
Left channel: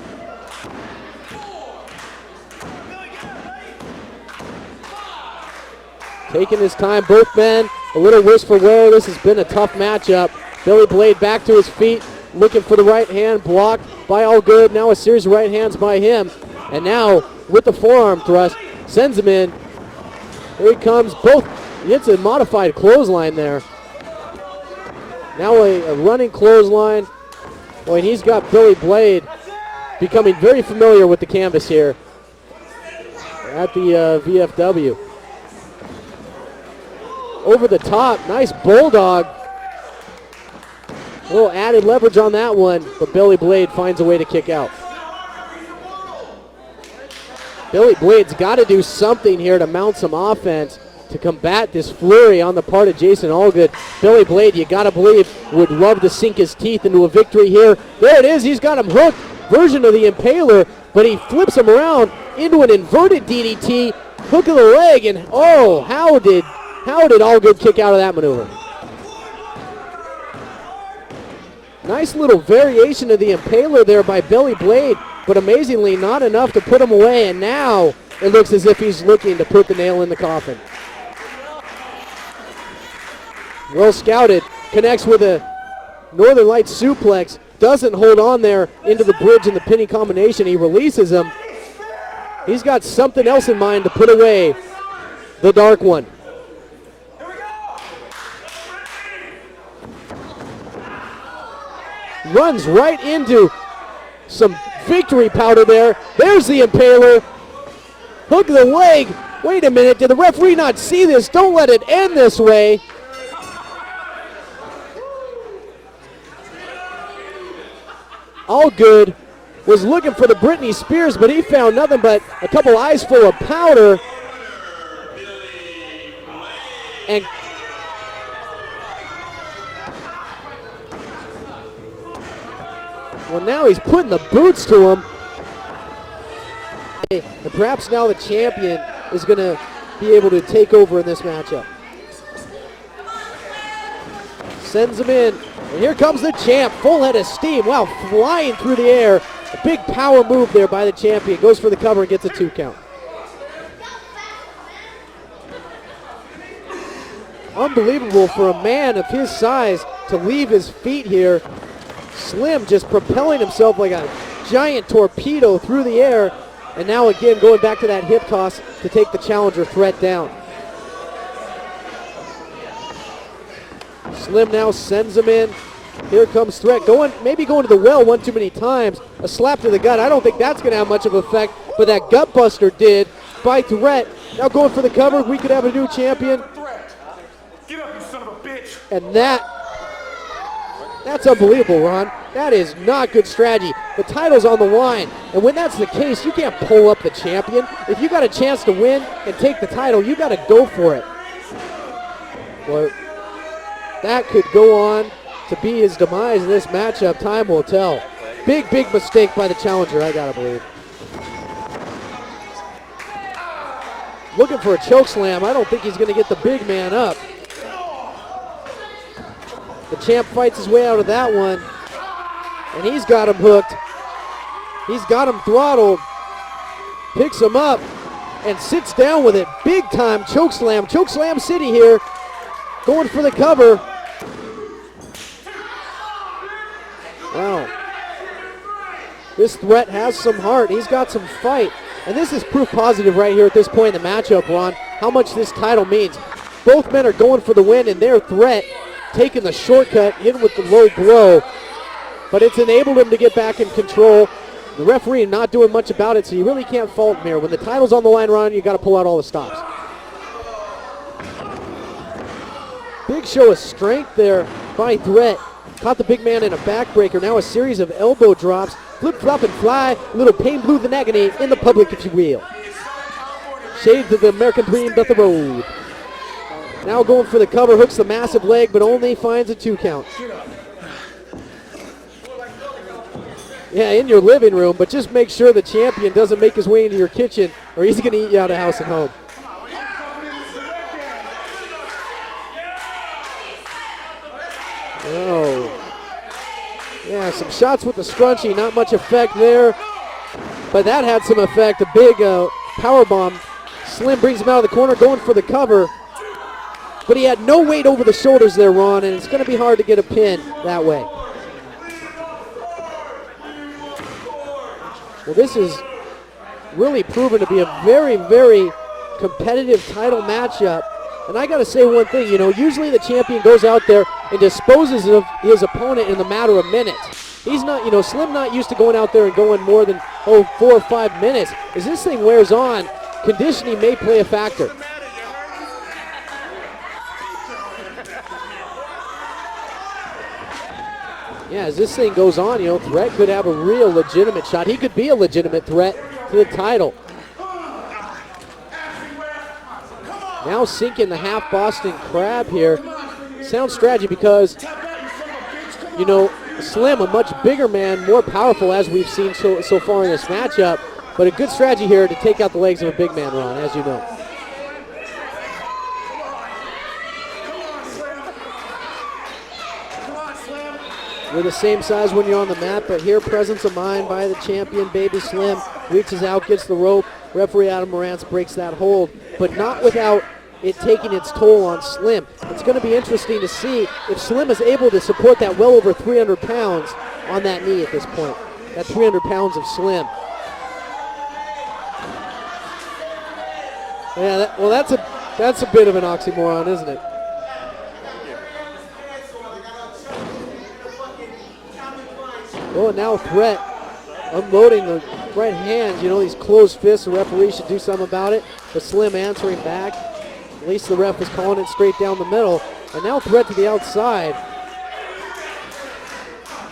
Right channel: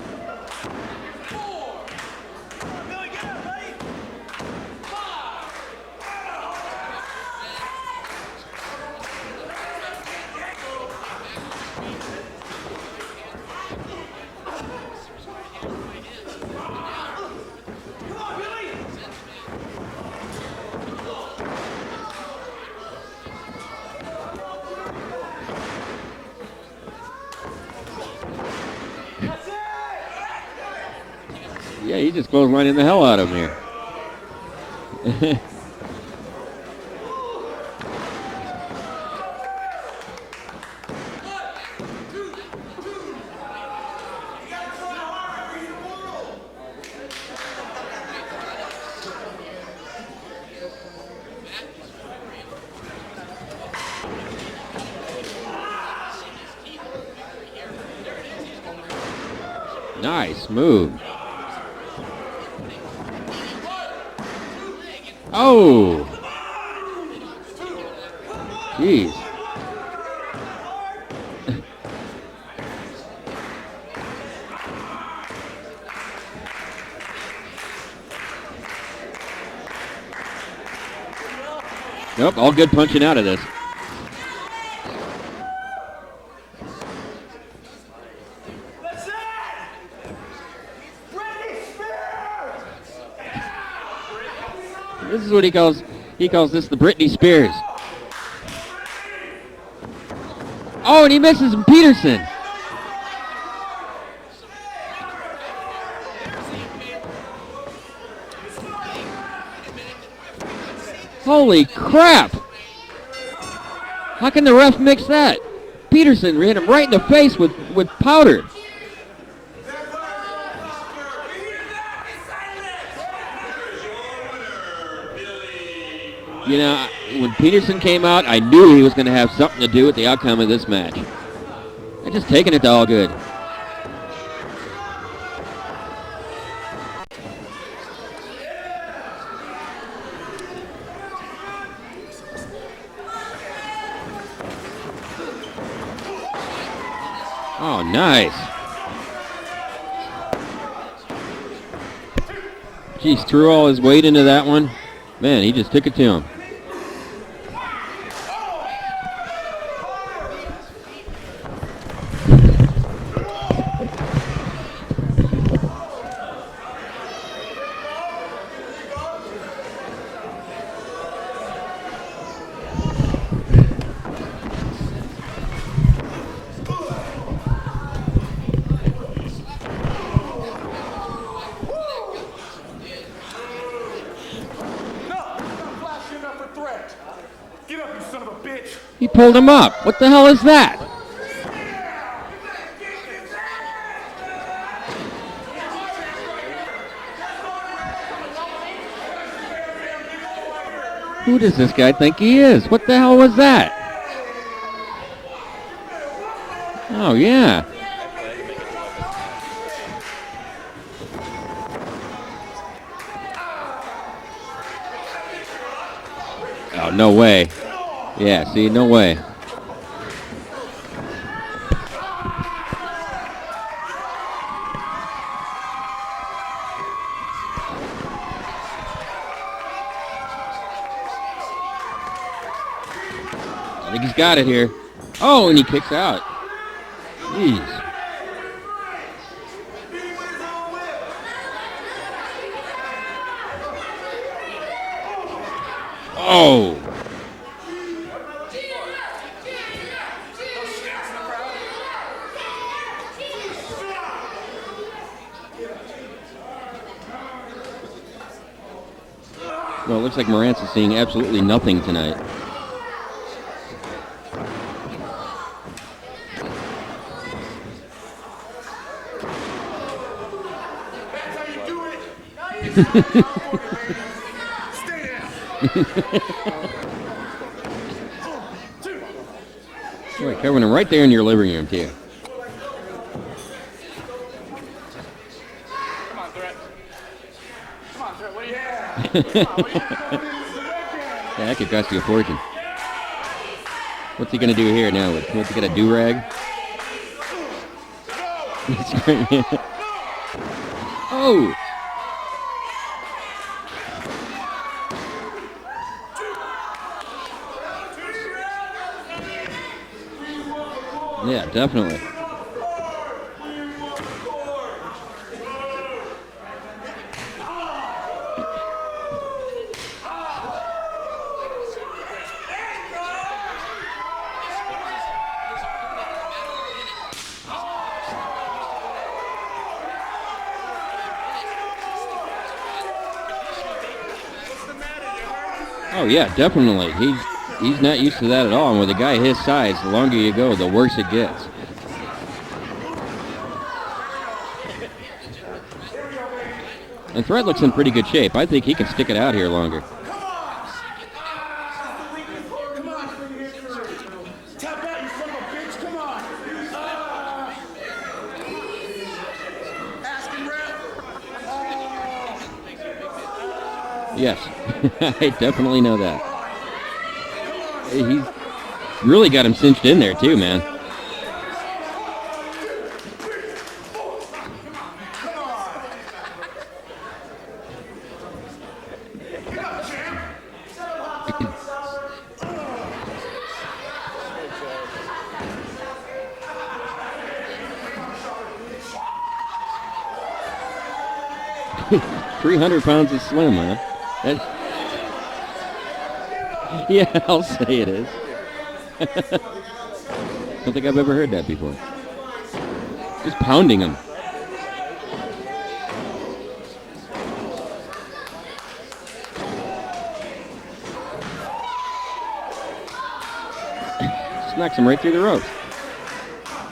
Taking his time, both men a little wistful wear. This has been a tough matchup. Billy Blade back to his feet, looking for the right hand, blocked by Allgood. Now a series of right hands by him. And now with the forearm thrust, sends him in. Here he comes. Both He hits a modified clothesline there. Now a running clothesline. Boy, and he's got Billy Blade becoming very familiar with the canvas here. Yeah, he just clotheslining the hell out of him here. At the VFW. Over the top, nice bulldog. A little added leverage on that one, but Billy Blade finds a way to kick out. Billy Blade's got to do something here to mount some offense to combat this flurry on the part of Jason Allgood. Billy Blade, you got to believe, would love to sink his teeth into a victory here. There it is, he's got him hooked. Version of the Nice Impaler, move. But but he flips him around into an inverted DDT, hook of the leg, and Oh. how did Allgood kick out of that maneuver? Jeez. Nice little variation of the Impaler there by Billy Blade, but amazingly not enough to put him away, and now it looks as if he's looking to put the nail in the coffin. Nope, all good punching out of this. Well scouted, connects with a Northern Lights suplex, doesn't hold on there into the bridge in the pinning combination. He releases him. He's got something else in mind to put away This is what the he calls, dark one. He calls this the Britney Spears. Oh, and he misses Peterson. Runs right into some victory powder there. There's the Impaler. Hook of the leg. Wait a minute, did the referee not see this? Don't Holy let it crap. end this way. How can the ref mix that? Peterson ran him right in the face with powder. Allgood was looking for the Britney Spears, but he found nothing but a couple eyes full of powder. You know, And- when Peterson came out, I knew he was going to have something to do with the outcome of this match. They're just taking it to Allgood. Well, now he's putting the boots to him. And perhaps now the champion is going to be able to take over in this matchup. Sends him in. And here comes the champ. Full head of steam. Wow, nice. flying through the air. A big power move there by the champion. Goes for the cover and gets a 2 count. Jeez, threw all his weight into that one. Man, he just took it to him. Unbelievable for a man of his size to leave his feet here. Slim just propelling himself like a giant torpedo through the air. And now again going back to that hip toss to take the challenger threat down. Slim now sends him in. Here comes Threat. Maybe going to the well one too many times. A slap to the gut. I don't think that's going to have much of an effect, but that gut buster did by Threat. Now going for the cover. We could have a new champion. Threat. Get up, you son of a bitch. And He pulled him up. What the hell is that? That's unbelievable, Ron. That is not good strategy. The title's on the line, and when that's the case, you can't pull up the champion. If you got a chance to win and take the title, you got to go for it. Who does this guy think he is? What the hell was that? That could go on to be his demise in this matchup. Oh, yeah. Time will tell. Big mistake by the challenger, I gotta believe. Looking for a choke slam. I don't think he's gonna get the big man No up. way. Yeah, see, no way. The champ fights his way out of that one. And he's got him hooked. He's got him throttled. Picks him up and sits down with it. Big time choke slam. Choke slam city here. Going for the cover. I think he's got it here. Oh, and he kicks out. Wow. This Threat has some heart. He's got some fight. And this is proof positive right here at this point in the matchup, Ron, how much this title means. Oh. Both men are going for the win, and their Threat taking the shortcut, hitting with the low blow. But it's enabled him to get back in control. The referee not doing much about it, so you really can't fault him here. When the title's on the line, Ron, you got to pull out all the stops. Well, it looks like Morantz is seeing absolutely nothing tonight. Big show of strength there by Threat. Caught the big man in a backbreaker. Now a series of elbow drops. Flip, flop, and fly. A little pain, blue, and agony in the public, if you will. Shades of the American dream doth the road. Now going for the cover. Hooks the massive leg, but only finds a 2 count. Covering him right there in your living room, too. Yeah, in your living room, but just make sure the champion doesn't make his way into your kitchen, or he's going to eat you out of house and home. Yeah, that could cost you a fortune. What's he going to do here now? Oh. Get a do-rag? Yeah, some shots with the scrunchie, not much effect there. But that had some effect. A big power bomb. Slim brings him out of the corner, going for the cover. But he had no weight over the shoulders there, Ron, and it's going to be hard to get a pin that way. Yeah, definitely. Well, this is really proven to be a very, very competitive title matchup. And I got to say one thing, usually the champion goes out there and disposes of his opponent in the matter of minutes. He's not, Slim not used to going out there and going more than, 4 or 5 minutes. As this thing wears on, conditioning may play a factor. Oh, yeah, definitely. He's not used to that at all. And with a guy his size, the longer you go, the worse it gets. Yeah, as this thing goes on, Threat could have a real legitimate shot. He could be a legitimate threat to the title. And Threat looks in pretty good shape. I think he can stick it out here longer. Now sinking the half Boston Crab here. Sound strategy because, Slim, a much bigger man, more powerful as we've seen so far in this matchup. But a good strategy here to take out the legs of a big man, Ron, as you know. Yes, I definitely know that. He really got him cinched in there too, man. We're the same size when you're on the mat, but here, presence of mind by the champion, Baby Slim. Reaches out, gets the rope. Referee Adam Morantz breaks that hold, but not without it taking its toll on Slim. It's going to be interesting to see if Slim is able to support that well over 300 pounds on that knee at this point. That 300 pounds of Slim. 300 pounds of Slim, man. Yeah, that's a bit of an oxymoron, isn't it? Yeah, I'll say it is. I don't think I've ever heard that before. Oh, and now Threat Pounding him. unloading the right hand. These closed fists, the referee should do something about it. But Slim answering back. At least the ref is calling it straight down the middle. And now Threat to the outside. Smacks him right through the rope.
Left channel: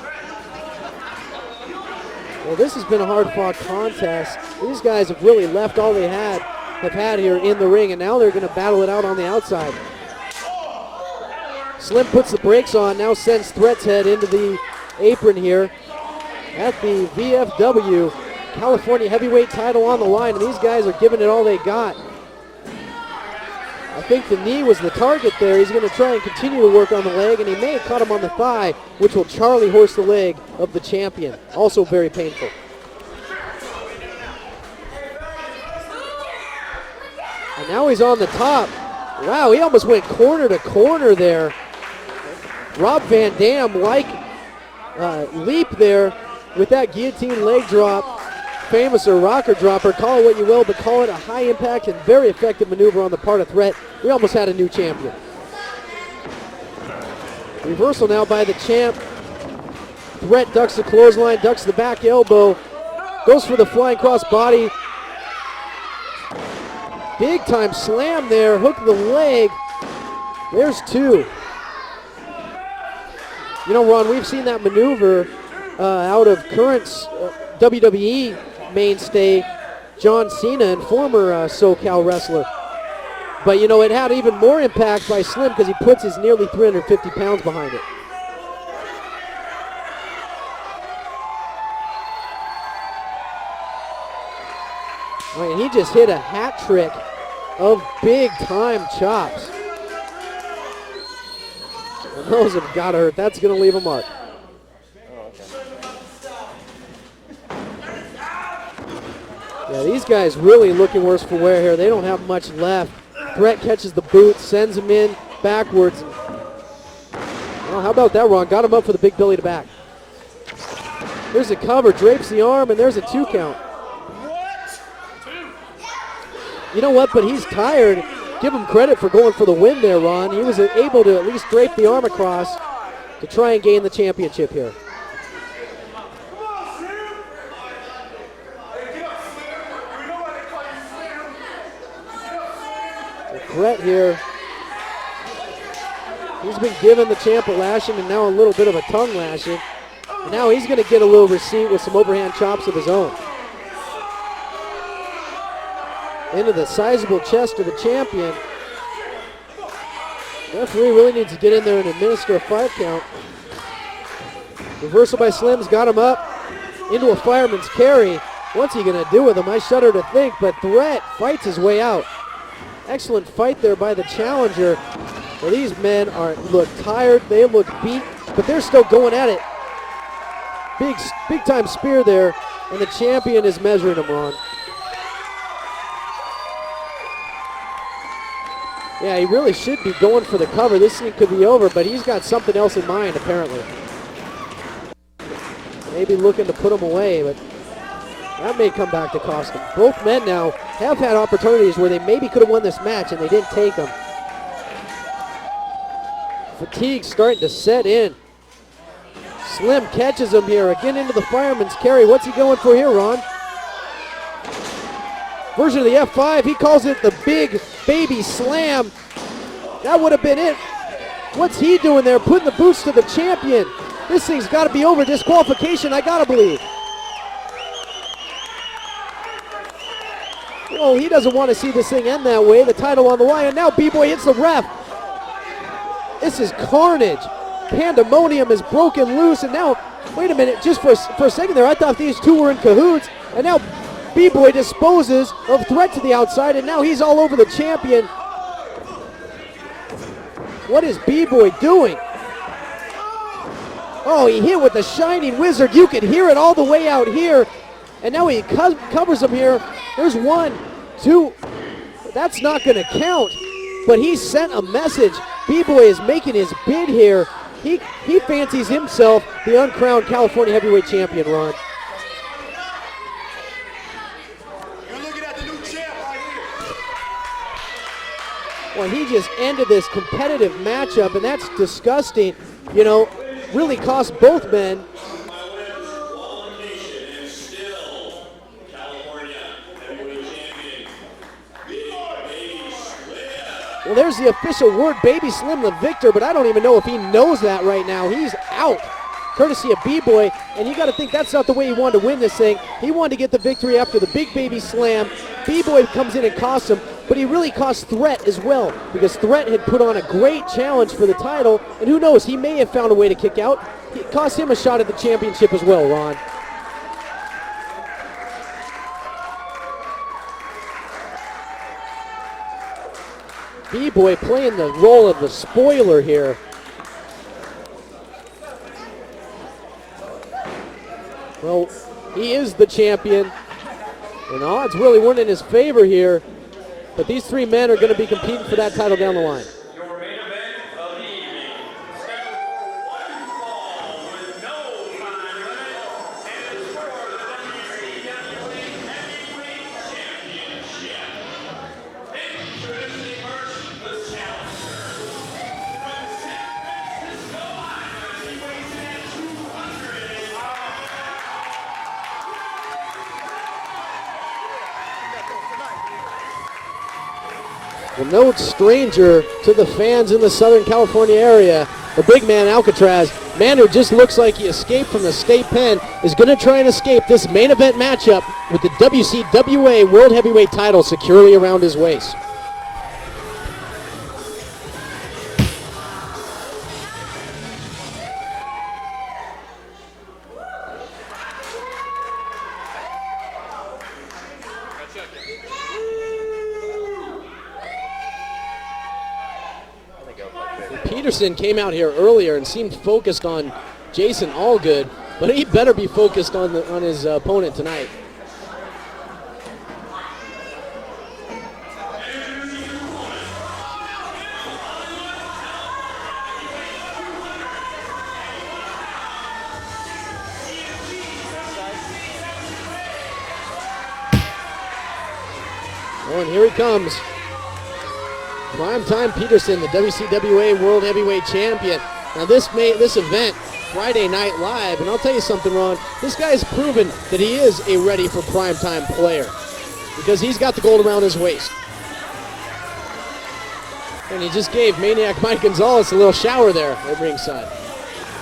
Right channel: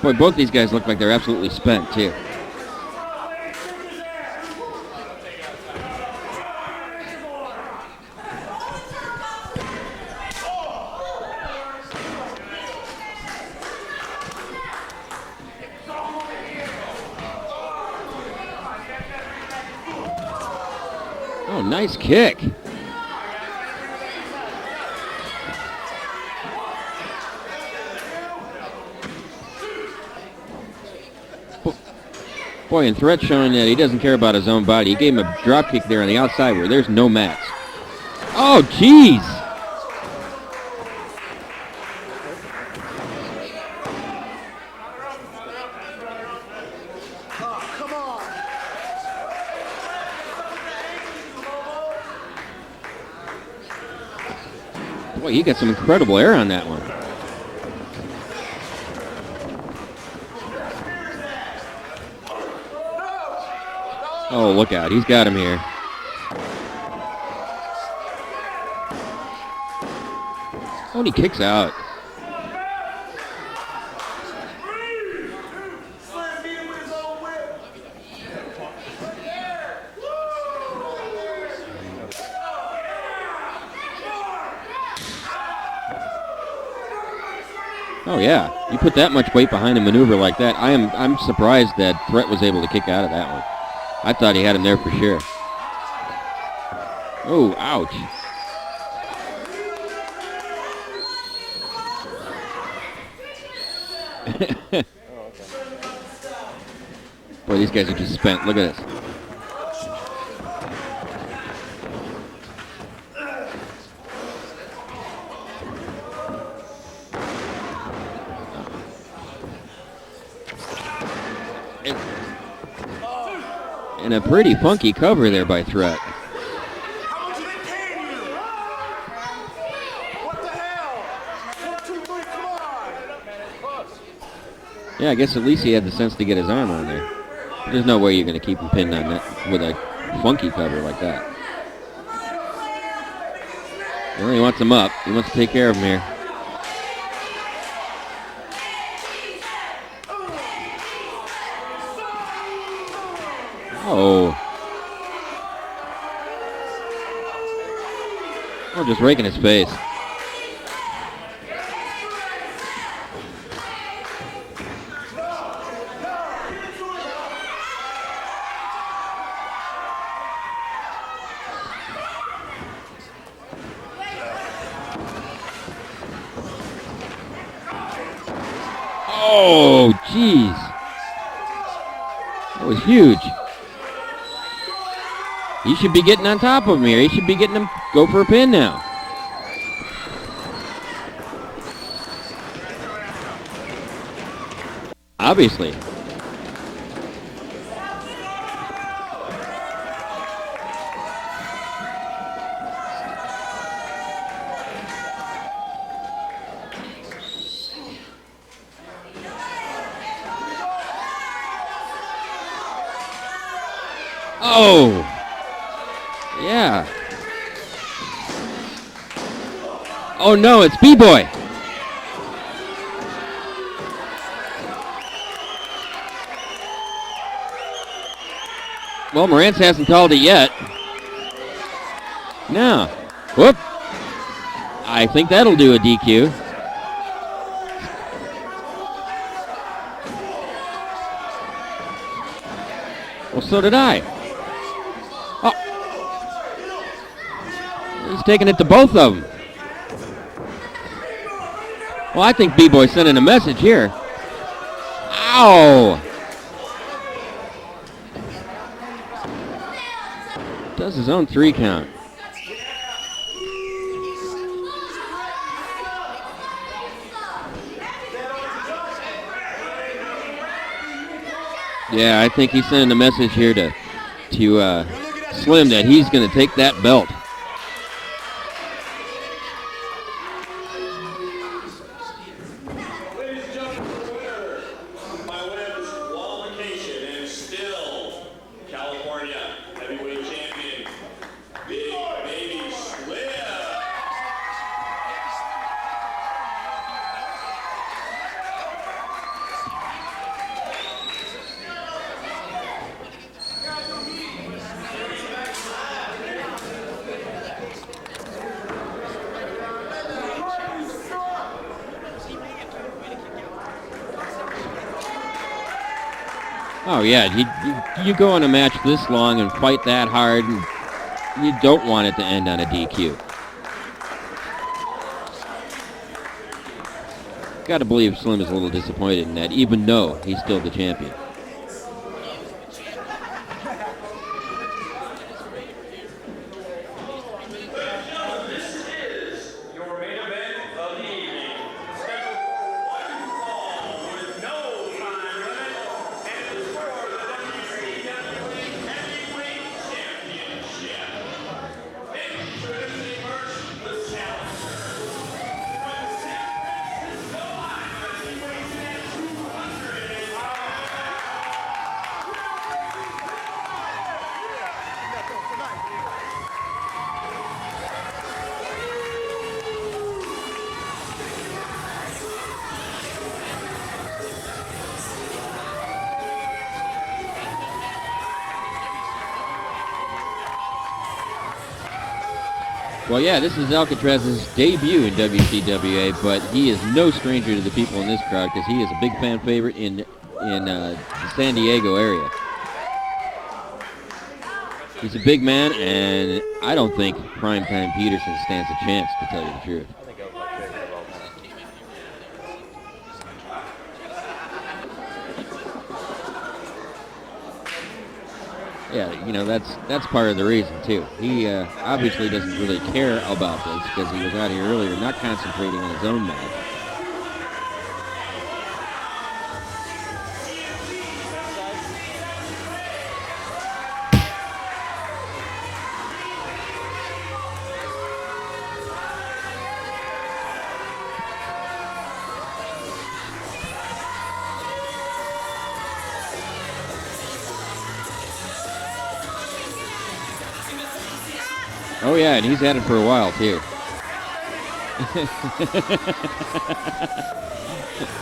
Boy, both these guys look like they're absolutely spent, too. Well, this has been a hard-fought contest. These guys have really left all they have had here in the ring, and now they're going to battle it out on the outside. Slim puts the brakes on, now sends Threat's head into the apron here at the VFW California heavyweight title on the line, and these guys are giving it all they got. Nice kick. I think the knee was the target there. He's going to try and continue to work on the leg, and he may have caught him on the thigh, which will Charlie horse the leg of the champion. Also very painful. Boy, and Threat showing that he doesn't care about his own body. He gave him a drop kick there on the outside where there's no match. And now he's on the top. Oh, jeez. Wow, he almost went corner to corner there. Rob Van Dam like leap there with that guillotine leg drop. Famous or rocker dropper, call it what you will, but call it a high impact and very effective maneuver on the part of Threat. We almost had a new champion. Boy, he got some incredible air on that one. Reversal now by the champ. Threat ducks the clothesline, ducks the back elbow, goes for the flying cross body. Oh, look out, he's got him here. Big time slam there, hook the leg. There's two. He kicks out. Ron, we've seen that maneuver out of current WWE mainstay John Cena and former SoCal wrestler. But, it had even more impact by Slim because he puts his nearly 350 pounds behind it. Oh, yeah. You put that much weight behind a maneuver like that, I'm surprised that Threat was able to kick out of that one. I thought he had him there for sure. And he just hit a hat trick Oh, of ouch. big-time chops. Those have got to hurt. That's going to leave a mark. Boy, these guys are just spent. Look at this. Yeah, these guys really looking worse for wear here. They don't have much left. Threat catches the boot, sends him in backwards. Well, how about that, Ron? Got him up for the big belly to back. There's a cover, drapes the arm, and there's a 2 count. And a pretty funky cover there by Threat. You know what, but he's tired. Give him credit for going for the win there, Ron. He was able to at least drape the arm across to try and gain the championship here. Yeah, I guess at least he had the sense to get his arm on there. There's no way you're going to keep him pinned on that with a funky cover like that. Threat here. Well, he wants him up. He wants to take care of him here. He's been giving the champ a lashing and now a little bit of a tongue lashing. Now he's going to get a little receipt with some overhand chops of his own. Oh. Into the sizable chest of the champion. Oh, just raking his face. Referee really needs to get in there and administer a 5 count. Reversal by Slim's got him up into a fireman's carry. What's he going to do with him? I shudder to think, but Threat fights his way out. Excellent fight there by the challenger. Well, these men look tired. They look beat, but they're still going at it. Oh, jeez. Big time spear there. was The huge. champion is measuring him, Ron. He should be getting on top of him here. He should be getting him go for a pin now. Yeah, he really should be going for the cover. This thing could be over, but he's got something else in mind, apparently. Obviously. Maybe looking to put him away, but that may come back to cost him. Both men now have had opportunities where they maybe could have won this match, and they didn't take them. Fatigue starting to set in. Slim catches him here, again into the fireman's carry. What's he going for here, Ron? Oh! Version of the F5, Yeah. he calls it the big baby slam. That would have been Oh no, it. it's B-Boy. What's he doing there? Putting the boots to the champion. This thing's got to be over. Disqualification, I got to believe. Well, Morantz hasn't called it yet. Oh, he doesn't want to see this thing end that way. No. The title on the line. Whoop. And now B-Boy hits the ref. I think that'll do a DQ. This is carnage. Pandemonium is broken loose. And now, wait a minute, just for a second there, I thought these two were in cahoots. And now So did I. B-Boy disposes of Threat to the outside, and now he's all over the champion. He's taking it to both of them. What is B-Boy doing? Well, I think B-Boy's sending a message here. Oh, he hit with the shining Ow. laser. You can hear it all the way out here. And now he covers him here. There's one, Does his two. own 3 count. That's not going to count. But he sent a message. B-Boy is making his bid here. He fancies himself the uncrowned California heavyweight champion, Ron. Yeah, I think he's sending a message here to Slim that he's going to take that belt. Well, he just ended this competitive matchup, and that's disgusting. You know, really cost both men. My women's qualification and still California heavyweight champion, Big Baby Slim. Well, there's the official word, Baby Slim the victor, but I don't even know if he knows that right now. He's out, courtesy of B-Boy, and you got to think that's not the way he wanted to win this thing. He wanted to get the victory after the Big Baby Slam. B-Boy comes in and costs him, but he really cost Threat as well, because Threat had put on a great challenge for the title, and who knows, he may have found a way to kick out. It cost him a shot at the championship as well, Ron. Oh, yeah. You go on a match this long and fight that hard, and you don't want it to end on a DQ. B-Boy playing the role of the spoiler here. Got to believe Slim is a little disappointed in that, even though he's still the champion. Well, he is the champion, and odds really weren't in his favor here, but these three men are going to be competing for that title down the line. Your main event of the evening, scheduled for one fall with no time limit, and is for the WCWA Heavyweight Championship. Introducing first, the challenger. From San Francisco Island, he weighs in at 200 pounds. Well, no stranger to the fans in the Southern California area. The big man, Alcatraz, man who just looks like he escaped from the state pen, is going to try and escape this main event matchup with the WCWA World Heavyweight title securely around his waist. Well, yeah, this is Alcatraz's debut in WCWA, but he is no stranger to the people in this crowd because he is a big fan favorite in the San Diego area. He's a big man, and I don't think Primetime Peterson stands a chance, to tell you the truth. Peterson came out here earlier and seemed focused on Jason Allgood, but he better be focused on his opponent tonight. Yeah, you know, that's part of the reason, too. He obviously doesn't really care about this because he was out here earlier, not concentrating on his own match. Oh, and here he comes. Primetime Peterson, the WCWA World Heavyweight Champion. Now this event, Friday Night Live, and I'll tell you something, Ron, this guy's proven that he is a ready for primetime player because he's got the gold around his waist. Oh, yeah, and he's had it for a while, too. And he just gave Maniac Mike Gonzalez a little shower there at ringside.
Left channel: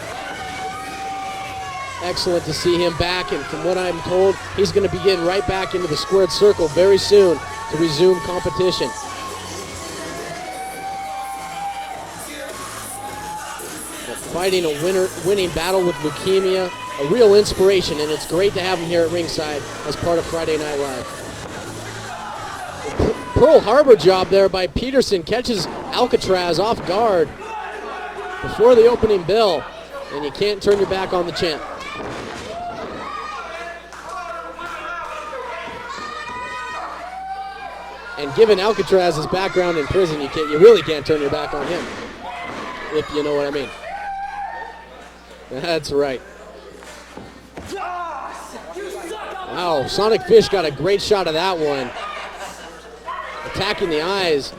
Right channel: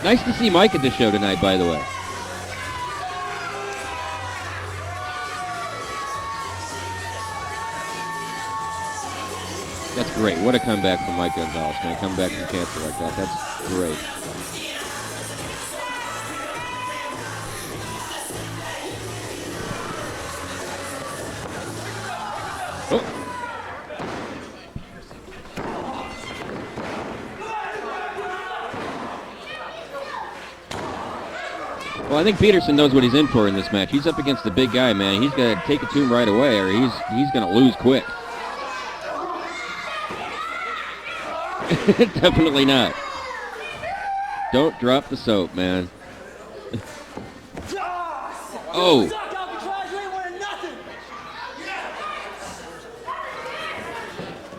Nice to see Mike at the show tonight, by the way. Excellent to see him back, and from what I'm told, he's going to be getting right back into the squared circle very soon to resume competition. That's great. What a comeback from Mike Gonzalez. When he come back to champion like that, that's great. Fighting a winning battle with leukemia, a real inspiration, and it's great to have him here at ringside as part of Friday Night Live. Pearl Harbor job there by Peterson, catches Alcatraz off guard before the opening bell, and you can't turn your back on the champ. Well, I think Peterson knows what he's in for in this match. He's up against the big guy, man. He's got to take it to him right away, or he's going to lose quick. And given Alcatraz's background in prison, you really can't turn your back on him. Definitely not. If you know what I mean. Don't drop the soap, man. That's right. Oh. Wow, Sonic Fish got a great shot of that one. Attacking the eyes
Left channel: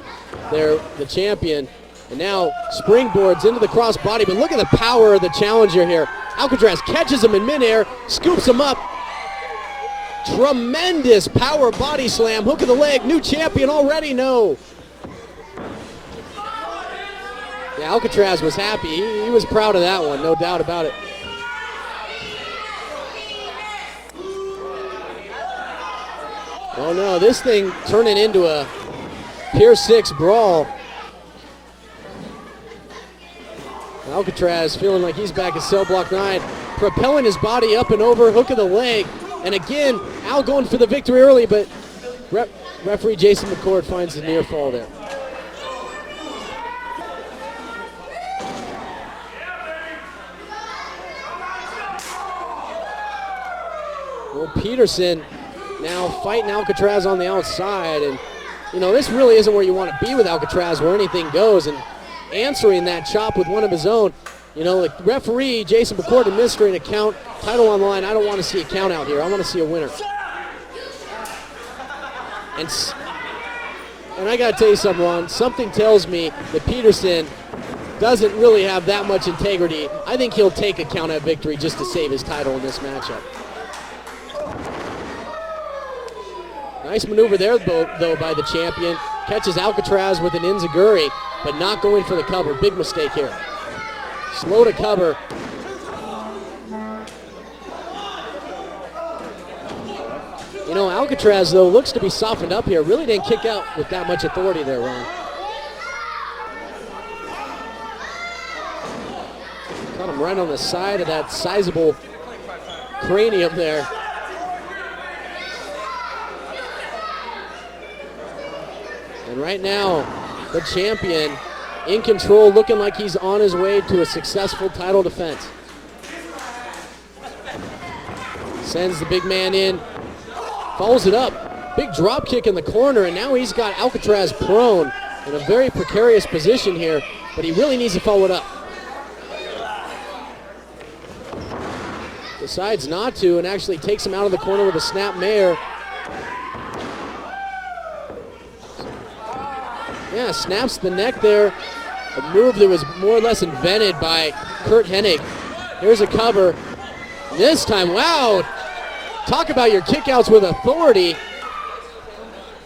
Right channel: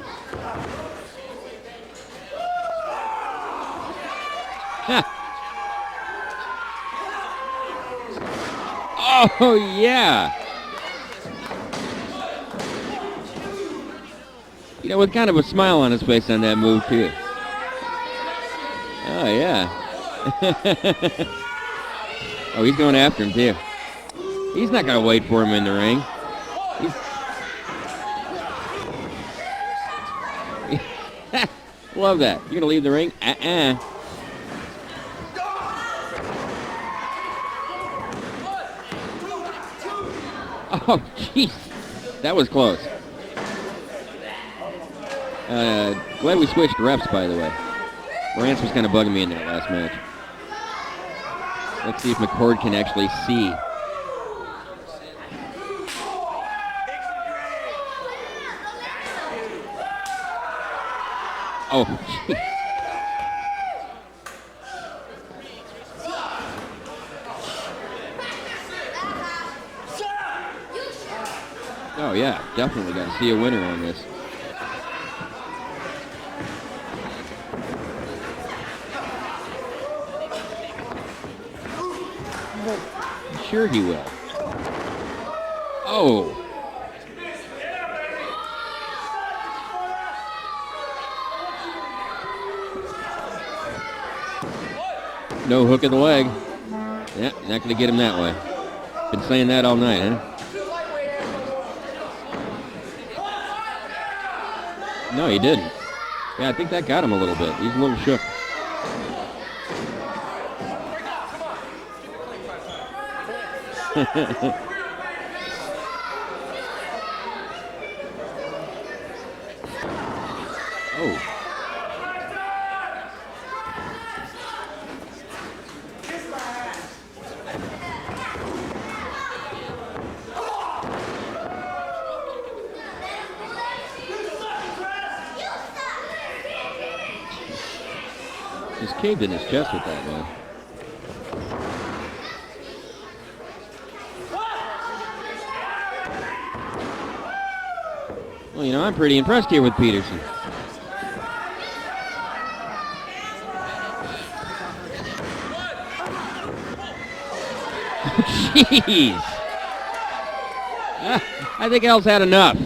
there, the champion. And now springboards into the crossbody, but look at the power of the challenger here. Alcatraz catches him in midair, scoops him up. Oh, yeah. Tremendous power body slam, hook of the leg, new champion already, no. You know, with kind of a smile on his face on that move, too. Yeah, Alcatraz was happy. He was proud of that one, no doubt about it. Oh, he's going after him, too. He's not going to wait for him in the ring. Oh, no, this thing turning into a Pier 6 brawl. Love that. You're going to leave the ring? Alcatraz feeling like he's back at cell block 9, propelling his body up and over, hook of the leg. And again, Al going for the victory early, but that was close. Referee Jason McCord finds the near fall there. Glad we switched refs, by the way. Rance was kind of bugging me in the last match. Let's see if McCord can actually see. Well, Peterson now fighting Alcatraz on the outside, and you know, this really isn't where you want to be with Alcatraz, where anything goes. And answering that chop with one of his own. You know, the referee, Jason McCord, administering a count, title on the line. I don't want to see a count out here. I want to see a winner. Oh, yeah, definitely got to see a winner on this. And I got to tell you something, Ron. Something tells me that Peterson doesn't really have that much integrity. I think he'll take a count out victory just to save his title in this matchup. Sure he will. Oh. Nice maneuver there, though, by the champion. Catches Alcatraz with an enziguri, but not going for the cover. Big mistake here. Slow to cover. No hook in the leg. Yeah, not going to get him that way. Been saying that all night, huh? You know, Alcatraz, though, looks to be softened up here. Really didn't kick out with that much authority there, Ron. No, he didn't. Yeah, I think that got him a little bit. He's a little shook. Got him right on the side of that sizable cranium there. Right now, the champion in control, looking like he's on his way to a successful title defense. Sends the big man in, follows it up. Big drop kick in the corner, and now he's got Alcatraz prone in a very precarious position here, but he really needs to follow it up. He's caved in his chest with that one. Decides not to, and actually takes him out of the corner with a snap mare. Well, you know, I'm pretty impressed here with Peters. Yeah, snaps the neck there. A move that was more or less invented by Kurt Hennig. There's a cover. This time, wow. Jeez. Talk about your kickouts with authority. I think Al's had enough.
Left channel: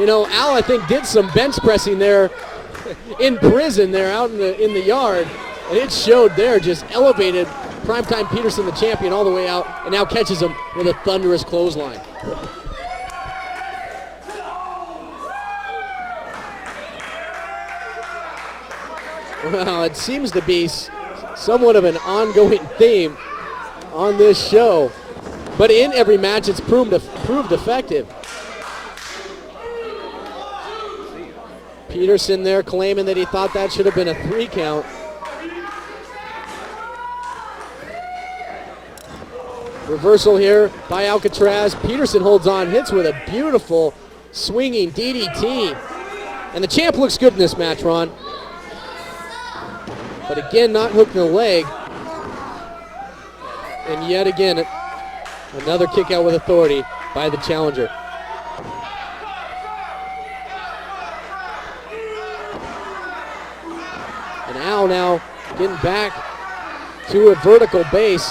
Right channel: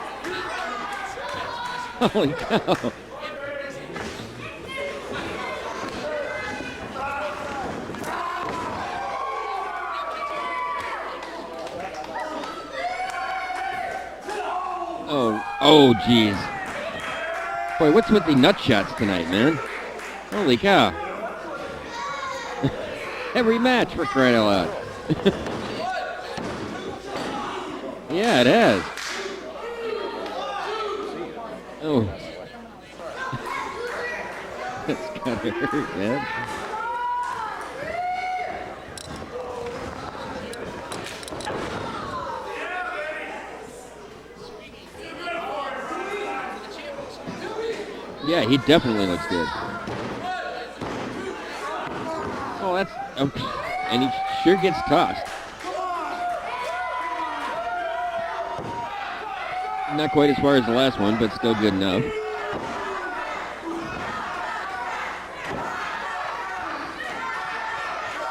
You know, Al, I think, did some bench pressing there in prison there out in the yard. And it showed there, just elevated Primetime Peterson, the champion, all the way out, and now catches him with a thunderous clothesline. Oh, geez. Boy, what's with the nut shots tonight, man? Well, it seems to be somewhat of an ongoing theme every match on this show. But in every match, it's proved effective. Yeah, it has. Peterson there claiming that he thought that should have been a 3 count. Reversal here by Alcatraz. Peterson holds on, hits with a beautiful swinging DDT. And the champ looks good in this match, Ron. Yeah, he definitely looks good. But again, not hooking the leg. Oh, that's... And yet again, sure gets tossed. Another kick out with authority by the challenger. Not quite as far as the last one, but still good enough. And Al now getting back to a vertical base.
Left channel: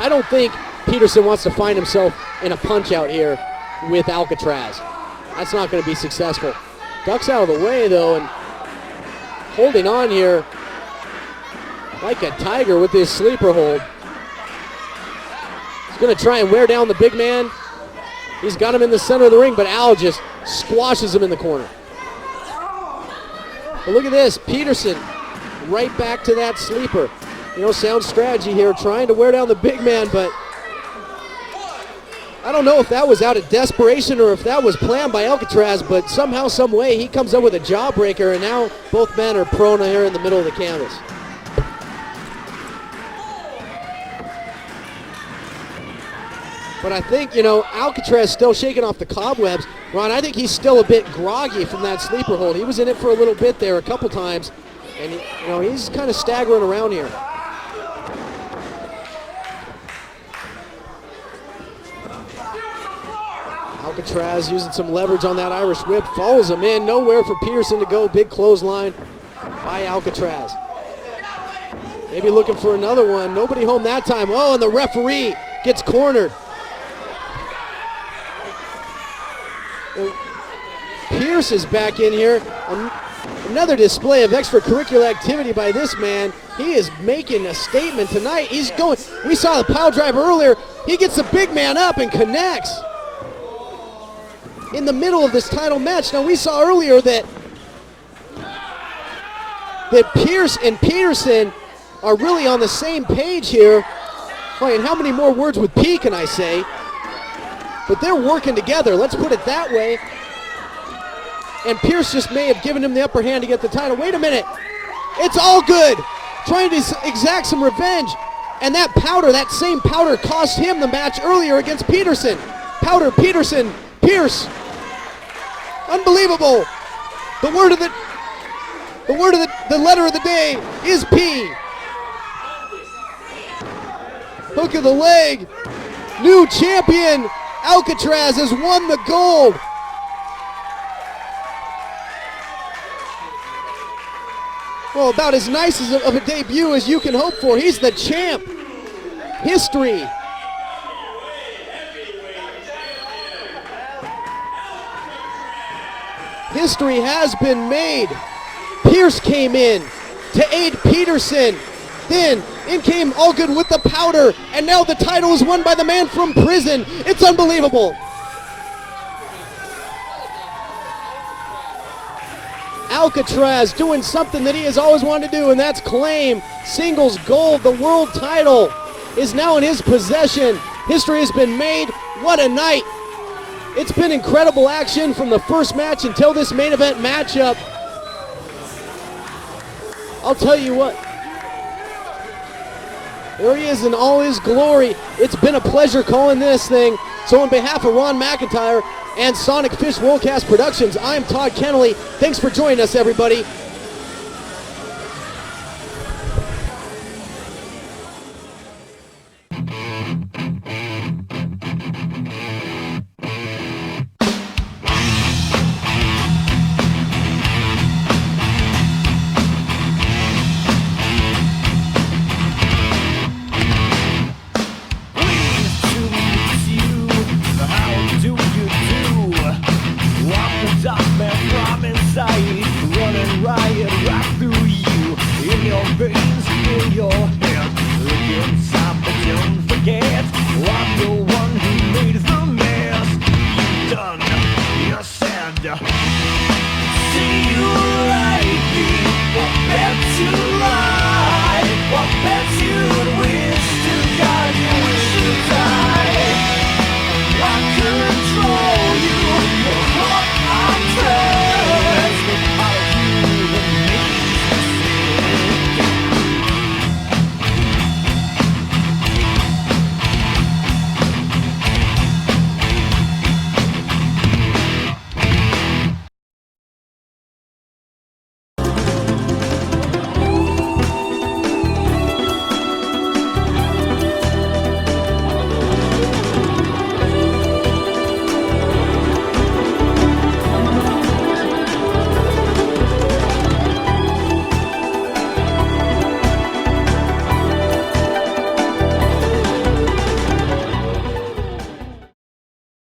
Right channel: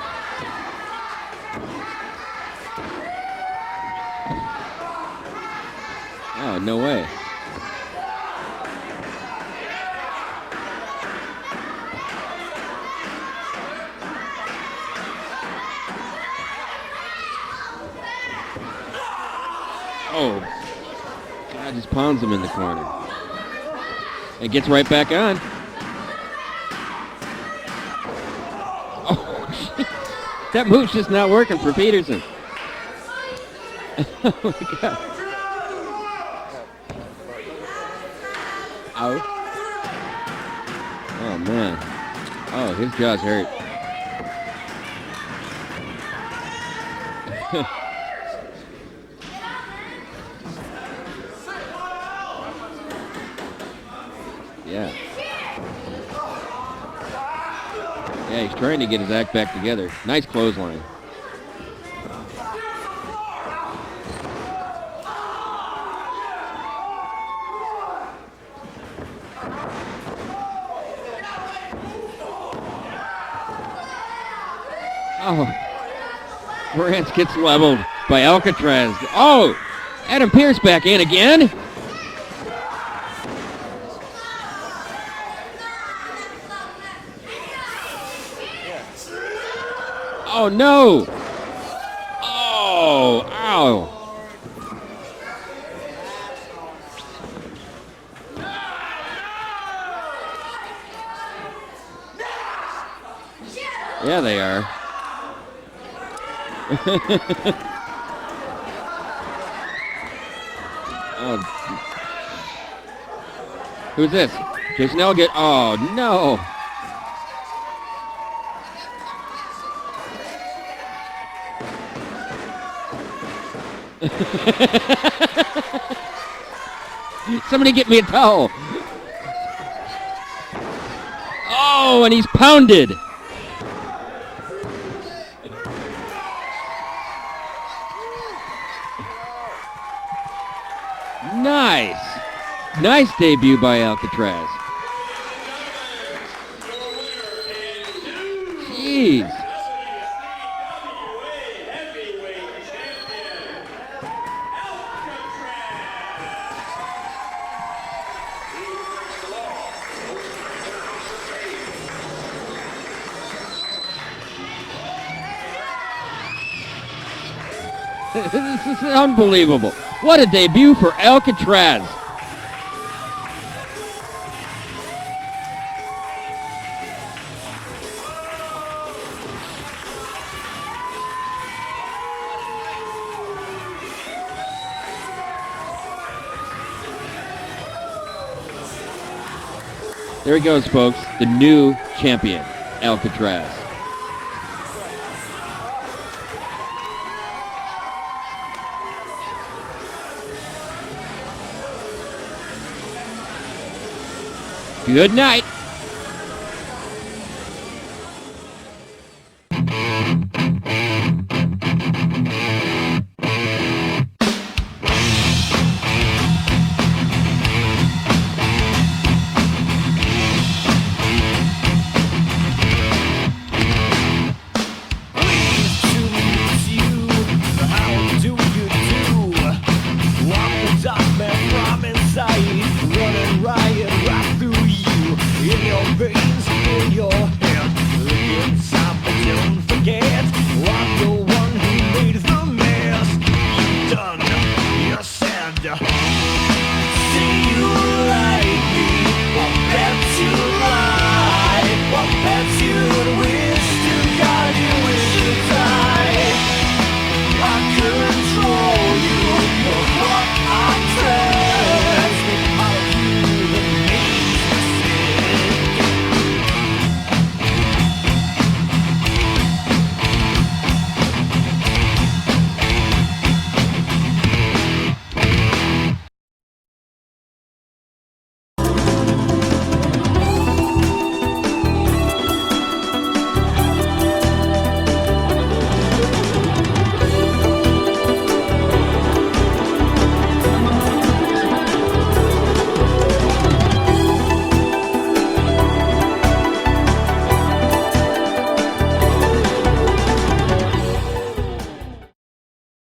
I don't think Peterson wants to find himself in a punch out here with Alcatraz. That's not going to be successful. No way. Ducks out of the way, though, and holding on here like a tiger with this sleeper hold. He's going to try and wear down the big man. He's got him in the center of the ring, but Al just squashes him in the corner. Just pounds him in the corner. But look at this. He Peterson, gets right back on. Right back to that sleeper. You know, sound strategy here, trying to wear down the big man, but that move's just not working for Peterson. I don't know if that was out of desperation or if that was planned by Alcatraz, but somehow, some way, he comes up with a jawbreaker, and now both men are prone here in the middle of the canvas. Oh, man. Oh, his jaw's hurt. But I think, you know, Alcatraz still shaking off the cobwebs. Ron, I think he's still a bit groggy from that sleeper hold. He was in it for a little bit there, a couple times. Yeah. And, you know, he's kind of staggering around here. Yeah, he's trying to get his act back together. Nice clothesline. Alcatraz using some leverage on that Irish whip. Follows him in. Nowhere for Peterson to go. Big clothesline. by Alcatraz. Maybe looking for another one. Nobody home that time. Oh, and the referee gets cornered. Brant gets leveled by Alcatraz. Oh, Adam Pierce back in again. Pierce is back in here. Another display of extracurricular activity by this man. He is making a statement tonight. He's going. He saw the pile driver earlier. Oh, no. He gets the big man up and connects. Oh, ow. In the middle of this title match. Now we saw earlier that Pierce and Peterson are really on the same page here. Yeah, they are. Boy, and how many more words with P can I say? But they're working together. Let's put it that way. And Pierce just may have given him the upper hand to get the title. Wait a minute. It's all good. No. Trying to exact some revenge. And that powder, that same powder, cost him the match earlier against Peterson. Powder, Peterson, Pierce. Unbelievable. Somebody get me a towel. The word of the letter of the day is P. Oh, and he's pounded. Hook of the leg. New champion Alcatraz has won the gold. Nice. Nice debut by Alcatraz. Well, about as nice of a debut as you can hope for. He's the champ. Jeez. History. History has been made. Pierce came in to aid Peterson. Then in came Allgood with the powder, and now the title is won by the man from prison. It's unbelievable. This is unbelievable. What a debut for Alcatraz. Alcatraz doing something that he has always wanted to do, and that's claim singles gold. The world title is now in his possession. History has been made. What a night. It's been incredible action from the first match until this main event matchup. There he goes, folks. The new champion, Alcatraz. There he is in all his glory. It's been a pleasure calling this thing. So on behalf of Ron McIntyre and Sonic Fish Worldcast Productions, I'm Todd Kennelly. Thanks for joining us, everybody. Good night.